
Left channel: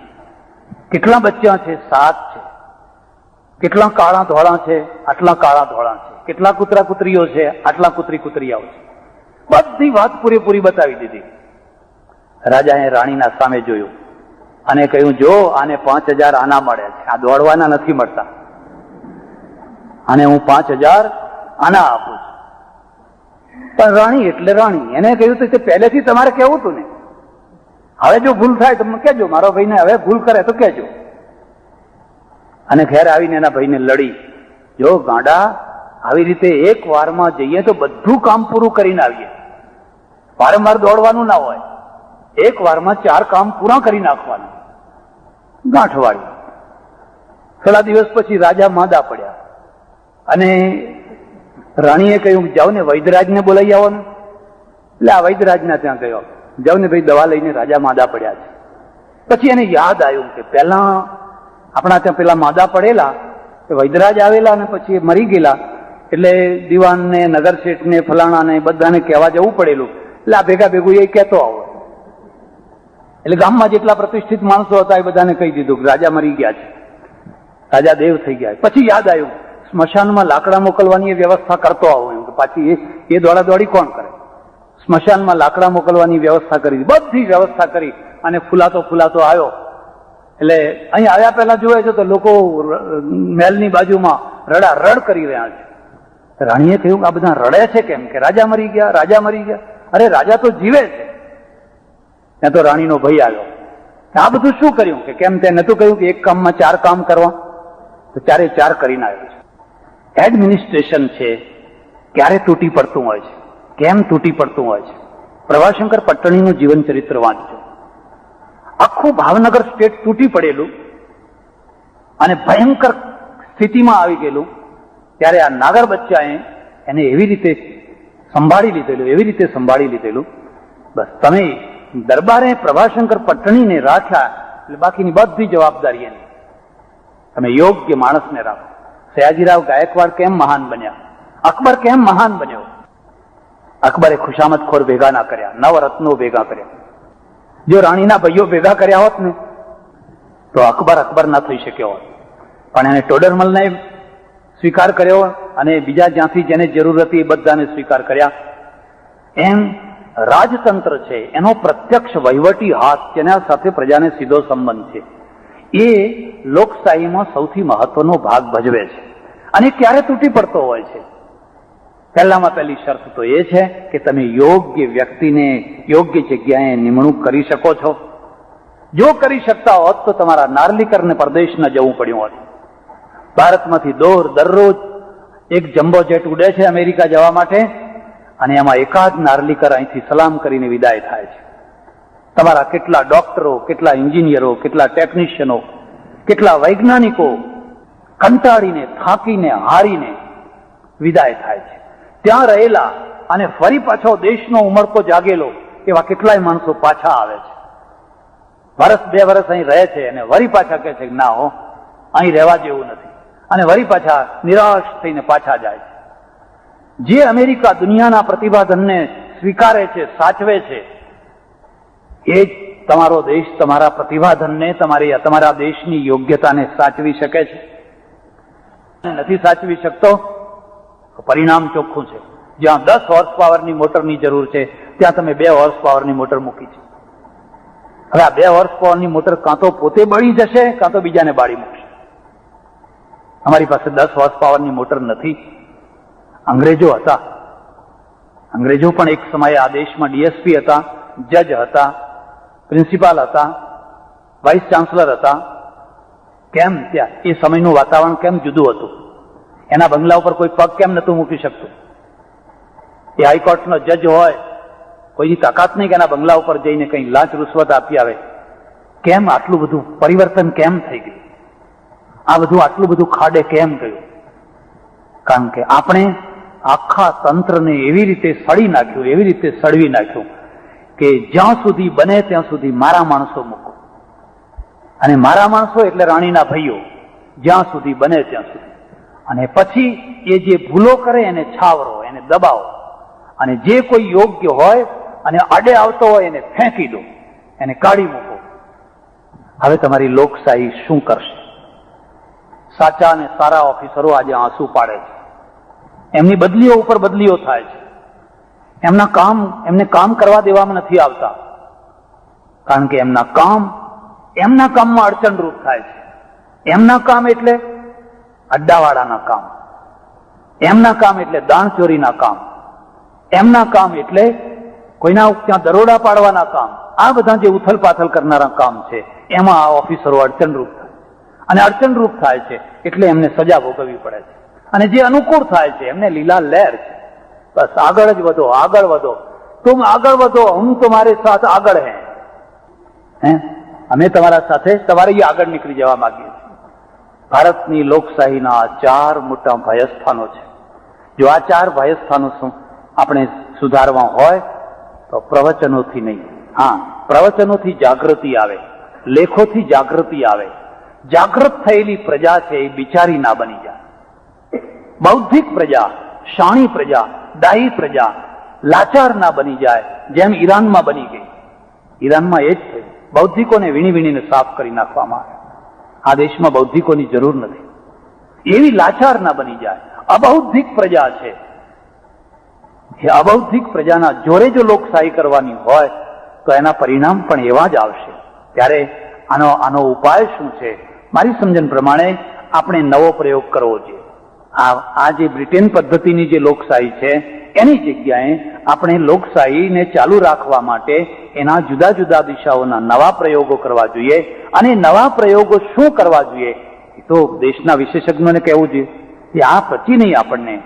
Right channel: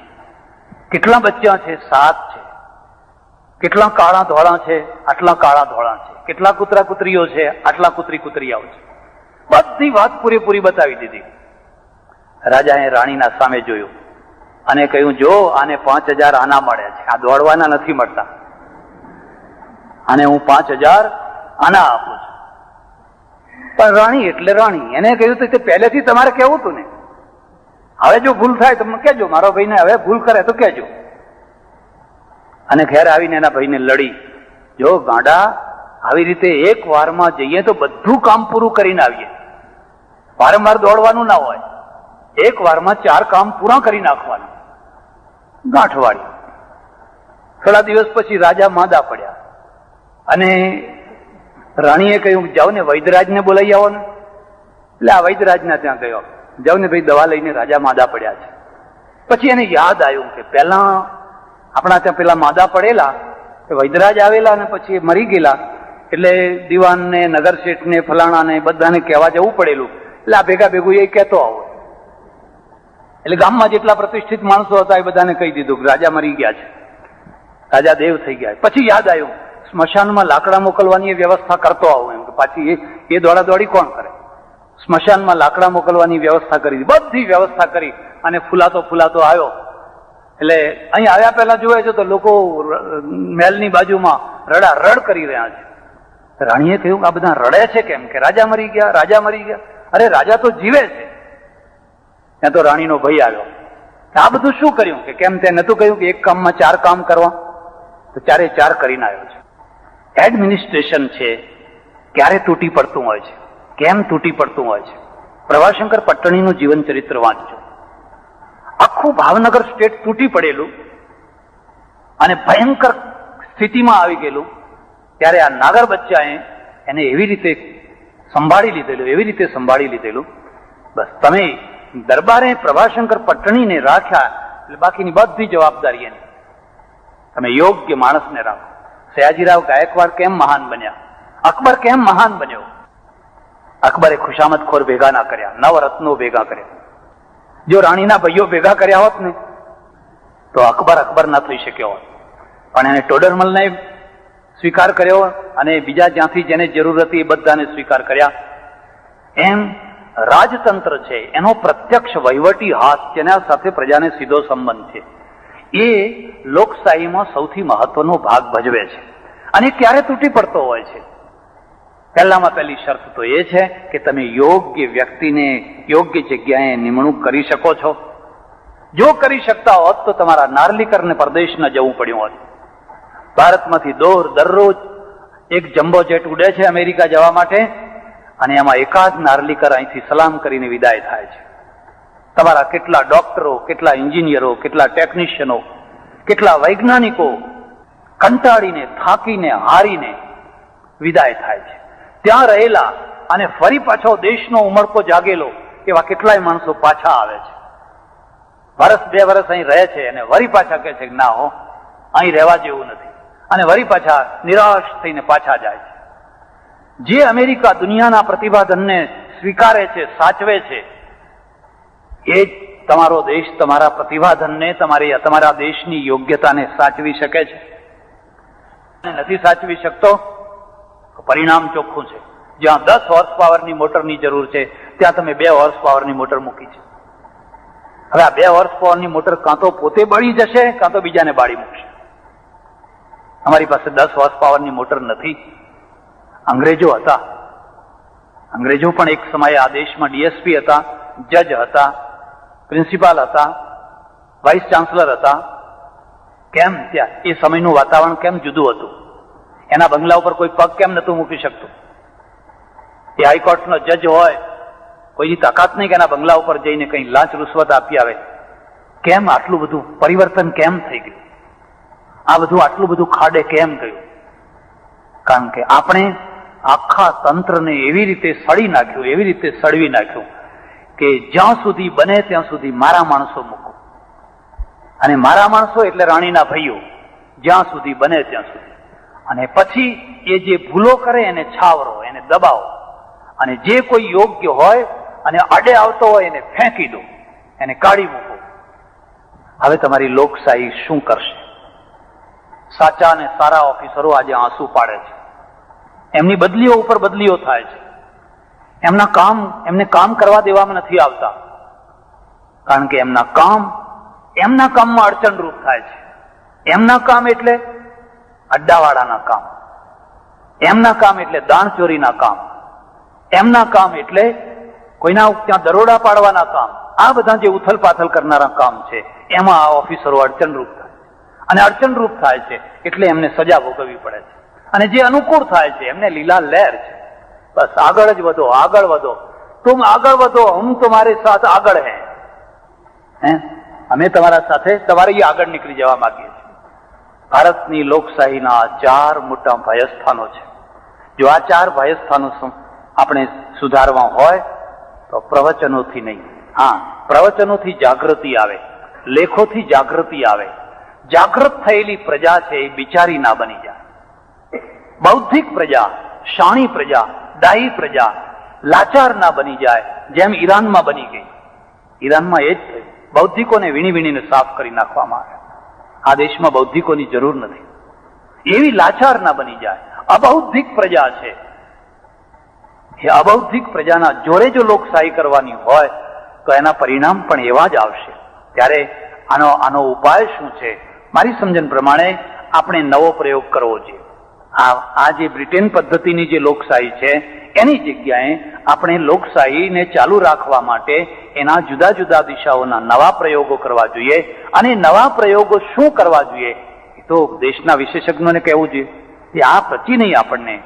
કેટલા બચ્ચા છે? 7 છે. કેટલા કાળા ધોળા છે? આટલા કાળા ધોળા છે. કેટલા કૂતરા કૂતરીઓ છે? આટલા કૂતરી કૂતરીયાઓ છે. બધી વાત પૂરેપૂરી બતાવી દીધી. રાજાએ રાણીના સામે જોયું અને કહ્યું જો આને 5,000 આના મળે છે, આ દોડવાના નથી મળતા, અને હું 5,000 આના આપું છું. પણ રાણી એટલે રાણી, એને કહ્યું કે પહેલેથી તમારે કેવું હતું ને, હવે જો ભૂલ થાય તો કહેજો, મારો ભાઈને હવે ભૂલ કરે તો કહેજો. અને ઘેર આવીને એના ભાઈને લડી, જો ગાંડા આવી રીતે એક વારમાં જઈએ તો બધું કામ પૂરું કરીને આવીએ, વારંવાર દોડવાનું ના હોય, એક વારમાં 4 કામ પૂરા કરી નાખવાનું. ગાંઠ વાળી. થોડા દિવસ પછી રાજા માંદા પડ્યા અને રાણીએ કહ્યું જાઓ ને વૈદ્યરાજને બોલાવી આવો ને. એટલે આ વૈદ્યરાજના ત્યાં ગયો, જાઓ ને ભાઈ દવા લઈને રાજા માંદા પડ્યા છે. પછી એને યાદ આવ્યું કે પહેલા આપણા ત્યાં પેલા માંદા પડેલા વૈદ્યરાજ આવેલા અને પછી મરી ગયેલા, એટલે દિવાનને, નગરશેઠને, ફલાણાને બધાને કહેવા જવું પડેલું. એટલે આ ભેગા ભેગું એ કહેતો આવો. એટલે ગામમાં જેટલા પ્રતિષ્ઠિત માણસો હતા એ બધાને કહી દીધું કે રાજા મરી ગયા છે, રાજા દેવ થઈ ગયા. પછી યાદ આવ્યું સ્મશાનમાં લાકડા મોકલવાની વ્યવસ્થા કરતો આવો. એમ કે પાછી એ દોડા દોડી કોણ કરે? સ્મશાનમાં લાકડા મોકલવાની વ્યવસ્થા કરી, બધી વ્યવસ્થા કરી અને ફૂલાતો આવ્યો. એટલે અહીં આવ્યા પહેલા જોવે છે તો લોકો મહેલની બાજુમાં રડ કરી રહ્યા છે. રાણીએ કહ્યું આ બધા રડે છે કેમ? કે રાજા મરી ગયા, રાજા મરી ગયા. અરે રાજા તો જીવે છે. ત્યાં તો રાણીનો ભય આવ્યો, આ બધું શું કર્યું? કે કેમ તે નતું કહ્યું કે એક કામમાં 4 કામ કરવા? તો 4 કરીને આવ્યો છે. એડમિનિસ્ટ્રેશન છે ક્યારે તૂટી પડતું હોય છે, કેમ તૂટી પડતું હોય છે? પ્રભાશંકર પટ્ટણીનું જીવન ચરિત્ર વાંચજો. આખું ભાવનગર સ્ટેટ તૂટી પડેલું અને ભયંકર સ્થિતિમાં આવી ગયેલું, ત્યારે આ નાગર બચ્ચાએ એને એવી રીતે સંભાળી લીધેલું. બસ તમે દરબારે પ્રભાશંકર પટ્ટણીને રાખ્યા એટલે બાકીની બધી જવાબદારી એની. તમે યોગ્ય માણસને રાખો. સયાજીરાવ ગાયકવાડ કેમ મહાન બન્યા? અકબર કેમ મહાન બન્યો? અકબરે ખુશામતખોર ભેગા ના કર્યા, નવરત્નો ભેગા કર્યા. જો રાણીના ભાઈઓ ભેગા કર્યા હોત ને તો અકબર ના થઈ શક્યો હોત. પણ એને ટોડરમલને સ્વીકાર કર્યો અને બીજા જ્યાંથી જેને જરૂર હતી એ બધાને સ્વીકાર કર્યા. એમ રાજતંત્ર છે એનો પ્રત્યક્ષ વહીવટી હાથ જેના સાથે પ્રજાને સીધો સંબંધ છે એ લોકશાહીમાં સૌથી મહત્વનો ભાગ ભજવે છે અને ક્યારે તૂટી પડતો હોય છે. પહેલામાં પહેલી શરત તો એ છે કે તમે યોગ્ય વ્યક્તિને યોગ્ય જગ્યાએ નિમણૂક કરી શકો છો. જો કરી શકતા હોત તો તમારા નાર્લિકરને પરદેશ ન જવું પડ્યું હોત. ભારતમાંથી દરરોજ એક જમ્બો જેટ ઉડે છે અમેરિકા જવા માટે અને એમાં એકાદ નાર્લિકર અહીંથી સલામ કરીને વિદાય થાય છે. તમારા કેટલા ડોક્ટરો, કેટલા એન્જિનિયરો, કેટલા ટેકનિશિયનો, કેટલા વૈજ્ઞાનિકો કંટાળીને, થાકીને, હારીને વિદાય થાય છે. ત્યાં રહેલા અને ફરી પાછો દેશનો ઉમળકો જાગેલો એવા કેટલાય માણસો પાછા આવે છે. વર્ષ 2 વર્ષ અહીં રહે છે અને વળી પાછા કહે છે ના હો, અહીં રહેવા જેવું નથી, અને વળી પાછા નિરાશ થઈને પાછા જાય છે. જે અમેરિકા દુનિયાના પ્રતિભાધનને સ્વીકારે છે, સાચવે છે, એ જ તમારો દેશ તમારા પ્રતિભાધનને, તમારા દેશની યોગ્યતાને સાચવી શકે છે. નથી સાચવી શકતો તો પરિણામ ચોખ્ખું છે. જ્યાં 10 હોર્સ પાવરની મોટરની જરૂર છે ત્યાં તમે 2 હોર્સ પાવરની મોટર મૂકી છે. હવે આ 2 હોર્સ પાવરની મોટર કાં તો પોતે બળી જશે કાં તો બીજાને બાળી મૂકશે. અમારી પાસે 10 હોર્સ પાવરની મોટર નથી. અંગ્રેજો હતા. અંગ્રેજો પણ એક સમયે આ દેશમાં ડીએસપી હતા, જજ હતા, પ્રિન્સિપાલ હતા, વાઇસ ચાન્સલર હતા. કેમ ત્યાં એ સમયનું વાતાવરણ કેમ જુદું હતું? એના બંગલા ઉપર કોઈ પગ કેમ નતું મૂકી શકતું? એ હાઈકોર્ટનો જજ હોય, કોઈની તાકાત નહીં કે એના બંગલા ઉપર જઈને કંઈ લાંચ રૂશ્વત આપી આવે. કેમ આટલું બધું પરિવર્તન કેમ થઈ ગયું? આ બધું આટલું બધું ખાડે કેમ ગયું? કારણ કે આપણે આખા તંત્રને એવી રીતે સળી નાખ્યું, એવી રીતે સળવી નાખ્યું કે જ્યાં સુધી બને ત્યાં સુધી મારા માણસો મૂકો, અને મારા માણસો એટલે રાણીના ભાઈઓ, જ્યાં સુધી બને ત્યાં સુધી. અને પછી એ જે ભૂલો કરે એને છાવરો, એને દબાવો, અને જે કોઈ યોગ્ય હોય અને આડે આવતો હોય એને ફેંકી દો, એને કાઢી મૂકો. હવે તમારી લોકશાહી શું કરશે? સાચા અને સારા ઓફિસરો આજે આંસુ પાડે છે. એમની બદલીઓ ઉપર બદલીઓ થાય છે. એમને કામ કરવા દેવામાં નથી આવતા, કારણ કે એમના કામમાં અડચણરૂપ થાય છે. એમના કામ એટલે અડ્ડાવાળાના કામ, એમના કામ એટલે દાણચોરીના કામ, એમના કામ એટલે કોઈના ત્યાં દરોડા પાડવાના કામ. આ બધા જે ઉથલ પાથલ કરનારા કામ છે એમાં આ ઓફિસરો અડચણરૂપ થાય, અને અડચણરૂપ થાય છે એટલે એમને સજા ભોગવવી પડે છે. અને જે અનુકૂળ થાય છે એમને લીલા લહેર છે. બસ આગળ જ વધો, આગળ વધો, તુમ આગળ વધો, હમ તમારે સાથ આગળ હે, અમે તમારા સાથે તમારી આગળ નીકળી જવા માંગીએ છીએ. ભારતની લોકશાહીના 4 મોટા ભયસ્થાનો છે. જો આ 4 ભયસ્થાનો આપણે સુધારવા હોય તો પ્રવચનોથી નહીં, હા, પ્રવચનોથી જાગૃતિ આવે, લેખોથી જાગૃતિ આવે. જાગૃત થયેલી પ્રજા છે એ બિચારી ના બની જાય. બૌદ્ધિક પ્રજા, શાણી પ્રજા, ડાહી પ્રજા લાચાર ના બની જાય, જેમ ઈરાનમાં બની ગઈ. ઈરાનમાં એ જ થયું. બૌદ્ધિકોને વીણી વીણીને સાફ કરી નાખવામાં આવે. આ દેશમાં બૌદ્ધિકોની જરૂર નથી. એવી લાચાર ના બની જાય. અબૌદ્ધિક પ્રજા છે. એ અબૌદ્ધિક પ્રજાના જોરે જો લોકશાહી કરવાની હોય તો એના પરિણામ પણ એવા જ આવશે. ત્યારે આનો ઉપાય શું છે? મારી સમજણ પ્રમાણે આપણે નવો પ્રયોગ કરવો જોઈએ. આ જે બ્રિટેન પદ્ધતિની જે લોકશાહી છે એની જગ્યાએ આપણે લોકશાહીને ચાલુ રાખવા માટે એના જુદા જુદા દિશાઓના નવા પ્રયોગો કરવા જોઈએ. અને નવા પ્રયોગો શું કરવા જોઈએ એ તો દેશના વિશેષજ્ઞોને કહેવું જોઈએ કે આ પચી નહીં, આપણને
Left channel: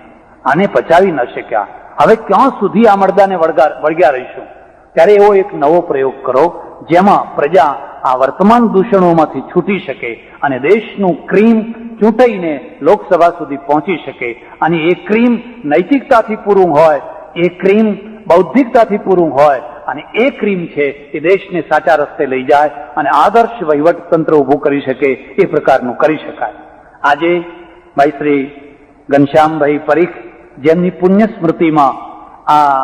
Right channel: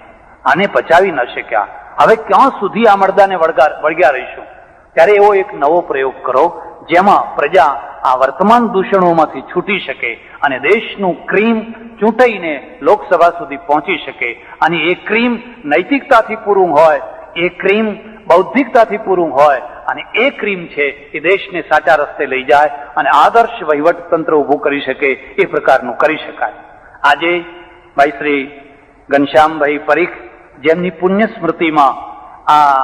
આને પચાવી ન શક્યા, હવે ક્યાં સુધી આ મરદાને વળગ્યા રહીશું? ત્યારે એવો એક નવો પ્રયોગ કરો જેમાં પ્રજા આ વર્તમાન દૂષણોમાંથી છૂટી શકે અને દેશનું ક્રીમ ચૂંટાઈને લોકસભા સુધી પહોંચી શકે. અને એ ક્રીમ નૈતિકતાથી પૂરું હોય, એ ક્રીમ બૌદ્ધિકતાથી પૂરું હોય, અને એ ક્રીમ છે એ દેશને સાચા રસ્તે લઈ જાય અને આદર્શ વહીવટ તંત્ર ઉભું કરી શકે એ પ્રકારનું કરી શકાય. આજે ભાઈ શ્રી ઘનશ્યામભાઈ પરીખ, જેમની પુણ્ય સ્મૃતિમાં આ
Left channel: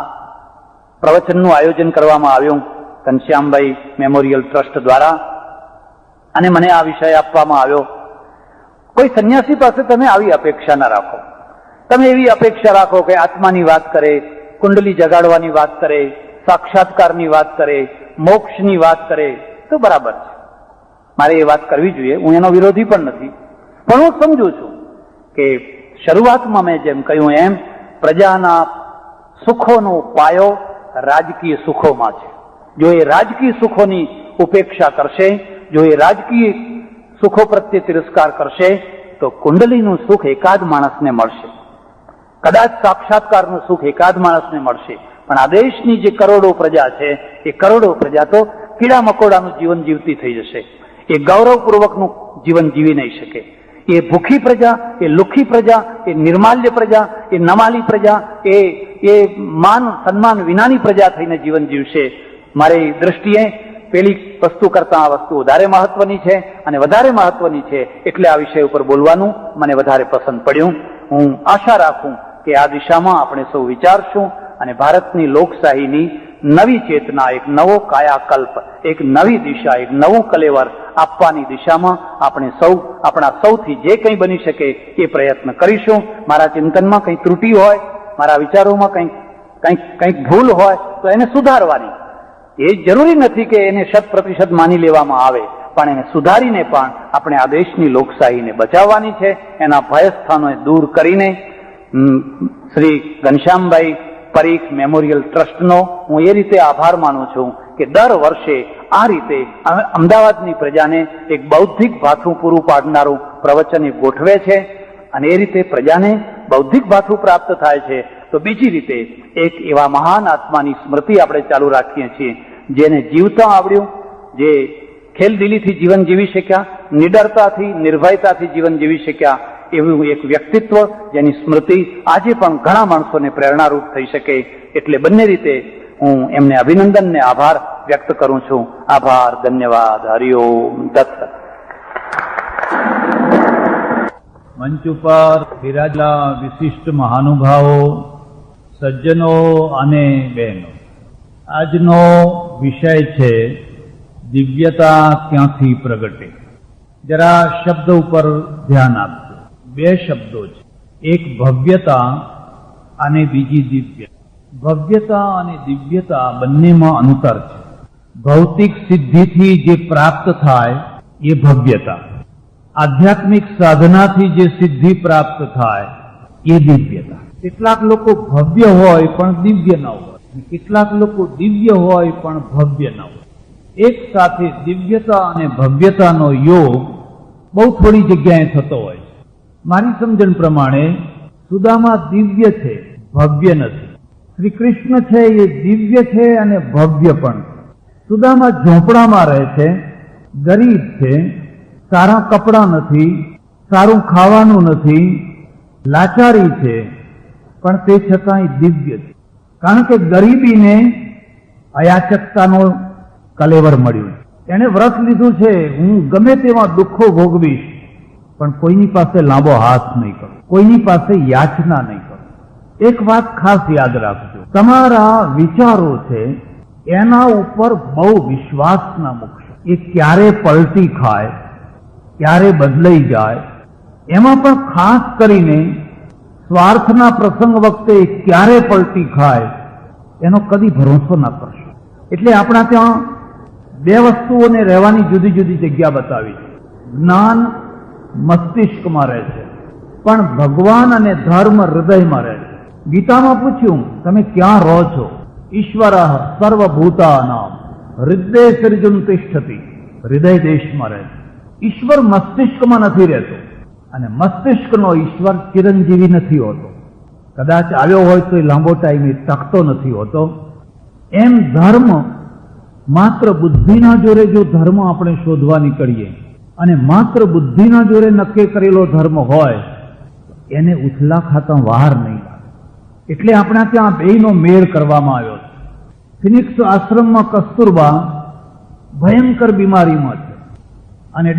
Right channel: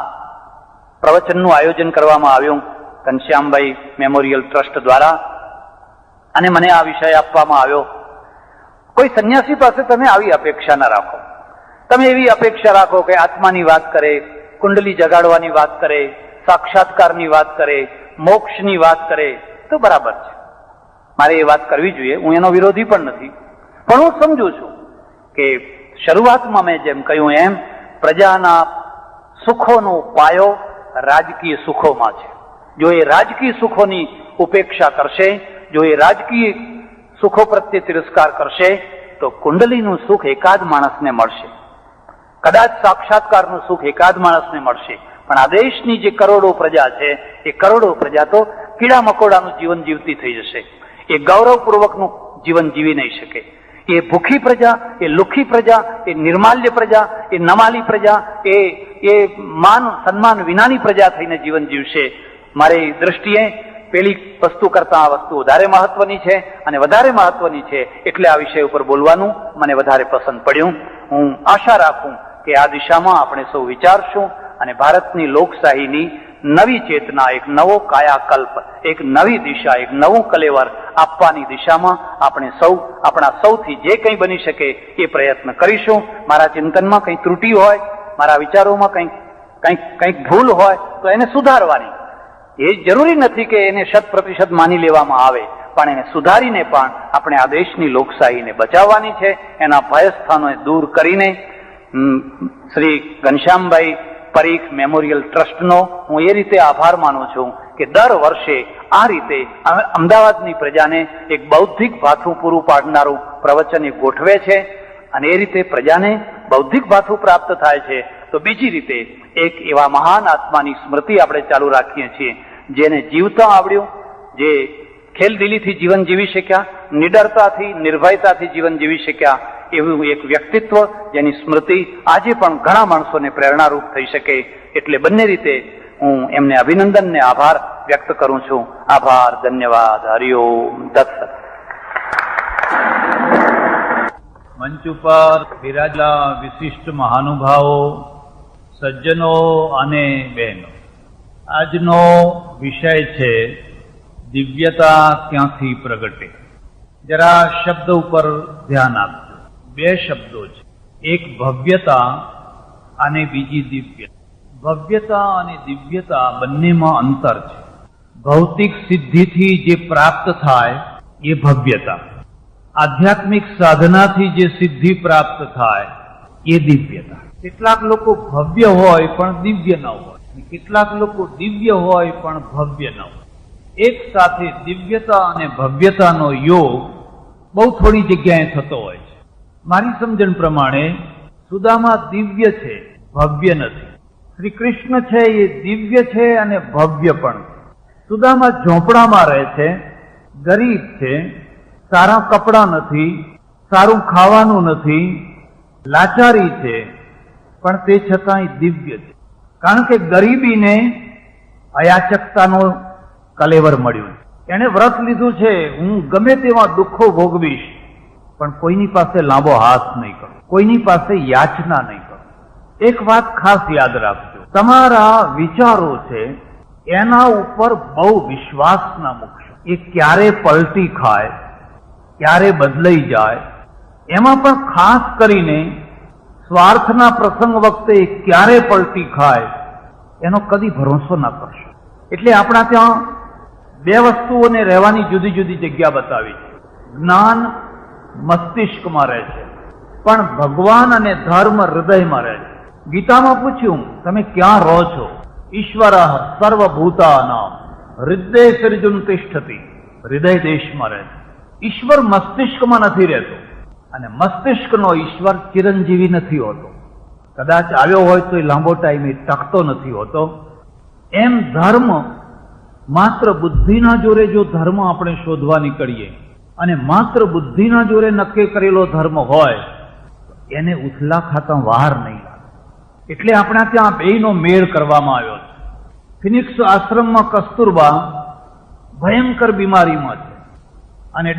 પ્રવચનનું આયોજન કરવામાં આવ્યું ઘનશ્યામભાઈ મેમોરિયલ ટ્રસ્ટ દ્વારા, અને મને આ વિષય આપવામાં આવ્યો. કોઈ સંન્યાસી પાસે તમે આવી અપેક્ષા ના રાખો. તમે એવી અપેક્ષા રાખો કે આત્માની વાત કરે, કુંડલી જગાડવાની વાત કરે, સાક્ષાત્કારની વાત કરે, મોક્ષની વાત કરે તો બરાબર છે, મારે એ વાત કરવી જોઈએ, હું એનો વિરોધી પણ નથી. પણ હું સમજુ છું કે શરૂઆતમાં મેં જેમ કહ્યું એમ પ્રજાના સુખોનો પાયો રાજકીય સુખોમાં છે. જો એ રાજકીય સુખોની ઉપેક્ષા કરશે, જો એ રાજકીય સુખો પ્રત્યે તિરસ્કાર કરશે તો કુંડલીનું સુખ એકાદ માણસને મળશે, કદાચ સાક્ષાત્કારનું સુખ એકાદ માણસને મળશે. પણ આ દેશની જે કરોડો પ્રજા છે એ કરોડો પ્રજા તો કીડા મકોડાનું જીવન જીવતી થઈ જશે. એ ગૌરવપૂર્વકનું જીવન જીવી નહીં શકે. એ ભૂખી પ્રજા, એ લુખી પ્રજા, એ નિર્માલ્ય પ્રજા, એ નમાલી પ્રજા, એ માન સન્માન વિનાની પ્રજા થઈને જીવન જીવશે. મારી દ્રષ્ટિએ પેલી વસ્તુ કરતા આ વસ્તુ વધારે મહત્વની છે અને વધારે મહત્વની છે એટલે આ વિષય ઉપર બોલવાનું મને વધારે પસંદ પડ્યું. હું આશા રાખું કે આ દિશામાં આપણે સૌ વિચારશું અને ભારતની લોકશાહીની નવી ચેતના, એક નવો કાયાકલ્પ, એક નવી દિશા, એક નવું કલેવર આપવાની દિશામાં આપણે સૌ આપણા સૌથી જે કંઈ બની શકે એ પ્રયત્ન કરીશું. મારા ચિંતનમાં કંઈ ત્રુટિ હોય, મારા વિચારોમાં કંઈક ભૂલ હોય તો એને સુધારવાની. એ જરૂરી નથી કે એને 100% માની લેવામાં આવે, પણ એને સુધારીને પણ આપણે આ દેશની લોકશાહીને બચાવવાની છે. એના ભયસ્થાનોને દૂર કરીને શ્રી ઘનશ્યામભાઈ પરીખ મેમોરિયલ ટ્રસ્ટનો હું એ રીતે આભાર માનું છું કે દર વર્ષે આ રીતે અમદાવાદની પ્રજાને એક બૌદ્ધિક ભાથું પૂરું પાડનારું પ્રવચન એ ગોઠવે છે અને એ રીતે પ્રજાને બૌદ્ધિક ભાથું પ્રાપ્ત થાય છે. તો બીજી રીતે એક એવા મહાન આત્માની સ્મૃતિ આપણે ચાલુ રાખીએ છીએ જેને જીવતા આવડ્યું, જે ખેલદિલીથી જીવન જીવી શક્યા, નિડરતાથી, નિર્ભયતાથી જીવન જીવી શક્યા, એવું એક વ્યક્તિત્વ જેની સ્મૃતિ આજે પણ ઘણા માણસોને પ્રેરણારૂપ થઈ શકે. એટલે બંને રીતે હું એમને અભિનંદન ને આભાર વ્યક્ત કરું છું. આભાર, ધન્યવાદ, હરિઓમ, દત્ત. મંચ ઉપર બિરાજેલા વિશિષ્ટ મહાનુભાવો, સજ્જનો અને બહેનો, આજનો વિષય છે દિવ્યતા ક્યાંથી પ્રગટે. જરા શબ્દ ઉપર ધ્યાન આપજો. બે શબ્દો છે, એક ભવ્યતા અને બીજી દિવ્યતા. ભવ્યતા અને દિવ્યતા બંનેમાં અંતર છે. ભૌતિક સિદ્ધિથી જે પ્રાપ્ત થાય એ ભવ્યતા, આધ્યાત્મિક સાધનાથી જે સિદ્ધિ પ્રાપ્ત થાય એ દિવ્યતા. કેટલાક લોકો ભવ્ય હોય પણ દિવ્ય ન હોય, કેટલાક લોકો દિવ્ય હોય પણ ભવ્ય ન હોય. એક સાથે દિવ્યતા અને ભવ્યતાનો યોગ બહુ થોડી જગ્યાએ થતો હોય છે. મારી સમજણ પ્રમાણે સુદામા દિવ્ય છે, ભવ્ય નથી. શ્રી કૃષ્ણ છે એ દિવ્ય છે અને ભવ્ય પણ. સુદામા ઝોંપડામાં રહે છે, ગરીબ છે, સારા કપડાં નથી, સારું ખાવાનું નથી, લાચારી છે, પણ તે છતાંય દિવ્ય છે. કારણ કે ગરીબીને અયાચકતાનો કલેવર મળ્યું. એણે વ્રત લીધું છે, હું ગમે તેવા દુઃખો ભોગવીશ પણ કોઈની પાસે લાંબો હાથ નહીં કરું, કોઈની પાસે યાચના નહીં કરું. એક વાત ખાસ યાદ રાખજો, તમારા વિચારો છે એના ઉપર બહુ વિશ્વાસ ના મૂકશો. એ ક્યારે પલટી ખાય, ક્યારે બદલાઈ જાય, એમાં પણ ખાસ કરીને સ્વાર્થના પ્રસંગ વખતે ક્યારે પલટી ખાય એનો કદી ભરોસો ના કરશો. એટલે આપણા ત્યાં બે વસ્તુઓને રહેવાની જુદી જુદી જગ્યા બતાવી છે. જ્ઞાન મસ્તિષ્કમાં રહે છે પણ ભગવાન અને ધર્મ હૃદયમાં રહે છે. ગીતામાં પૂછ્યું, તમે ક્યાં રહો છો? ઈશ્વર સર્વભૂતાનાં હૃદય સર્જુન તિષ્ઠતિ, હૃદય દેશમાં રહે છે. ઈશ્વર મસ્તિષ્કમાં નથી રહેતો અને મસ્તિષ્કનો ઈશ્વર ચિરંજીવી નથી હોતો. કદાચ આવ્યો હોય તો એ લાંબો ટાઈમ ટકતો નથી હોતો. એમ ધર્મ માત્ર બુદ્ધિના જોરે જો ધર્મ આપણે શોધવા નીકળીએ અને માત્ર બુદ્ધિના જોરે નક્કી કરેલો ધર્મ હોય એને ઉથલા ખાતા વાર નહીં. એટલે આપણા ત્યાં બેયનો મેળ કરવામાં આવ્યો છે. ફિનિક્સ આશ્રમમાં કસ્તુરબા ભયંકર બીમારીમાં છે અને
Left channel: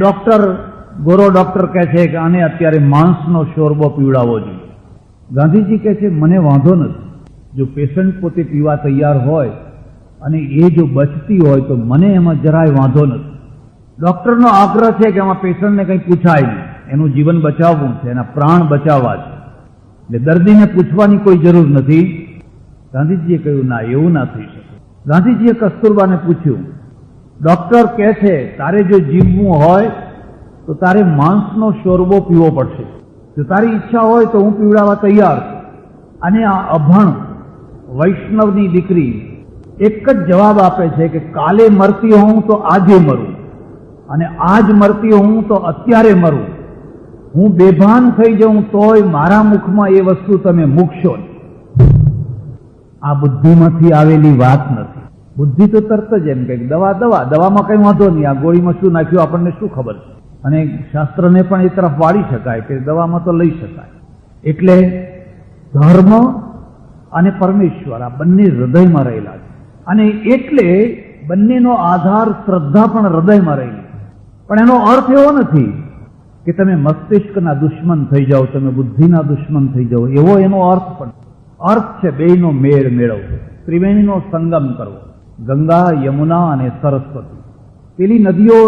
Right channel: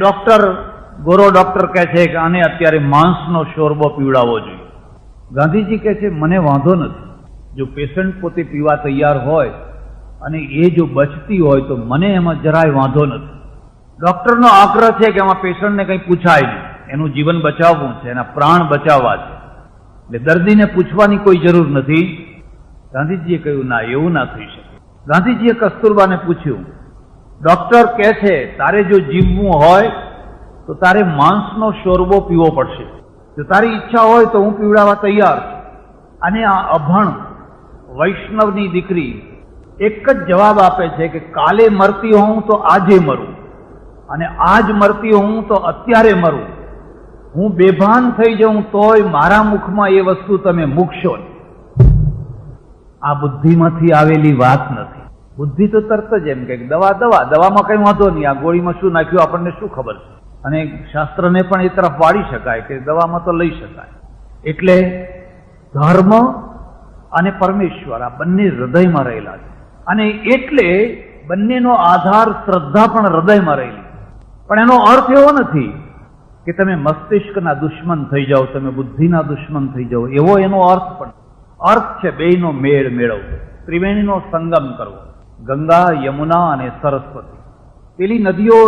ગોરો ડોક્ટર કહે છે કે આને અત્યારે માંસનો શોરબો પીવડાવવો જોઈએ. ગાંધીજી કહે છે મને વાંધો નથી, જો પેશન્ટ પોતે પીવા તૈયાર હોય અને એ જો બચતી હોય તો મને એમાં જરાય વાંધો નથી. ડોક્ટરનો આગ્રહ છે કે એમાં પેશન્ટને કંઈ પૂછાય નહીં. એનું જીવન બચાવવું છે, એના પ્રાણ બચાવવા છે. એટલે દર્દીને પૂછવાની કોઈ જરૂર નથી. ગાંધીજીએ કહ્યું ના, એવું ના થઈ શકે. ગાંધીજીએ કસ્તુરબાને પૂછ્યું, ડોક્ટર કહે છે તારે જો જીવવું હોય તો તારે માંસનો શોરબો પીવો પડશે. જો તારી ઈચ્છા હોય તો હું પીવડાવવા તૈયાર છું. અને આ અભણ વૈષ્ણવની દીકરી એક જ જવાબ આપે છે કે કાલે મરતી હોઉં તો આજે મરું, અને આજ મરતી હોઉં તો અત્યારે મરું. હું બેભાન થઈ જાઉં તોય મારા મુખમાં એ વસ્તુ તમે મૂકશો નહીં. આ બુદ્ધિમાંથી આવેલી વાત નથી. બુદ્ધિ તો તરત જ એમ કે દવામાં કઈ વાંધો નહીં, આ ગોળીમાં શું નાખ્યું આપણને શું ખબર છે. અને શાસ્ત્રને પણ એ તરફ વાળી શકાય કે દવામાં તો લઈ શકાય. એટલે ધર્મ અને પરમેશ્વર આ બંને હૃદયમાં રહેલા છે, અને એટલે બંનેનો આધાર શ્રદ્ધા પણ હૃદયમાં રહેલી. પણ એનો અર્થ એવો નથી કે તમે મસ્તિષ્કના દુશ્મન થઈ જાઓ, તમે બુદ્ધિના દુશ્મન થઈ જાઓ, એવો એનો અર્થ પણ. અર્થ છે બેયનો મેળ મેળવવો, ત્રિવેણીનો સંગમ કરવો. ગંગા, યમુના અને સરસ્વતી, પેલી નદીઓ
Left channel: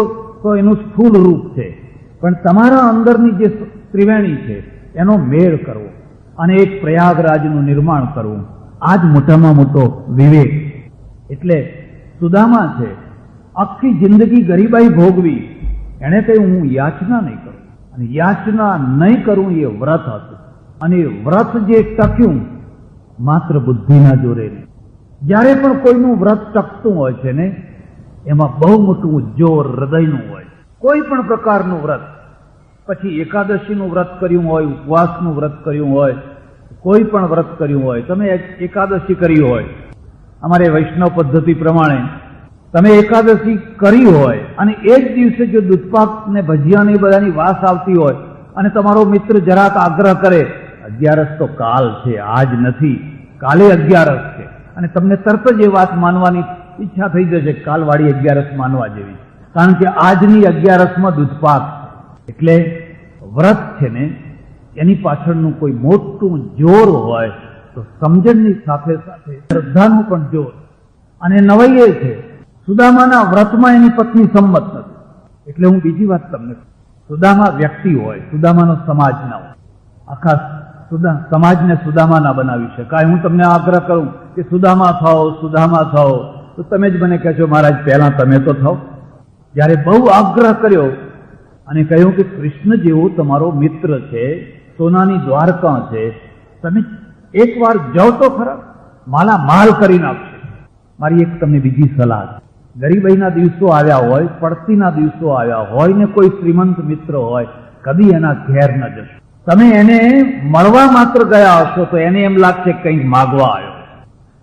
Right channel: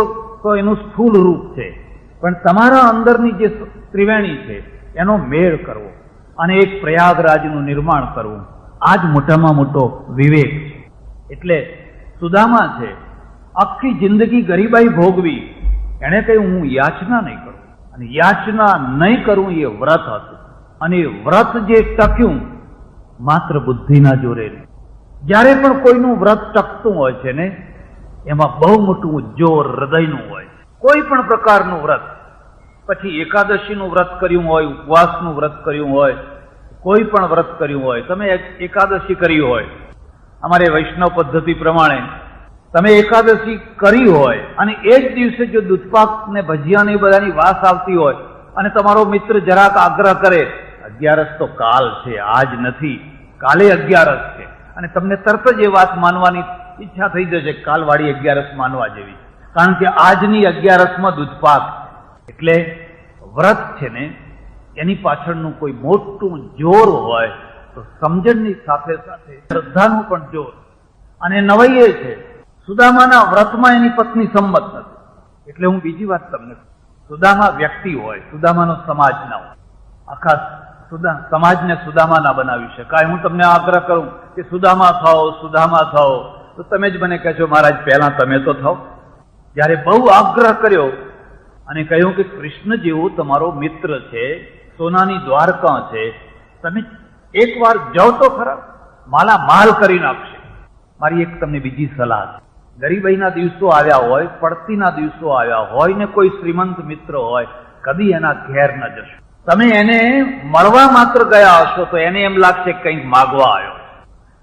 તો એનું સ્થૂળ રૂપ છે, પણ તમારા અંદરની જે ત્રિવેણી છે એનો મેળ કરવો અને એક પ્રયાગરાજનું નિર્માણ કરવું, આ જ મોટામાં મોટો વિવેક છે. એટલે સુદામા છે, આખી જિંદગી ગરીબાઈ ભોગવી, એણે કહ્યું હું યાચના નહીં કરું, અને યાચના નહીં કરું એ વ્રત હતું. અને એ વ્રત જે ટક્યું માત્ર બુદ્ધિના જોરે નહીં. જ્યારે પણ કોઈનું વ્રત ટકતું હોય છે ને એમાં બહુ મોટું જોર હૃદયનું હોય. કોઈ પણ પ્રકારનું વ્રત, પછી એકાદશીનું વ્રત કર્યું હોય, ઉપવાસનું વ્રત કર્યું હોય, કોઈ પણ વ્રત કર્યું હોય, તમે એકાદશી કરી હોય, અમારે વૈષ્ણવ પદ્ધતિ પ્રમાણે તમે એકાદશી કરી હોય અને એ જ દિવસે જો દૂધપાક ને ભજીયા ને બધાની વાસ આવતી હોય અને તમારો મિત્ર જરાક આગ્રહ કરે, 11 તો કાલ છે, આજ નથી, કાલે 11 છે, અને તમને તરત જ એ વાત માનવાની ઈચ્છા થઈ જશે, કાલવાળી 11 માનવા જેવી, કારણ કે આજની 11માં દૂધપાક. એટલે વ્રત છે ને એની પાછળનું કોઈ મોટું જોર હોય તો સમજણની સાથે સાથે શ્રદ્ધાનું પણ જોર. અને નવાઈ એ છે સુદામાના વ્રતમાં એની પત્ની સંમત નથી. એટલે હું બીજી વાત તમને, સુદામા વ્યક્તિ હોય, સુદામાનો સમાજ ના હોય. આખા સમાજને સુદામા ના બનાવી શકાય. હું તમને આગ્રહ કરું કે સુદામા થાઓ, સુદામા થાઓ, તો તમે જ મને કહેશો મહારાજ પહેલા તમે તો થાઓ. જ્યારે બહુ આગ્રહ કર્યો અને કહ્યું કે કૃષ્ણ જેવો તમારો મિત્ર છે, સોનાની દ્વારકા છે, તમે એકવાર જાઓ તો ખરા, માલા માલ કરી નાખશે. મારી એક તમને બીજી સલાહ છે, ગરીબાઈના દિવસો આવ્યા હોય, પડતીના દિવસો આવ્યા હોય ને કોઈ શ્રીમંત મિત્ર હોય, કદી એના ઘેર ન જશો. તમે એને મળવા માત્ર ગયા હશો તો એને એમ લાગશે કંઈક માગવા આવ્યો.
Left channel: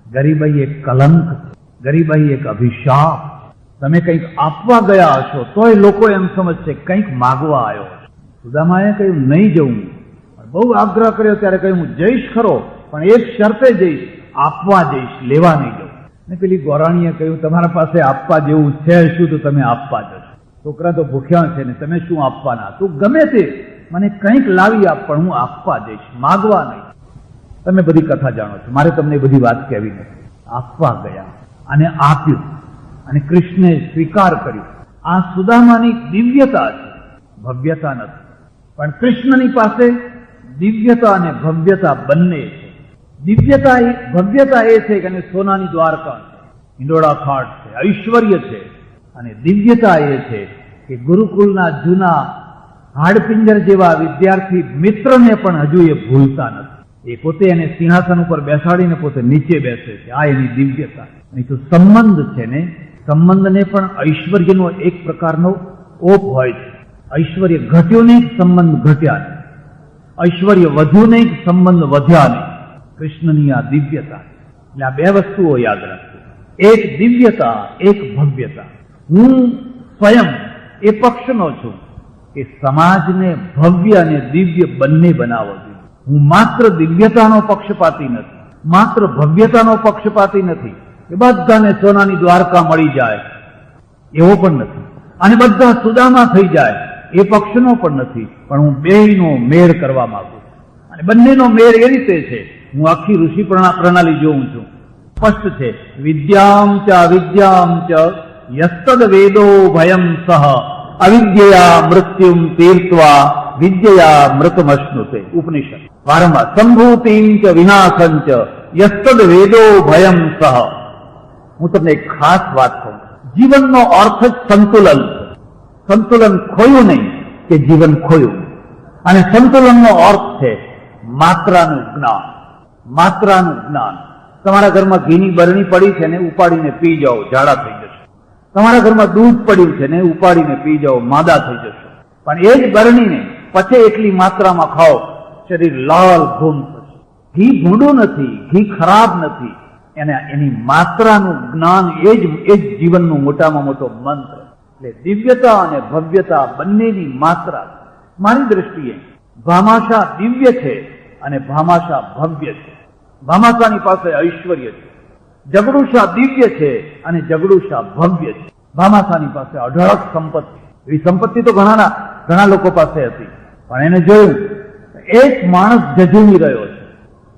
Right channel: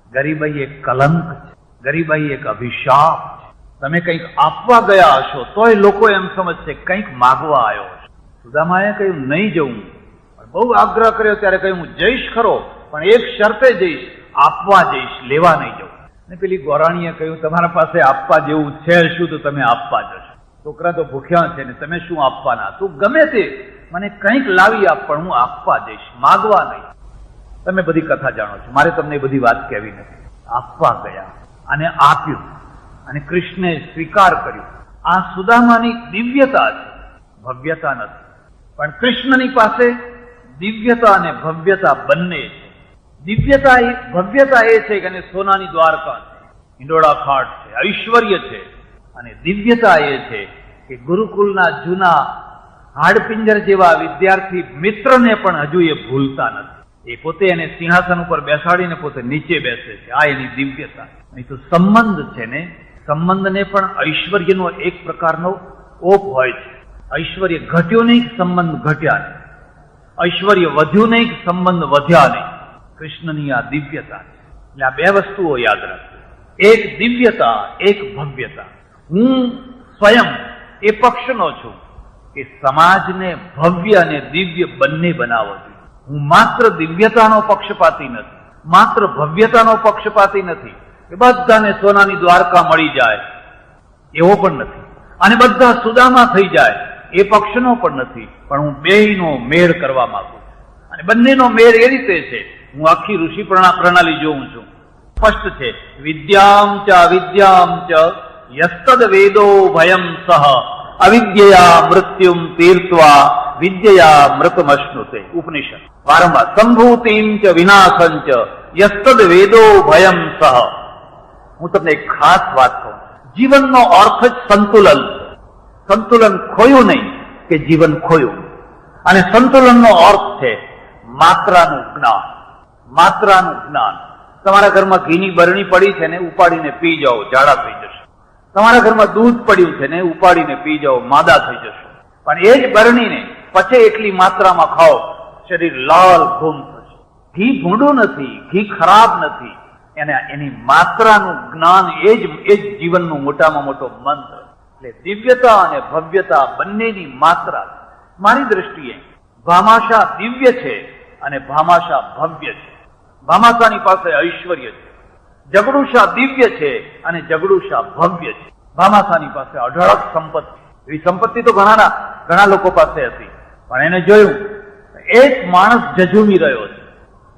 ગરીબાઈ એક કલંક છે, ગરીબાઈ એક અભિશાપ છે. તમે કંઈક આપવા ગયા હશો તોય લોકો એમ સમજશે કંઈક માગવા આવ્યો. સુદામાએ કહ્યું નહીં જવું, બહુ આગ્રહ કર્યો ત્યારે કહ્યું હું જઈશ ખરો, પણ એક શરતે જઈશ, આપવા જઈશ, લેવા નહીં જવું. અને પેલી ગોરાણીએ કહ્યું તમારા પાસે આપવા જેવું છે શું તો તમે આપવા જશો? છોકરા તો ભૂખ્યા છે ને તમે શું આપવાના? તું ગમે તે મને કંઈક લાવી આપ, પણ હું આપવા જઈશ, માગવા નહીં. તમે બધી કથા જાણો છો, મારે તમને બધી વાત કહેવી નથી. આપવા ગયા અને આપ્યું, અને કૃષ્ણે સ્વીકાર કર્યું. આ સુદામાની દિવ્યતા છે, ભવ્યતા નથી. પણ કૃષ્ણની પાસે દિવ્યતા અને ભવ્યતા બંને છે. ભવ્યતા એ છે કે સોનાની દ્વારકા છે, હિંડોળા ખાટ છે, ઐશ્વર્ય છે. અને દિવ્યતા એ છે કે ગુરુકુલના જૂના હાડપિંજર જેવા વિદ્યાર્થી મિત્રને પણ હજુ એ ભૂલતા નથી. એ પોતે એને સિંહાસન ઉપર બેસાડીને પોતે નીચે બેસે છે. આ એની દિવ્યતા. નહીં તો સંબંધ છે ને, સંબંધને પણ ઐશ્વર્યનો એક પ્રકારનો ઓપ હોય છે. ઐશ્વર્ય ઘટ્યું નહીં, સંબંધ ઘટ્યા નહીં. ઐશ્વર્ય વધ્યું નહીં, સંબંધ વધ્યા નહીં. કૃષ્ણની આ દિવ્યતા. એટલે આ બે વસ્તુઓ યાદ રાખજો, એક દિવ્યતા, એક ભવ્યતા. હું સ્વયં એ પક્ષનો છું કે સમાજને ભવ્ય અને દિવ્ય બંને બનાવવો જોઈએ. હું માત્ર દિવ્યતાનો પક્ષપાતી નથી, માત્ર ભવ્યતાનો પક્ષપાતી નથી કે બધાને સોનાની દ્વારકા મળી જાય એવો પણ નથી, અને બધા સુદામા થઈ જાય એ પક્ષનો પણ નથી. પણ હું બેયનો મેળ કરવા માંગુ છું. અને બંનેનો મેળ એ રીતે છે, હું આખી ઋષિ પ્રણાલી જોઉં છું. સ્પષ્ટ છે, વિદ્યામ ચ અવિદ્યામ ચ યસ્તદ વેદો ભયમ સહ અવિદ્યા મૃત્યુમ તીર્ત્વા વિદ્યયા મૃતમશ્નુતે. ઉપનિષદ વારંવાર સંભૂતિં ચ વિનાશં ચ યસ્તદ વેદો ભયં સહ. હું તમને એક ખાસ વાત કહું, જીવનનો અર્થ જ સંતુલન. સંતુલન ખોયું નહીં કે જીવન ખોયું. અને સંતુલનનો અર્થ છે માત્રાનું જ્ઞાન. માત્રાનું જ્ઞાન. તમારા ઘરમાં ઘીની બરણી પડી છે ને ઉપાડીને પી જાઓ, ઝાડા થઈ જશે. તમારા ઘરમાં દૂધ પડ્યું છે ને ઉપાડીને પી જાઓ, માદા થઈ જશો. પણ એ જ બરણીને પછે એટલી માત્રામાં ખાઓ, શરીર લાલ ઘૂમ થશે. ઘી ભૂંડું નથી, ઘી ખરાબ નથી. એની માત્રાનું જ્ઞાન એ જ જીવનનું મોટામાં મોટો મંત્ર. એટલે દિવ્યતા અને ભવ્યતા બંનેની માત્રા. મારી દ્રષ્ટિએ ભામાશા દિવ્ય છે અને ભામાશા ભવ્ય છે. ભામાશાની પાસે ઐશ્વર્ય છે. જગડુશા દિવ્ય છે અને જગડુશા ભવ્ય છે. ભામાશાની પાસે અઢળક સંપત્તિ. એવી સંપત્તિ તો ઘણા લોકો પાસે હતી, પણ એને જોયું એક માણસ ઝઝૂમી રહ્યો છે,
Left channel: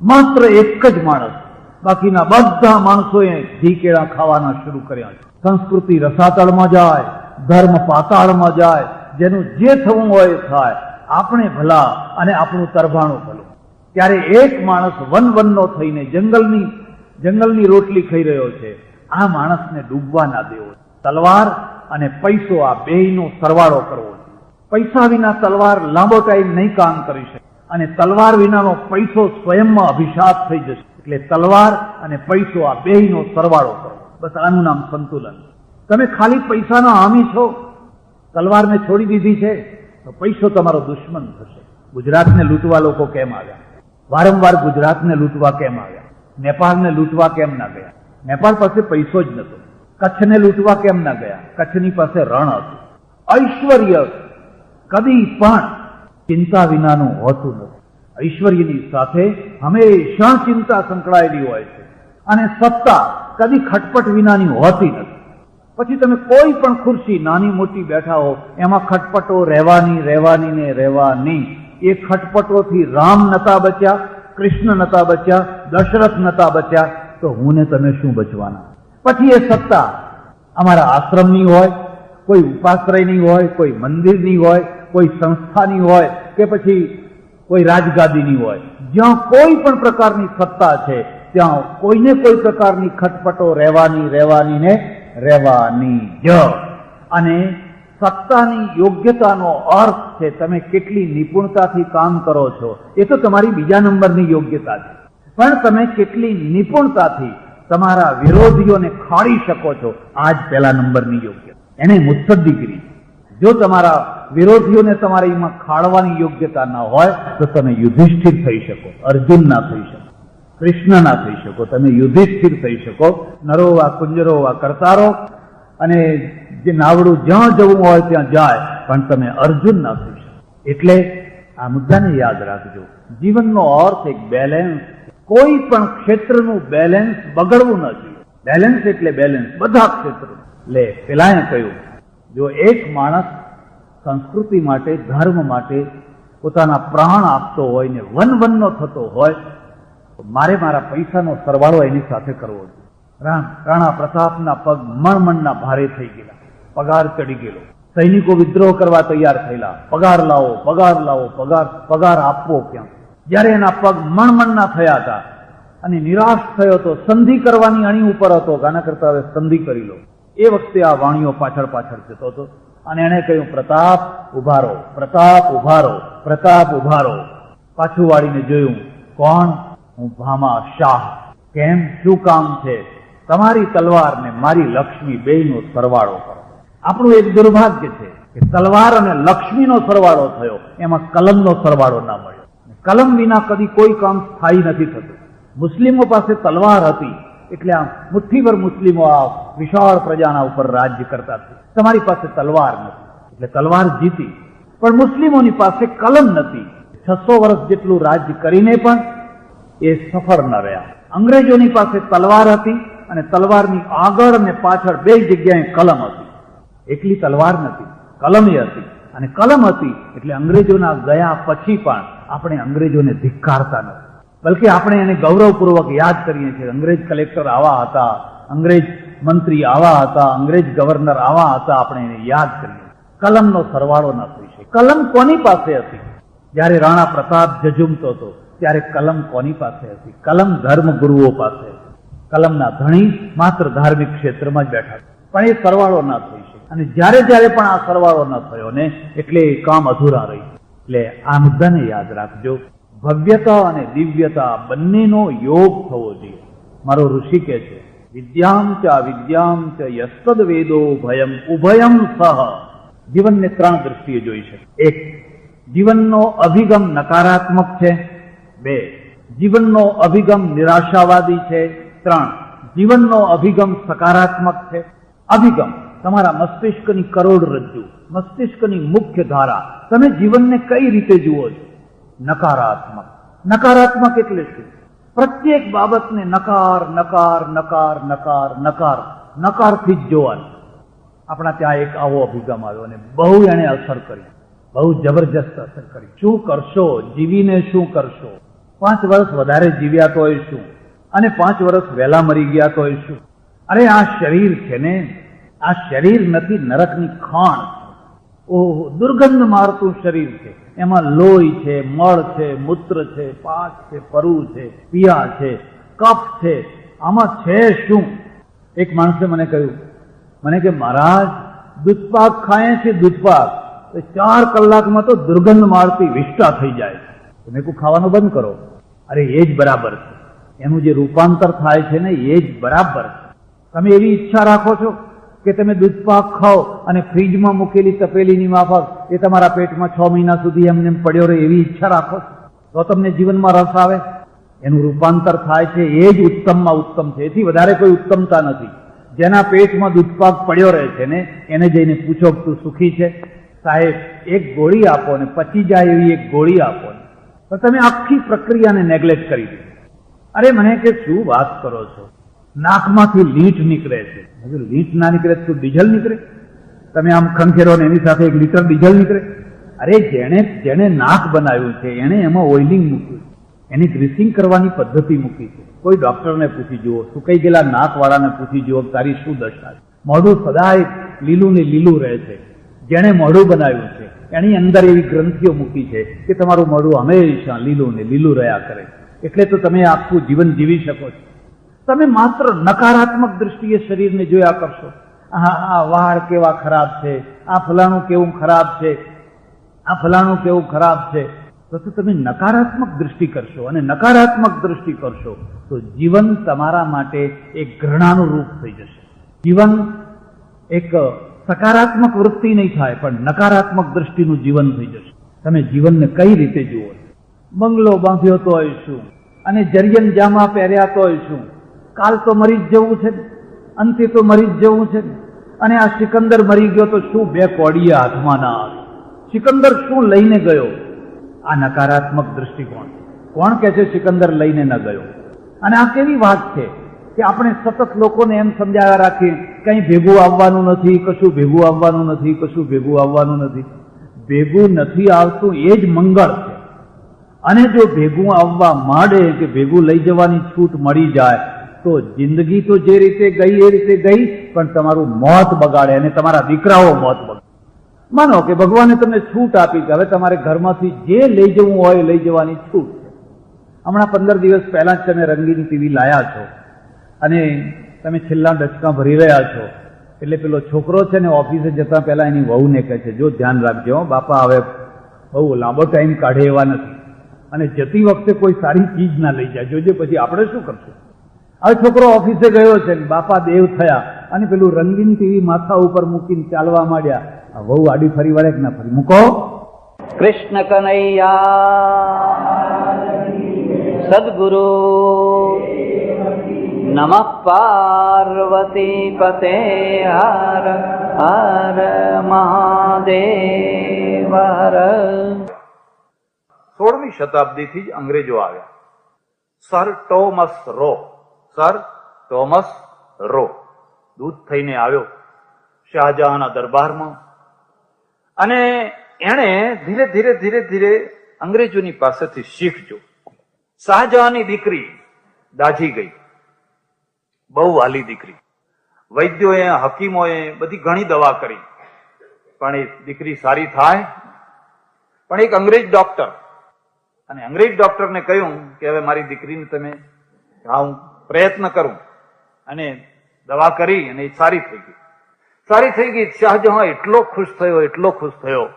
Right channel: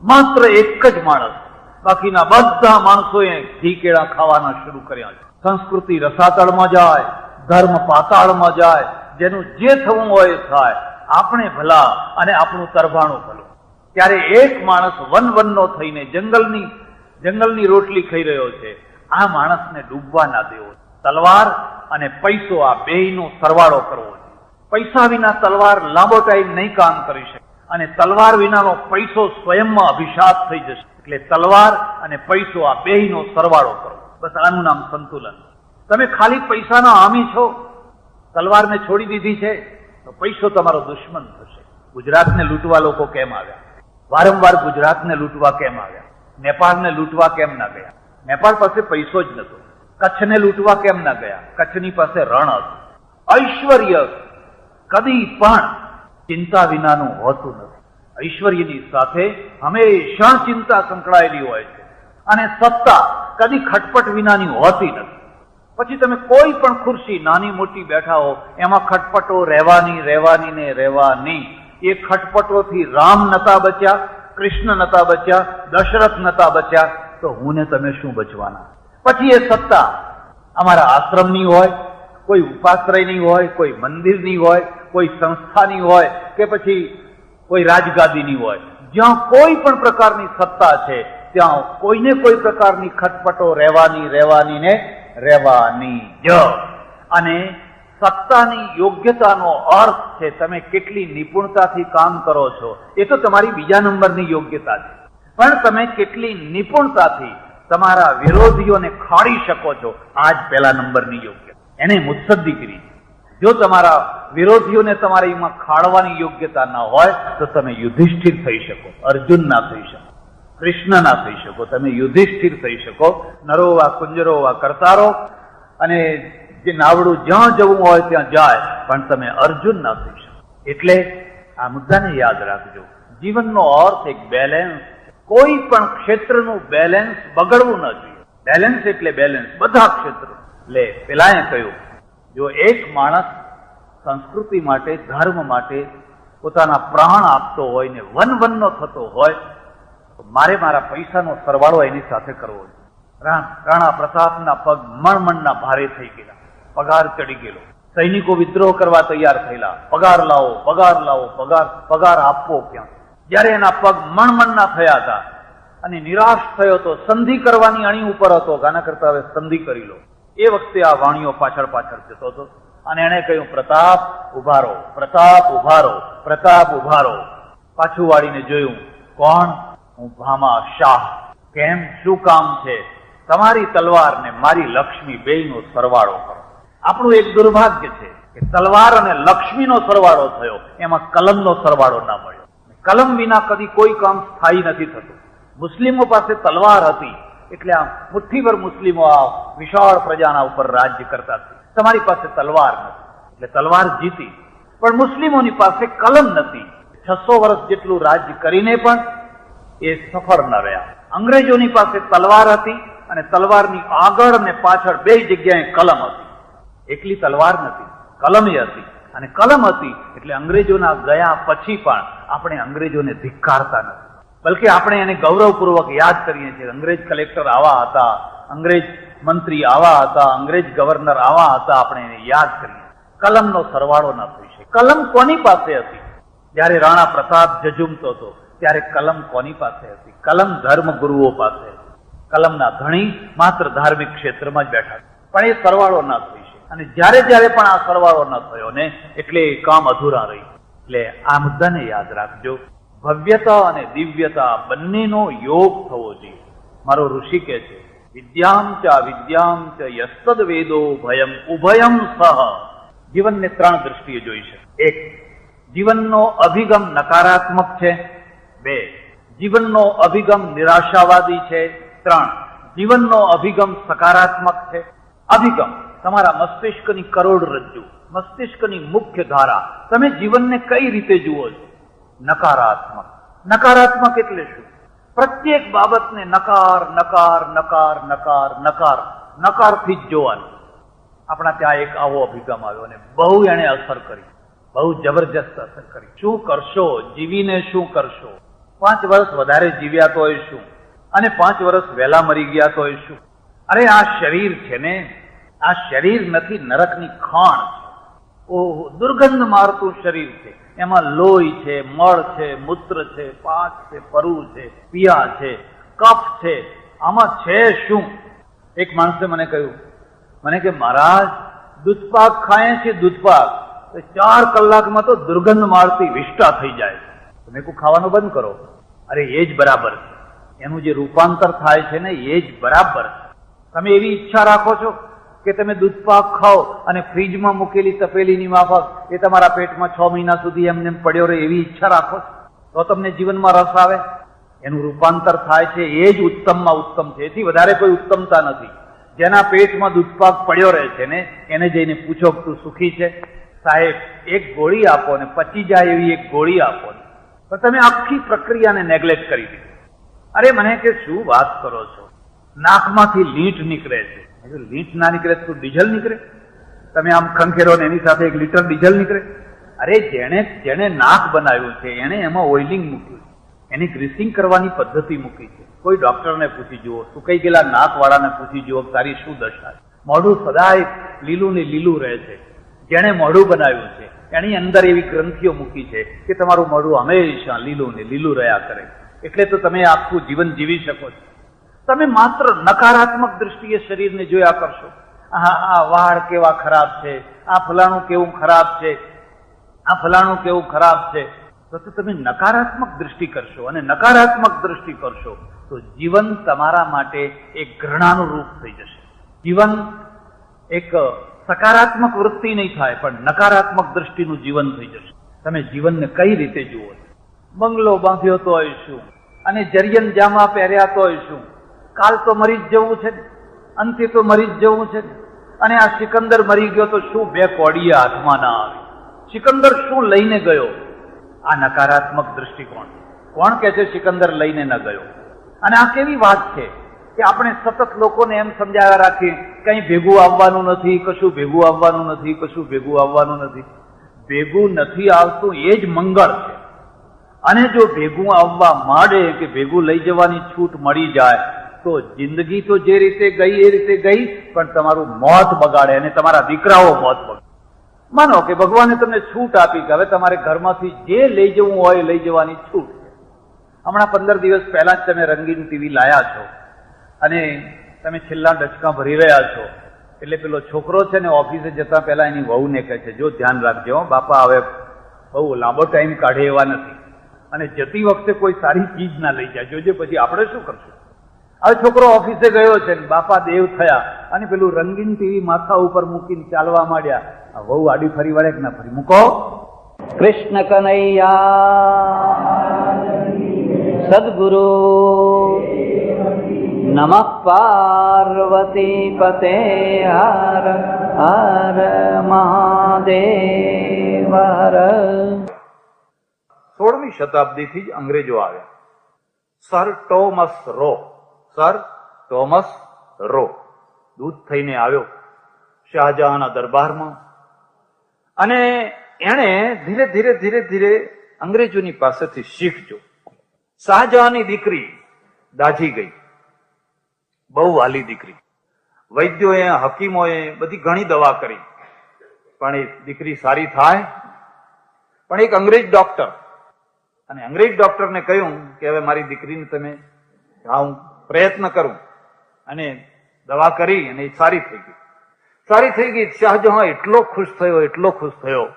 માત્ર એક જ માણસ. બાકીના બધા માણસોએ ઘી કેળા ખાવાના શરૂ કર્યા છે. સંસ્કૃતિ રસાતળમાં જાય, ધર્મ પાતાળમાં જાય, જેનું જે થવું હોય એ થાય, આપણે ભલા અને આપણું તરભાણું ભલું. ત્યારે એક માણસ વનવનનો થઈને જંગલની રોટલી ખાઈ રહ્યો છે. આ માણસને ડૂબવા ના દેવો. તલવાર અને પૈસો આ બેયનો સરવાળો કરવો. પૈસા વિના તલવાર લાંબો ટાઈમ નહીં કામ કરી શકે, અને તલવાર વિનાનો પૈસો સ્વયંમાં અભિશાપ થઈ જશે. એટલે તલવાર અને પૈસો આ બેયનો સરવાળો કરો. બસ આનું નામ સંતુલન. તમે ખાલી પૈસાના હામી છો, તલવારને છોડી દીધી છે, તો પૈસો તમારો દુશ્મન થશે. ગુજરાતને લૂંટવા લોકો કેમ આવ્યા? વારંવાર ગુજરાતને લૂંટવા કેમ આવ્યા? નેપાળને લૂંટવા કેમ ના ગયા? નેપાળ પાસે પૈસો જ નતો. કચ્છને લૂંટવા કેમ ના ગયા? કચ્છની પાસે રણ હતું. ઐશ્વર્ય કદી પણ ચિંતા વિનાનું હોતું નથી. ઐશ્વર્યની સાથે હંમેશા ચિંતા સંકળાયેલી હોય છે. અને સત્તા કદી ખટપટ વિનાની હોતી નથી. પછી તમે કોઈ પણ ખુરશી નાની મોટી બેઠા હો, એમાં ખટપટો રહેવાની. એ ખટપટોથી રામ નતા બચ્યા, કૃષ્ણ નતા બચ્યા, દશરથ નતા બચ્યા, તો હું ને તમે શું બચવાના? પછી એ સત્તા અમારા આશ્રમની હોય, કોઈ ઉપાશ્રયની હોય, કોઈ મંદિરની હોય, કોઈ સંસ્થાની હોય, કે પછી કોઈ રાજગાદીની હોય. જ્યાં કોઈ પણ પ્રકારની સત્તા છે ત્યાં કોઈને કોઈ પ્રકારની ખટપટો રહેવાની જ. અને સત્તાની યોગ્યતાનો અર્થ છે તમે કેટલી નિપુણતાથી કામ કરો છો. એ તો તમારી બીજા નંબરની યોગ્યતા છે, પણ તમે કેટલી નિપુણતાથી તમારા વિરોધીઓને ખાડી શકો છો, આ જ પહેલા નંબરની યોગ્યતા. એને મુત્સદ્દીગીરી. જો તમારા વિરોધીઓને તમારીમાં ખાડવાની યોગ્યતા ના હોય તો તમે યુધિષ્ઠિર થઈ શકો, અર્જુન ના થઈ શકો, કૃષ્ણ ના થઈ શકો, તમે યુધિષ્ઠિર થઈ શકો. નરોવા કુંજરોવા કરતા રહો, અને જે નાવડું જ્યાં જવું હોય ત્યાં જાય, પણ તમે અર્જુન ના થઈ શકો. એટલે આ મુદ્દાને યાદ રાખજો. જીવનનો અર્થ એક બેલેન્સ. કોઈ પણ ક્ષેત્રનું બેલેન્સ બગડવું ન જોઈએ. બેલેન્સ એટલે બેલેન્સ બધા ક્ષેત્રો. એટલે પેલાએ કહ્યું, જો એક માણસ સંસ્કૃતિ માટે, ધર્મ માટે પોતાના પ્રાણ આપતો હોય ને વનવનનો થતો હોય, તો મારા પૈસાનો સરવાળો એની સાથે કરવો જોઈએ. રાણા પ્રતાપના પગ મણમણના ભારે થઈ ગયેલા, પગાર ચડી ગયેલો. સૈનિકો વિદ્રોહ કરવા તૈયાર થયેલા, પગાર લાવો, પગાર આપવો ક્યાં? જયારે એના પગ મણમણના થયા હતા અને નિરાશ થયો તો સંધિ કરવાની અણી ઉપર હતો, આના કરતા હવે સંધિ કરી લો. એ વખતે આ વાણીઓ પાછળ જતો હતો અને એને કહ્યું, પ્રતાપ ઉભારો. પાછું વાળીને જોયું, કોણ? હું ભામા શાહ. કેમ? શું કામ છે? તમારી તલવાર ને મારી લક્ષ્મી બેયનો સરવાળો કરો. આપણું એક દુર્ભાગ્ય છે કે તલવાર અને લક્ષ્મીનો સરવાળો થયો, એમાં કલમનો સરવાળો ના મળ્યો. કલમ વિના કદી કોઈ કામ સ્થાયી નથી થતું. મુસ્લિમો પાસે તલવાર હતી એટલે આ મુઠ્ઠીભર મુસ્લિમો આ વિશાળ પ્રજાના ઉપર રાજ્ય કરતા હતા. તમારી પાસે તલવાર નથી એટલે તલવાર જીતી, પણ મુસ્લિમોની પાસે કલમ નથી. 600 વર્ષ જેટલું રાજ્ય કરીને પણ એ સફળ ન રહ્યા. અંગ્રેજોની પાસે તલવાર હતી અને તલવારની આગળ અને પાછળ બે જગ્યાએ કલમ હતી. એકલી તલવાર નથી, કલમ હતી. અને કલમ હતી એટલે અંગ્રેજોના ગયા પછી પણ આપણે અંગ્રેજોને ધિક્કારતા નથી, બલકે આપણે એને ગૌરવપૂર્વક યાદ કરીએ છીએ. અંગ્રેજ કલેક્ટર આવા હતા, અંગ્રેજ મંત્રી આવા હતા, અંગ્રેજ ગવર્નર આવા હતા, આપણે એને યાદ કરીએ. કલમનો સરવાળો ન થઈ શકે. કલમ કોની પાસે હતી? જ્યારે રાણા પ્રતાપ જજુમતો હતો ત્યારે કલમ કોની પાસે હતી? કલમ ધર્મ ગુરુઓ પાસે હતી. કલમના ધણી માત્ર ધાર્મિક ક્ષેત્રમાં જ બેઠા છે, પણ એ સરવાળો ના થઈ શકે. અને જ્યારે જ્યારે પણ આ સરવાળો ન થયો ને એટલે એ કામ અધૂરા રહી. એટલે આ મુદ્દાને યાદ રાખજો. ભવ્યતા અને દિવ્યતા બંનેનો યોગ થવો જોઈએ. મારો ઋષિ કહે છે, વિદ્યામ ચ અવિદ્યામ ચ યસ્તદ વેદો ભયમ ઉભયમ સહ. જીવનને ત્રણ દ્રષ્ટિએ જોઈ શકે. એક, જીવનનો અભિગમ નકારાત્મક છે. બે, જીવનનો અભિગમ નિરાશાવાદી છે. ત્રણ, જીવનનો અભિગમ સકારાત્મક છે. અભિગમ તમારા મસ્તિષ્કની કરોડરજ્જુ, મસ્તિષ્કની મુખ્ય ધારા. તમે જીવનને કઈ રીતે જુઓ છો? નકારાત્મક. નકારાત્મક એટલે શું? પ્રત્યેક બાબતને નકાર નકાર નકાર નકાર નકાર નકારથી જ જોવાનું. આપણા ત્યાં એક આવો અભિગમ આવ્યો અને બહુ એને અસર કરી, બહુ જબરજસ્ત અસર કરી. શું કરશો? જીવીને શું કરશો? 5 વર્ષ વધારે જીવ્યા તોય શું, અને 5 વર્ષ વહેલા મરી ગયા તોય શું? અરે આ શરીર છે ને, આ શરીર નથી, નરકની ખાણ. ઓહો, દુર્ગંધ મારતું શરીર છે. એમાં લોહી છે, મળ છે, મૂત્ર છે, પાક છે, પરુ છે, પિયા છે, કફ છે. આમાં છે શું? એક માણસે મને કહ્યું, મને કે મહારાજ દૂધપાક ખાય છે, દૂધપાક 4 કલાકમાં તો દુર્ગંધ મારતી વિષ્ટા થઈ જાય. તમે કોઈ ખાવાનું બંધ કરો. અરે એ જ બરાબર છે. એનું જે રૂપાંતર થાય છે ને એ જ બરાબર છે. તમે એવી ઈચ્છા રાખો છો કે તમે દૂધપાક ખાઓ અને ફ્રીજમાં મૂકેલી તપેલીની માફક એ તમારા પેટમાં 6 મહિના સુધી એમને પડ્યો રહે, એવી ઈચ્છા રાખો તો તમને જીવનમાં રસ આવે? એનું રૂપાંતર થાય છે, એ જ ઉત્તમમાં ઉત્તમ છે. એથી વધારે કોઈ ઉત્તમતા નથી. જેના પેટમાં દૂધપાક પડ્યો રહે છે ને એને જઈને પૂછો, તું સુખી છે? સાહેબ, એક ગોળી આપો ને પચી જાય એવી એક ગોળી આપો ને, તો તમે આખી પ્રક્રિયાને નેગ્લેક્ટ કરી દીધી. અરે મને કે શું વાત કરો છો? નાકમાંથી લીટ નીકળે છે. લીટ ના નીકળે તો ડીઝલ નીકળે? તમે આમ ખંખેરો ને એની સાથે 1 લીટર ડીઝલ નીકળે? અરે જેણે નાક બનાવ્યું છે એને એમાં ઓઇલિંગ મૂક્યું, એની ગ્રીસિંગ કરવાની પદ્ધતિ મૂકી છે. કોઈ ડોક્ટરને પૂછી જુઓ, સુકાઈ ગયેલા નાક વાળાને પૂછી જુઓ તારી શું દશા છે. મોઢું સદાય લીલું ને લીલું રહે છે. જેણે મોઢું બનાવ્યું છે એની અંદર એવી ગ્રંથિઓ મૂકી છે કે તમારું મોઢું હંમેશા લીલું ને લીલું રહ્યા કરે. એટલે તો તમે આખું જીવન જીવી શકો છો. તમે માત્ર નકારાત્મક દ્રષ્ટિએ શરીરને જોયા કરશો. આ વાળ કેવા ખરાબ છે, આ ફલાણું કેવું ખરાબ છે, આ ફલાણું કેવું ખરાબ છે, તો તમે નકારાત્મક દ્રષ્ટિ કરશો. અને નકારાત્મક દ્રષ્ટિ કરશો તો જીવન તમારા માટે એક ઘૃણાનું રૂપ થઈ જશે. જીવન એક સકારાત્મક વૃત્તિ નહીં થાય, પણ નકારાત્મક દ્રષ્ટિનું જીવન થઈ જશે. તમે જીવનને કઈ રીતે જુઓ? બંગલો બાંધ્યો તોય શું, અને જરિયન જામા પહેર્યા તોય શું? કાલ તો મરી જ જવું છે, અંતે તો મરી જ જવું છે. અને આ સિકંદર મરી ગયો તો શું 2 કોડિયા હાથમાં ના આવે? સિકંદર શું લઈને ગયો? આ નકારાત્મક દ્રષ્ટિકોણ. કોણ કહે છે સિકંદર લઈને ન ગયો? અને આ કેવી વાત છે કે આપણે સતત લોકોને એમ સમજાવ્યા રાખીએ કંઈ ભેગું આવવાનું નથી, કશું ભેગું આવવાનું નથી, કશું ભેગું આવવાનું નથી. ભેગું નથી આવતું એ જ મંગળ છે. અને જો ભેગું આવવા માંડે કે ભેગું લઈ જવાની છૂટ મળી જાય તો જિંદગી તો જે રીતે ગઈ એ રીતે ગઈ, પણ તમારું મોત બગાડે અને તમારા દીકરાઓ મોત બગાડે. માનો કે ભગવાને તમને છૂટ આપી કે હવે તમારે ઘરમાંથી જે લઈ જવું હોય લઈ જવાની છૂટ છે. હમણાં 15 દિવસ પહેલા જ તમે રંગીન ટીવી લાયા છો અને તમે છેલ્લા ડચકા ભરી રહ્યા છો. એટલે પેલો છોકરો છે ને ઓફિસે જતા પહેલા એની વહુને કહે છે, જો ધ્યાન રાખજો બાપા, હવે બહુ લાંબો ટાઈમ કાઢે એવા નથી, અને જતી વખતે કોઈ સારી ચીજ ના લઈ જાય, જોજે પછી આપણે શું કરશું. હવે છોકરો ઓફિસે ગયો છે, બાપા દેવ થયા અને પેલું રંગીન ટીવી માથા ઉપર મૂકીને ચાલવા માંડ્યા. વહુ આડી ફરી વળે કે ના ફરી? મૂકો. કૃષ્ણ કનૈયા સદગુરુ નમઃ પાર્વતી પતે હર હર મહાદેવ હર. 16મી શતાબ્દીથી જ અંગ્રેજો આવ્યા. સર ટોમસ રો દૂત થઈને આવ્યો શાહજહાંના દરબારમાં, અને એણે ધીરે ધીરે ધીરે ધીરે અંગ્રેજોની પાસેથી શીખ્યો. શાહજહાંની દીકરી દાઝી ગઈ, બહુ વાલી દીકરી. વૈદ્યોએ હકીમોએ બધી ઘણી દવા કરી, પણ એ દીકરી સારી થાય. પણ એક અંગ્રેજ ડોક્ટર, અને અંગ્રેજ ડોક્ટરને કહ્યું કે હવે મારી દીકરીને તમે હું પ્રયત્ન કરું, અને દવા કરી અને એ સારી થઈ ગઈ. સારી થઈ ગઈ. શાહજહાં એટલો ખુશ થયો.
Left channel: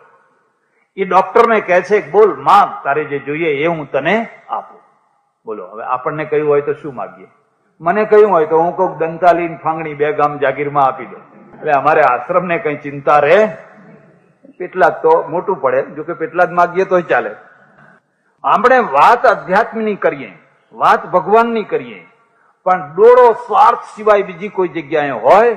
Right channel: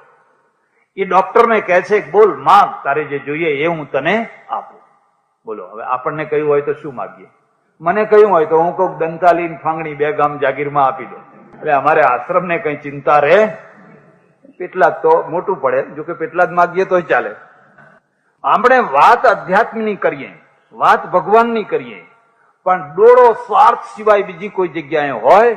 એ ડોક્ટરને કહે છે, બોલ માંગ, તારે જે જોઈએ એ હું તને આપું. બોલો, હવે આપણને કહ્યું હોય તો શું માગીએ? મને કહ્યું હોય તો હું કહું દંતાલીન ફાંગણી 2 ગામ જાગીરમાં આપી દો. એટલે અમારે આશ્રમને કઈ ચિંતા રહે? પેટલા જ તો મોટું પડે, જોકે પેટલા જ માગીએ તોય ચાલે. આપણે વાત અધ્યાત્મની કરીએ, વાત ભગવાનની કરીએ, પણ ડોળો સ્વાર્થ સિવાય બીજી કોઈ જગ્યાએ હોય?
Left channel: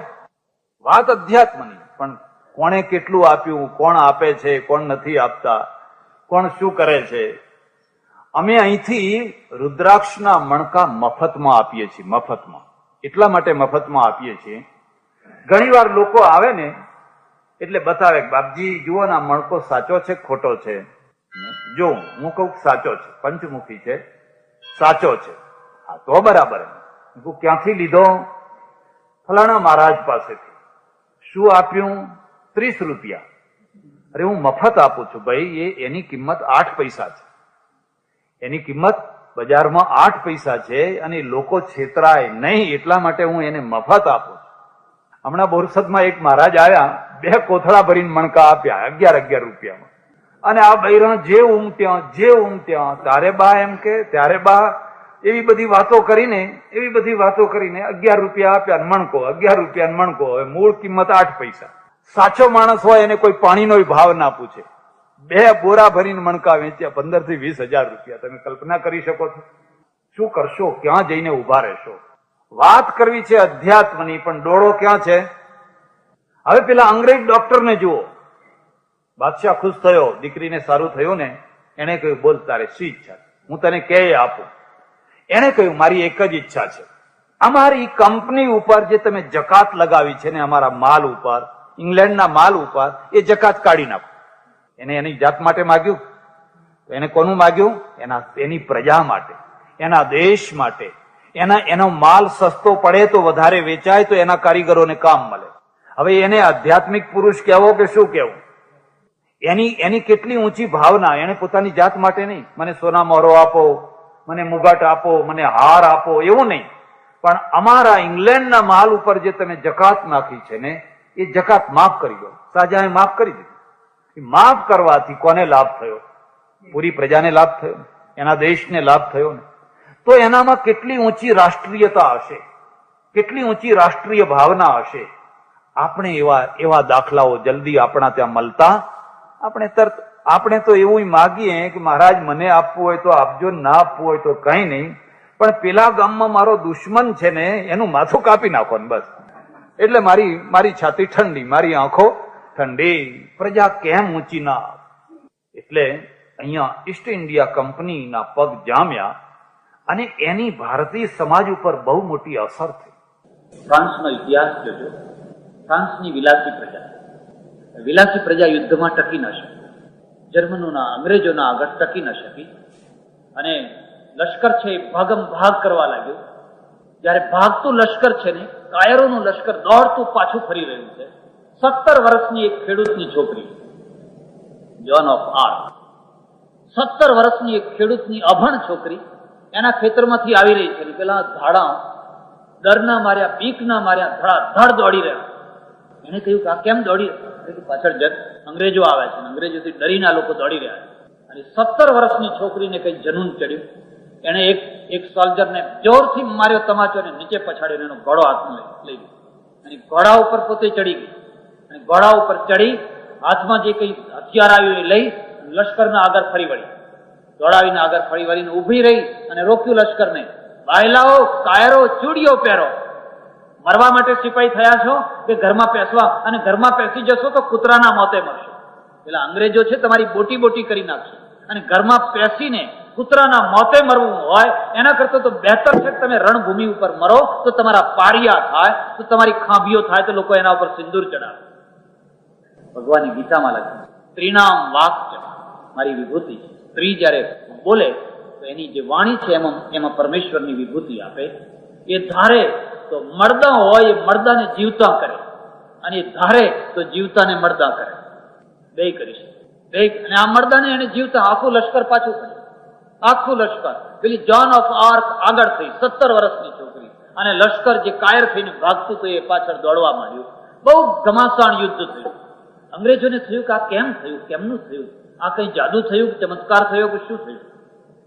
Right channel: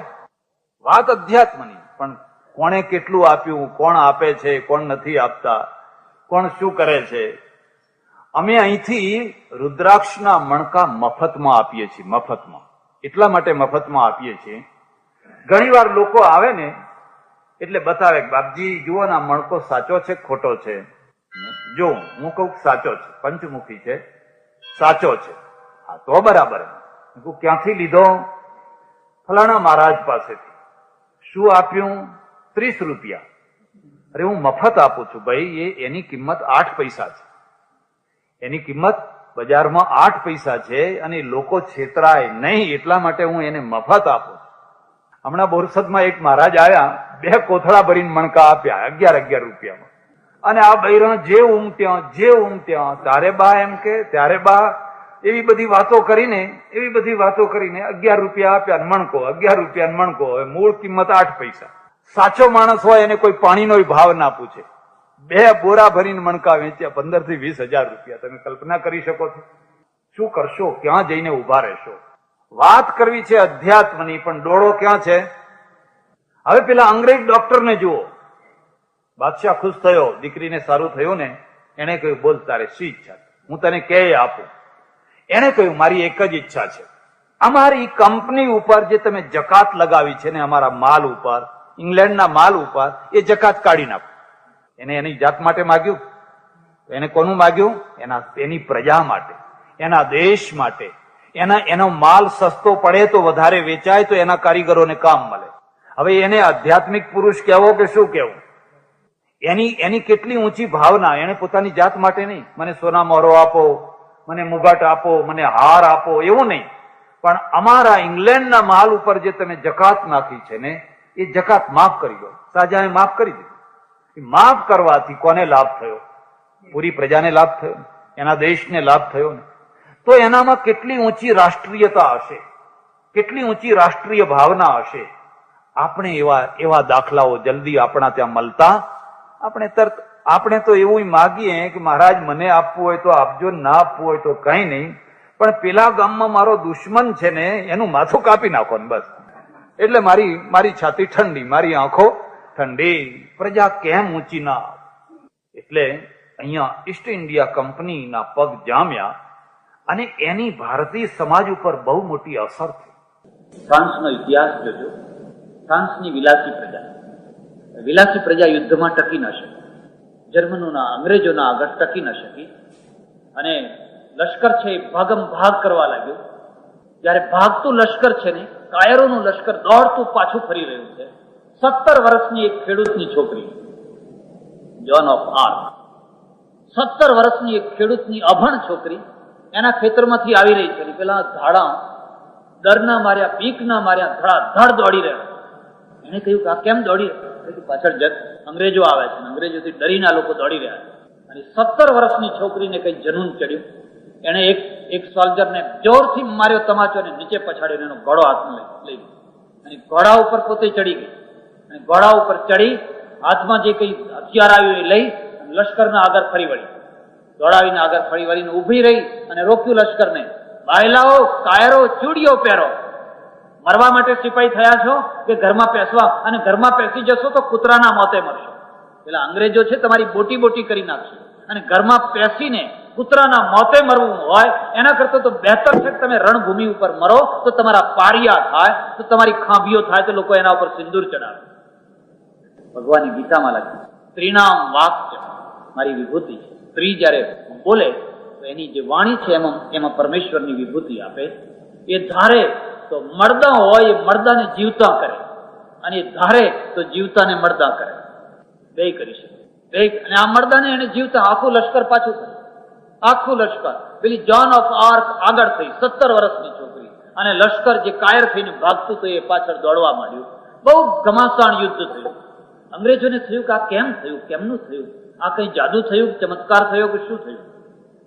વાત અધ્યાત્મની, પણ કોણે કેટલું આપ્યું, કોણ આપે છે, કોણ નથી આપતા, કોણ શું કરે છે. અમે અહીંથી રુદ્રાક્ષના મણકા મફતમાં આપીએ છીએ. મફતમાં એટલા માટે મફતમાં આપીએ છીએ, ઘણી વાર લોકો આવે ને એટલે બતાવે, બાપજી જુઓ ને આ મણકો સાચો છે ખોટો છે? જો હું કહું સાચો છે, પંચમુખી છે, સાચો છે. હા તો બરાબર. હું ક્યાંથી લીધો? ફલાણા મહારાજ પાસેથી. શું આપ્યું? 30 રૂપિયા. અરે હું મફત આપું છું ભાઈ, એની કિંમત 8 પૈસા છે. એની કિંમત બજારમાં 8 પૈસા છે, અને લોકો છેતરાય નહીં એટલા માટે હું એને મફત આપું. હમણાં બોરસદમાં એક મહારાજ આવ્યા, 2 કોથળા ભરીને મણકા આપ્યા 11 રૂપિયામાં. અને આ બૈરા જે ઊંઘ તારે બા એમ કે ત્યારે બા, એવી બધી વાતો કરીને 11 રૂપિયા આપ્યા મણકો, 11 રૂપિયા મણકો. હવે મૂળ કિંમત 8 પૈસા. સાચો માણસ હોય એને કોઈ પાણીનો ભાવ ના પૂછે. 2 બોરા ભરીને મણકા વેચ્યા 15 થી 20 હજાર રૂપિયા. તમે કલ્પના કરી શકો છો? શું કરશો? ક્યાં જઈને ઉભા રહેશો? વાત કરવી છે અધ્યાત્મની, પણ ડોળો ક્યાં છે? હવે પેલા અંગ્રેજ ડોક્ટરને જુઓ. બાદશાહ ખુશ થયો, દીકરીને સારું થયું ને. એને કહ્યું, બોલ તારે શી ઈચ્છા છે? હું તને કે આપું. એને કહ્યું, મારી એક જ ઈચ્છા છે, અમારી કંપની ઉપર જે તમે જકાત લગાવી છે ને, અમારા માલ ઉપર, ઇંગ્લેન્ડના માલ ઉપર, એ જકાત કાઢી નાખો. એને એની જાત માટે માગ્યું. એને કોનું માગ્યું? એની પ્રજા માટે, એના દેશ માટે. એનો માલ સસ્તો પડે તો વધારે વેચાય તો એના કારીગરોને કામ મળે. હવે એને આધ્યાત્મિક પુરુષ કહેવો કે શું કહેવું? એની કેટલી ઊંચી ભાવના. એને પોતાની જાત માટે નહીં, મને સોના મોહરો આપો, મને મુગાટ આપો, મને હાર આપો, એવું નહીં. પણ અમારા ઇંગ્લેન્ડના માલ ઉપર જે તમે જકાત નાખી છે ને, એ જકાત માફ કરી દો. શાહજહાએ માફ કરી દીધી. માફ કરવાથી કોને લાભ થયો? પૂરી પ્રજાને લાભ થયો, એના દેશને લાભ થયો ને. તો એનામાં કેટલી ઊંચી રાષ્ટ્રીયતા હશે, કેટલી ઊંચી રાષ્ટ્રીય ભાવના હશે. આપણે એવા દાખલાઓ જલ્દી આપણા ત્યાં મળતા. આપણે તો એવું માગીએ કે મહારાજ મને આપવું હોય તો આપજો, ના આપવું હોય તો કઈ નહીં, પણ પેલા ગામમાં મારો દુશ્મન છે ને એનું માથું કાપી નાખો ને બસ. એટલે મારી છાતી ઠંડી, મારી આંખો ઠંડી. પ્રજા કેમ ઊંચી ના? એટલે અહીંયા ઈસ્ટ ઇન્ડિયા કંપનીના પગ જામ્યા, અને એની ભારતીય સમાજ ઉપર બહુ મોટી અસર થઈ. ફ્રાન્સનો ઇતિહાસ જોજો. ફ્રાન્સની વિલાસી પ્રજા યુદ્ધમાં ટકી ન શકી, જર્મનોના, અંગ્રેજોના આગળ ટકી ન શકી, અને લશ્કર છે એ ભાગમ ભાગ કરવા લાગ્યો. જયારે ભાગતું લશ્કર છે ને, કાયરોનું લશ્કર દોડતું પાછું ફરી રહ્યું છે. 17 વર્ષની એક ખેડૂતની છોકરી, જોન ઓફ આર્ક, 17 વર્ષની એક ખેડૂતની અભણ છોકરી એના ખેતરમાંથી આવી રહી છે. પેલા ધાડા ડરના માર્યા, બીકના માર્યા ધડાધડ દોડી રહ્યા. એને કહ્યું કે આ કેમ દોડી? પાછળ અંગ્રેજો આવે છે, અંગ્રેજોથી ડરીને આ લોકો દોડી રહ્યા. અને 17 વર્ષની છોકરીને કઈ જનૂન ચડ્યું. એને એક સોલ્જરને જોરથી માર્યો તમાચો, અને નીચે પછાડીને એનો ઘોડો હાથમાં લઈ લીધો, અને ઘોડા ઉપર પોતે ચડી ગઈ. અને ઘોડા ઉપર ચડી હાથમાં જે કઈ હથિયાર આવ્યું એ લઈ લશ્કરના આગળ ફરી વળી, દોડાવીને આગળ ફરી વળીને ઉભી રહી અને રોક્યું લશ્કરને. બાયલાઓ, કાયરો, ચૂડીઓ પહેરો. મરવા માટે સિપાહી થયા છો કે ઘરમાં પેસવા? અને ઘરમાં પેસી જશો તો કૂતરાના મોતે મરશો. પેલા અંગ્રેજો છે તમારી બોટી કરી નાખશે, અને ઘરમાં પેસીને કૂતરાના મોતે મરવું હોય એના કરતા તો બહેતર છે તમે રણભૂમિ ઉપર મરો, તો તમારા પારિયા થાય, તો તમારી ખાંભીઓ થાય, તો લોકો એના ઉપર સિંદૂર ચડાવે. ભગવાનની ગીતામાં લખ્યું, સ્ત્રીનામ વાક્ય મારી વિભૂતિ. સ્ત્રી જયારે બોલે તો એની જે વાણી છે એમાં પરમેશ્વરની વિભૂતિ આપે. એ ધારે તો મર્દા હોય એ મર્દાને જીવતા કરે, અને એ ધારે તો જીવતાને મર્દા કરે. બે કરી શકે. અને આ મર્દાને એને જીવતા આખું લશ્કર પાછું કર્યું, આખું લશ્કર. પેલી જોન ઓફ આર્ક આગળ થઈ, 17 વર્ષની છોકરી, અને લશ્કર જે કાયર થઈને ભાગતું તો એ પાછળ દોડવા માંડ્યું. બહુ ઘમાસાણ યુદ્ધ થયું. અંગ્રેજોને થયું કે આ કેમ થયું, કેમનું થયું, આ કઈ જાદુ થયું, ચમત્કાર થયો કે શું થયું?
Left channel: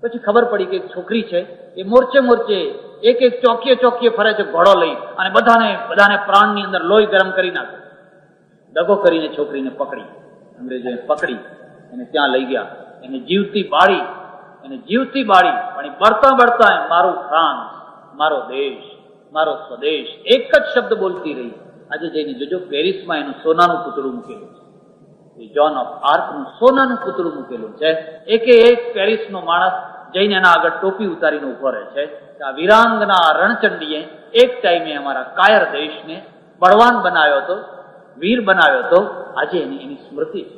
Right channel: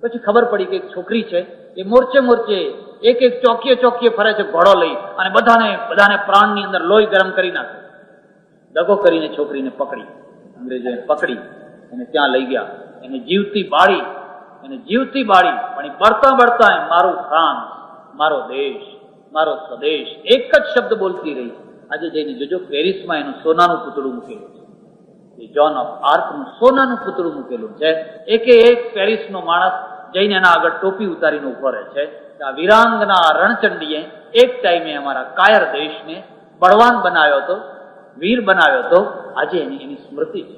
પછી ખબર પડી કે એક છોકરી છે એ મોરચે મોરચે એક એક ચોકીએ ફરે છે ઘોડો લઈ, અને બધાને પ્રાણની અંદર લોહી ગરમ કરી નાખે. દગો કરીને છોકરીને પકડી, અંગ્રેજોએ પકડી એને ત્યાં લઈ ગયા, એને જીવતી બાળી, પણ એ બળતા મારું ફ્રાન્સ, મારો દેશ, મારો સ્વદેશ એક જ શબ્દ બોલતી રહી. આજે જઈને જોજો, પેરિસમાં એનું સોનાનું પૂતળું મૂકેલું છે. એ જોન ઓફ આર્કનું સોનાનું પૂતળું મૂકેલું છે. એક પેરિસનો માણસ જઈને એના આગળ ટોપી ઉતારીને ઉભો રહે છે કે આ વીરાંગના રણચંડીએ એક ટાઈમે અમારા કાયર દેશને બળવાન બનાવ્યો હતો, વીર બનાવ્યો હતો. આજે એની સ્મૃતિ છે.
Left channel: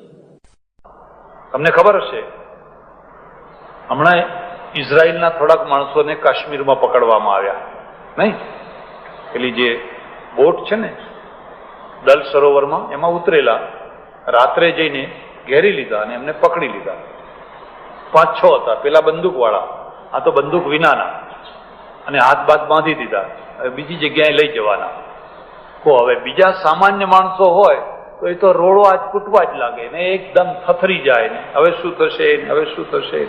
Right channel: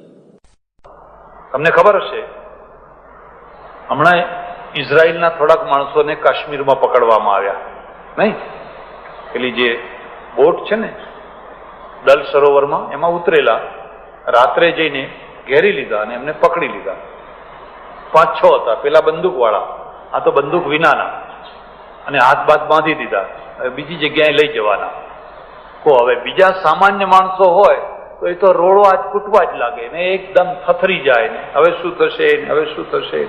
તમને ખબર હશે, હમણાં ઇઝરાયલના થોડાક માણસોને કાશ્મીરમાં પકડવામાં આવ્યા, નહીં? પેલી જે બોટ છે ને દલ સરોવરમાં, એમાં ઉતરેલા, રાત્રે જઈને ઘેરી લીધા અને એમને પકડી લીધા. 5-6 હતા. પેલા બંદૂક વાળા, આ તો બંદૂક વિનાના, અને હાથ બાથ બાંધી દીધા. હવે બીજી જગ્યાએ લઈ જવાના. હવે બીજા સામાન્ય માણસો હોય તો એ તો રોડવા જ કૂટવા જ લાગે ને, એકદમ થથરી જાય ને હવે શું થશે,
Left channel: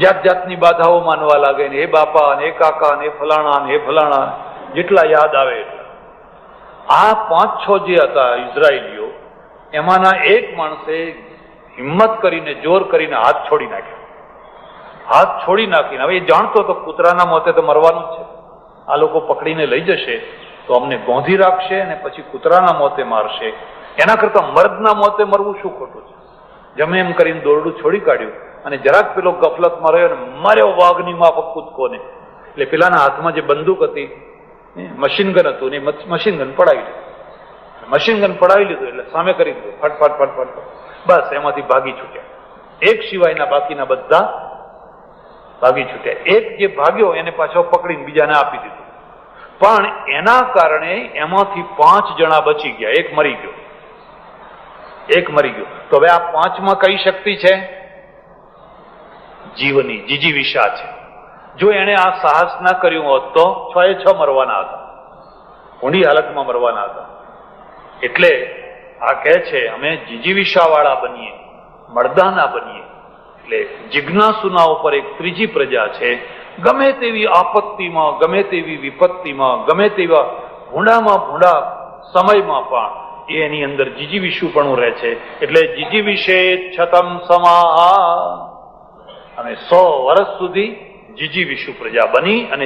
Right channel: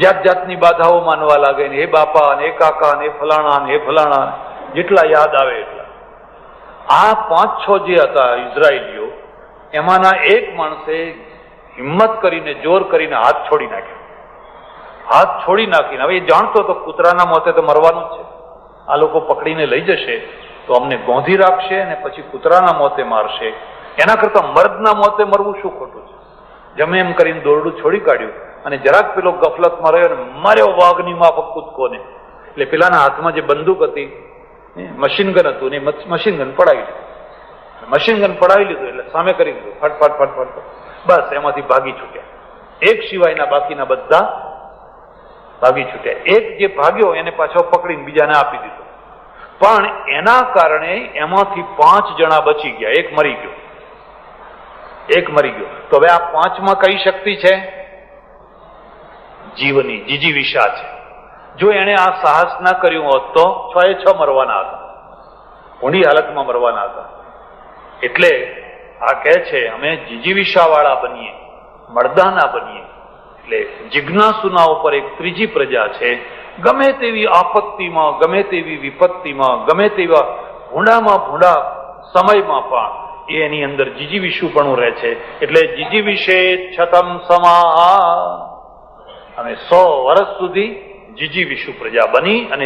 જાત જાતની બાધાઓ માનવા લાગે ને, હે બાપા ને, હે કાકા ને, હે ફલાણા, જેટલા યાદ આવે એટલા. આ 5-6 જે હતા ઇઝરાયેલીઓ, એમાંના એક માણસે હિંમત કરીને, જોર કરીને હાથ છોડી નાખીને, હવે એ જાણતો તો કૂતરાના મોતે તો મરવાનું જ છે, આ લોકો પકડીને લઈ જશે તો અમને ગોંધી રાખશે અને પછી કૂતરાના મોતે મારશે, એના કરતા મર્દના મોતે મરવું શું ખોટું છે. જમે એમ કરીને દોરડું છોડી કાઢ્યું અને જરાક પેલો ગફલતમાં રહ્યો ને માર્યો વાઘની માફક કૂદકોને. એટલે પેલાના હાથમાં જે બંદૂક હતી, મશીનગન હતું ને, મશીનગન પડાવી લીધું એટલે સામે કરી દીધું, ફટ, બસ એમાંથી ભાગી છૂટ્યા. એક સિવાયના બાકીના બધા ભાગી છૂટ્યા. એક જે ભાગ્યો એને પાછો પકડીને બીજાને આપી દીધો. પણ એના કારણે એમાંથી 5 જણા બચી ગયા, એક મરી ગયો. તો હવે આ 5માં કઈ શક્તિ છે? જીવની, જીજીવિષા છે. જો એને આ સાહસ ના કર્યું હોત તો 6 મરવાના હતા, ઊંડી હાલતમાં મરવાના હતા. એટલે આ કહે છે અમે જીજીવિષા વાળા બનીએ, મર્દાના બનીએ. એટલે જિજ્ઞાસુના ઉપર એક ત્રીજી પ્રજા છે. ગમે તેવી આપત્તિમાં, ગમે તેવી વિપત્તિમાં, ગમે તેવા ભૂંડામાં ભૂંડા સમયમાં પણ એની અંદર જીજીવિષુપણું રહે છે. એટલે જીજીવિષે છતમ સમાહ, અને 100 વર્ષ સુધી જીજીવિષુ પ્રજા બની અને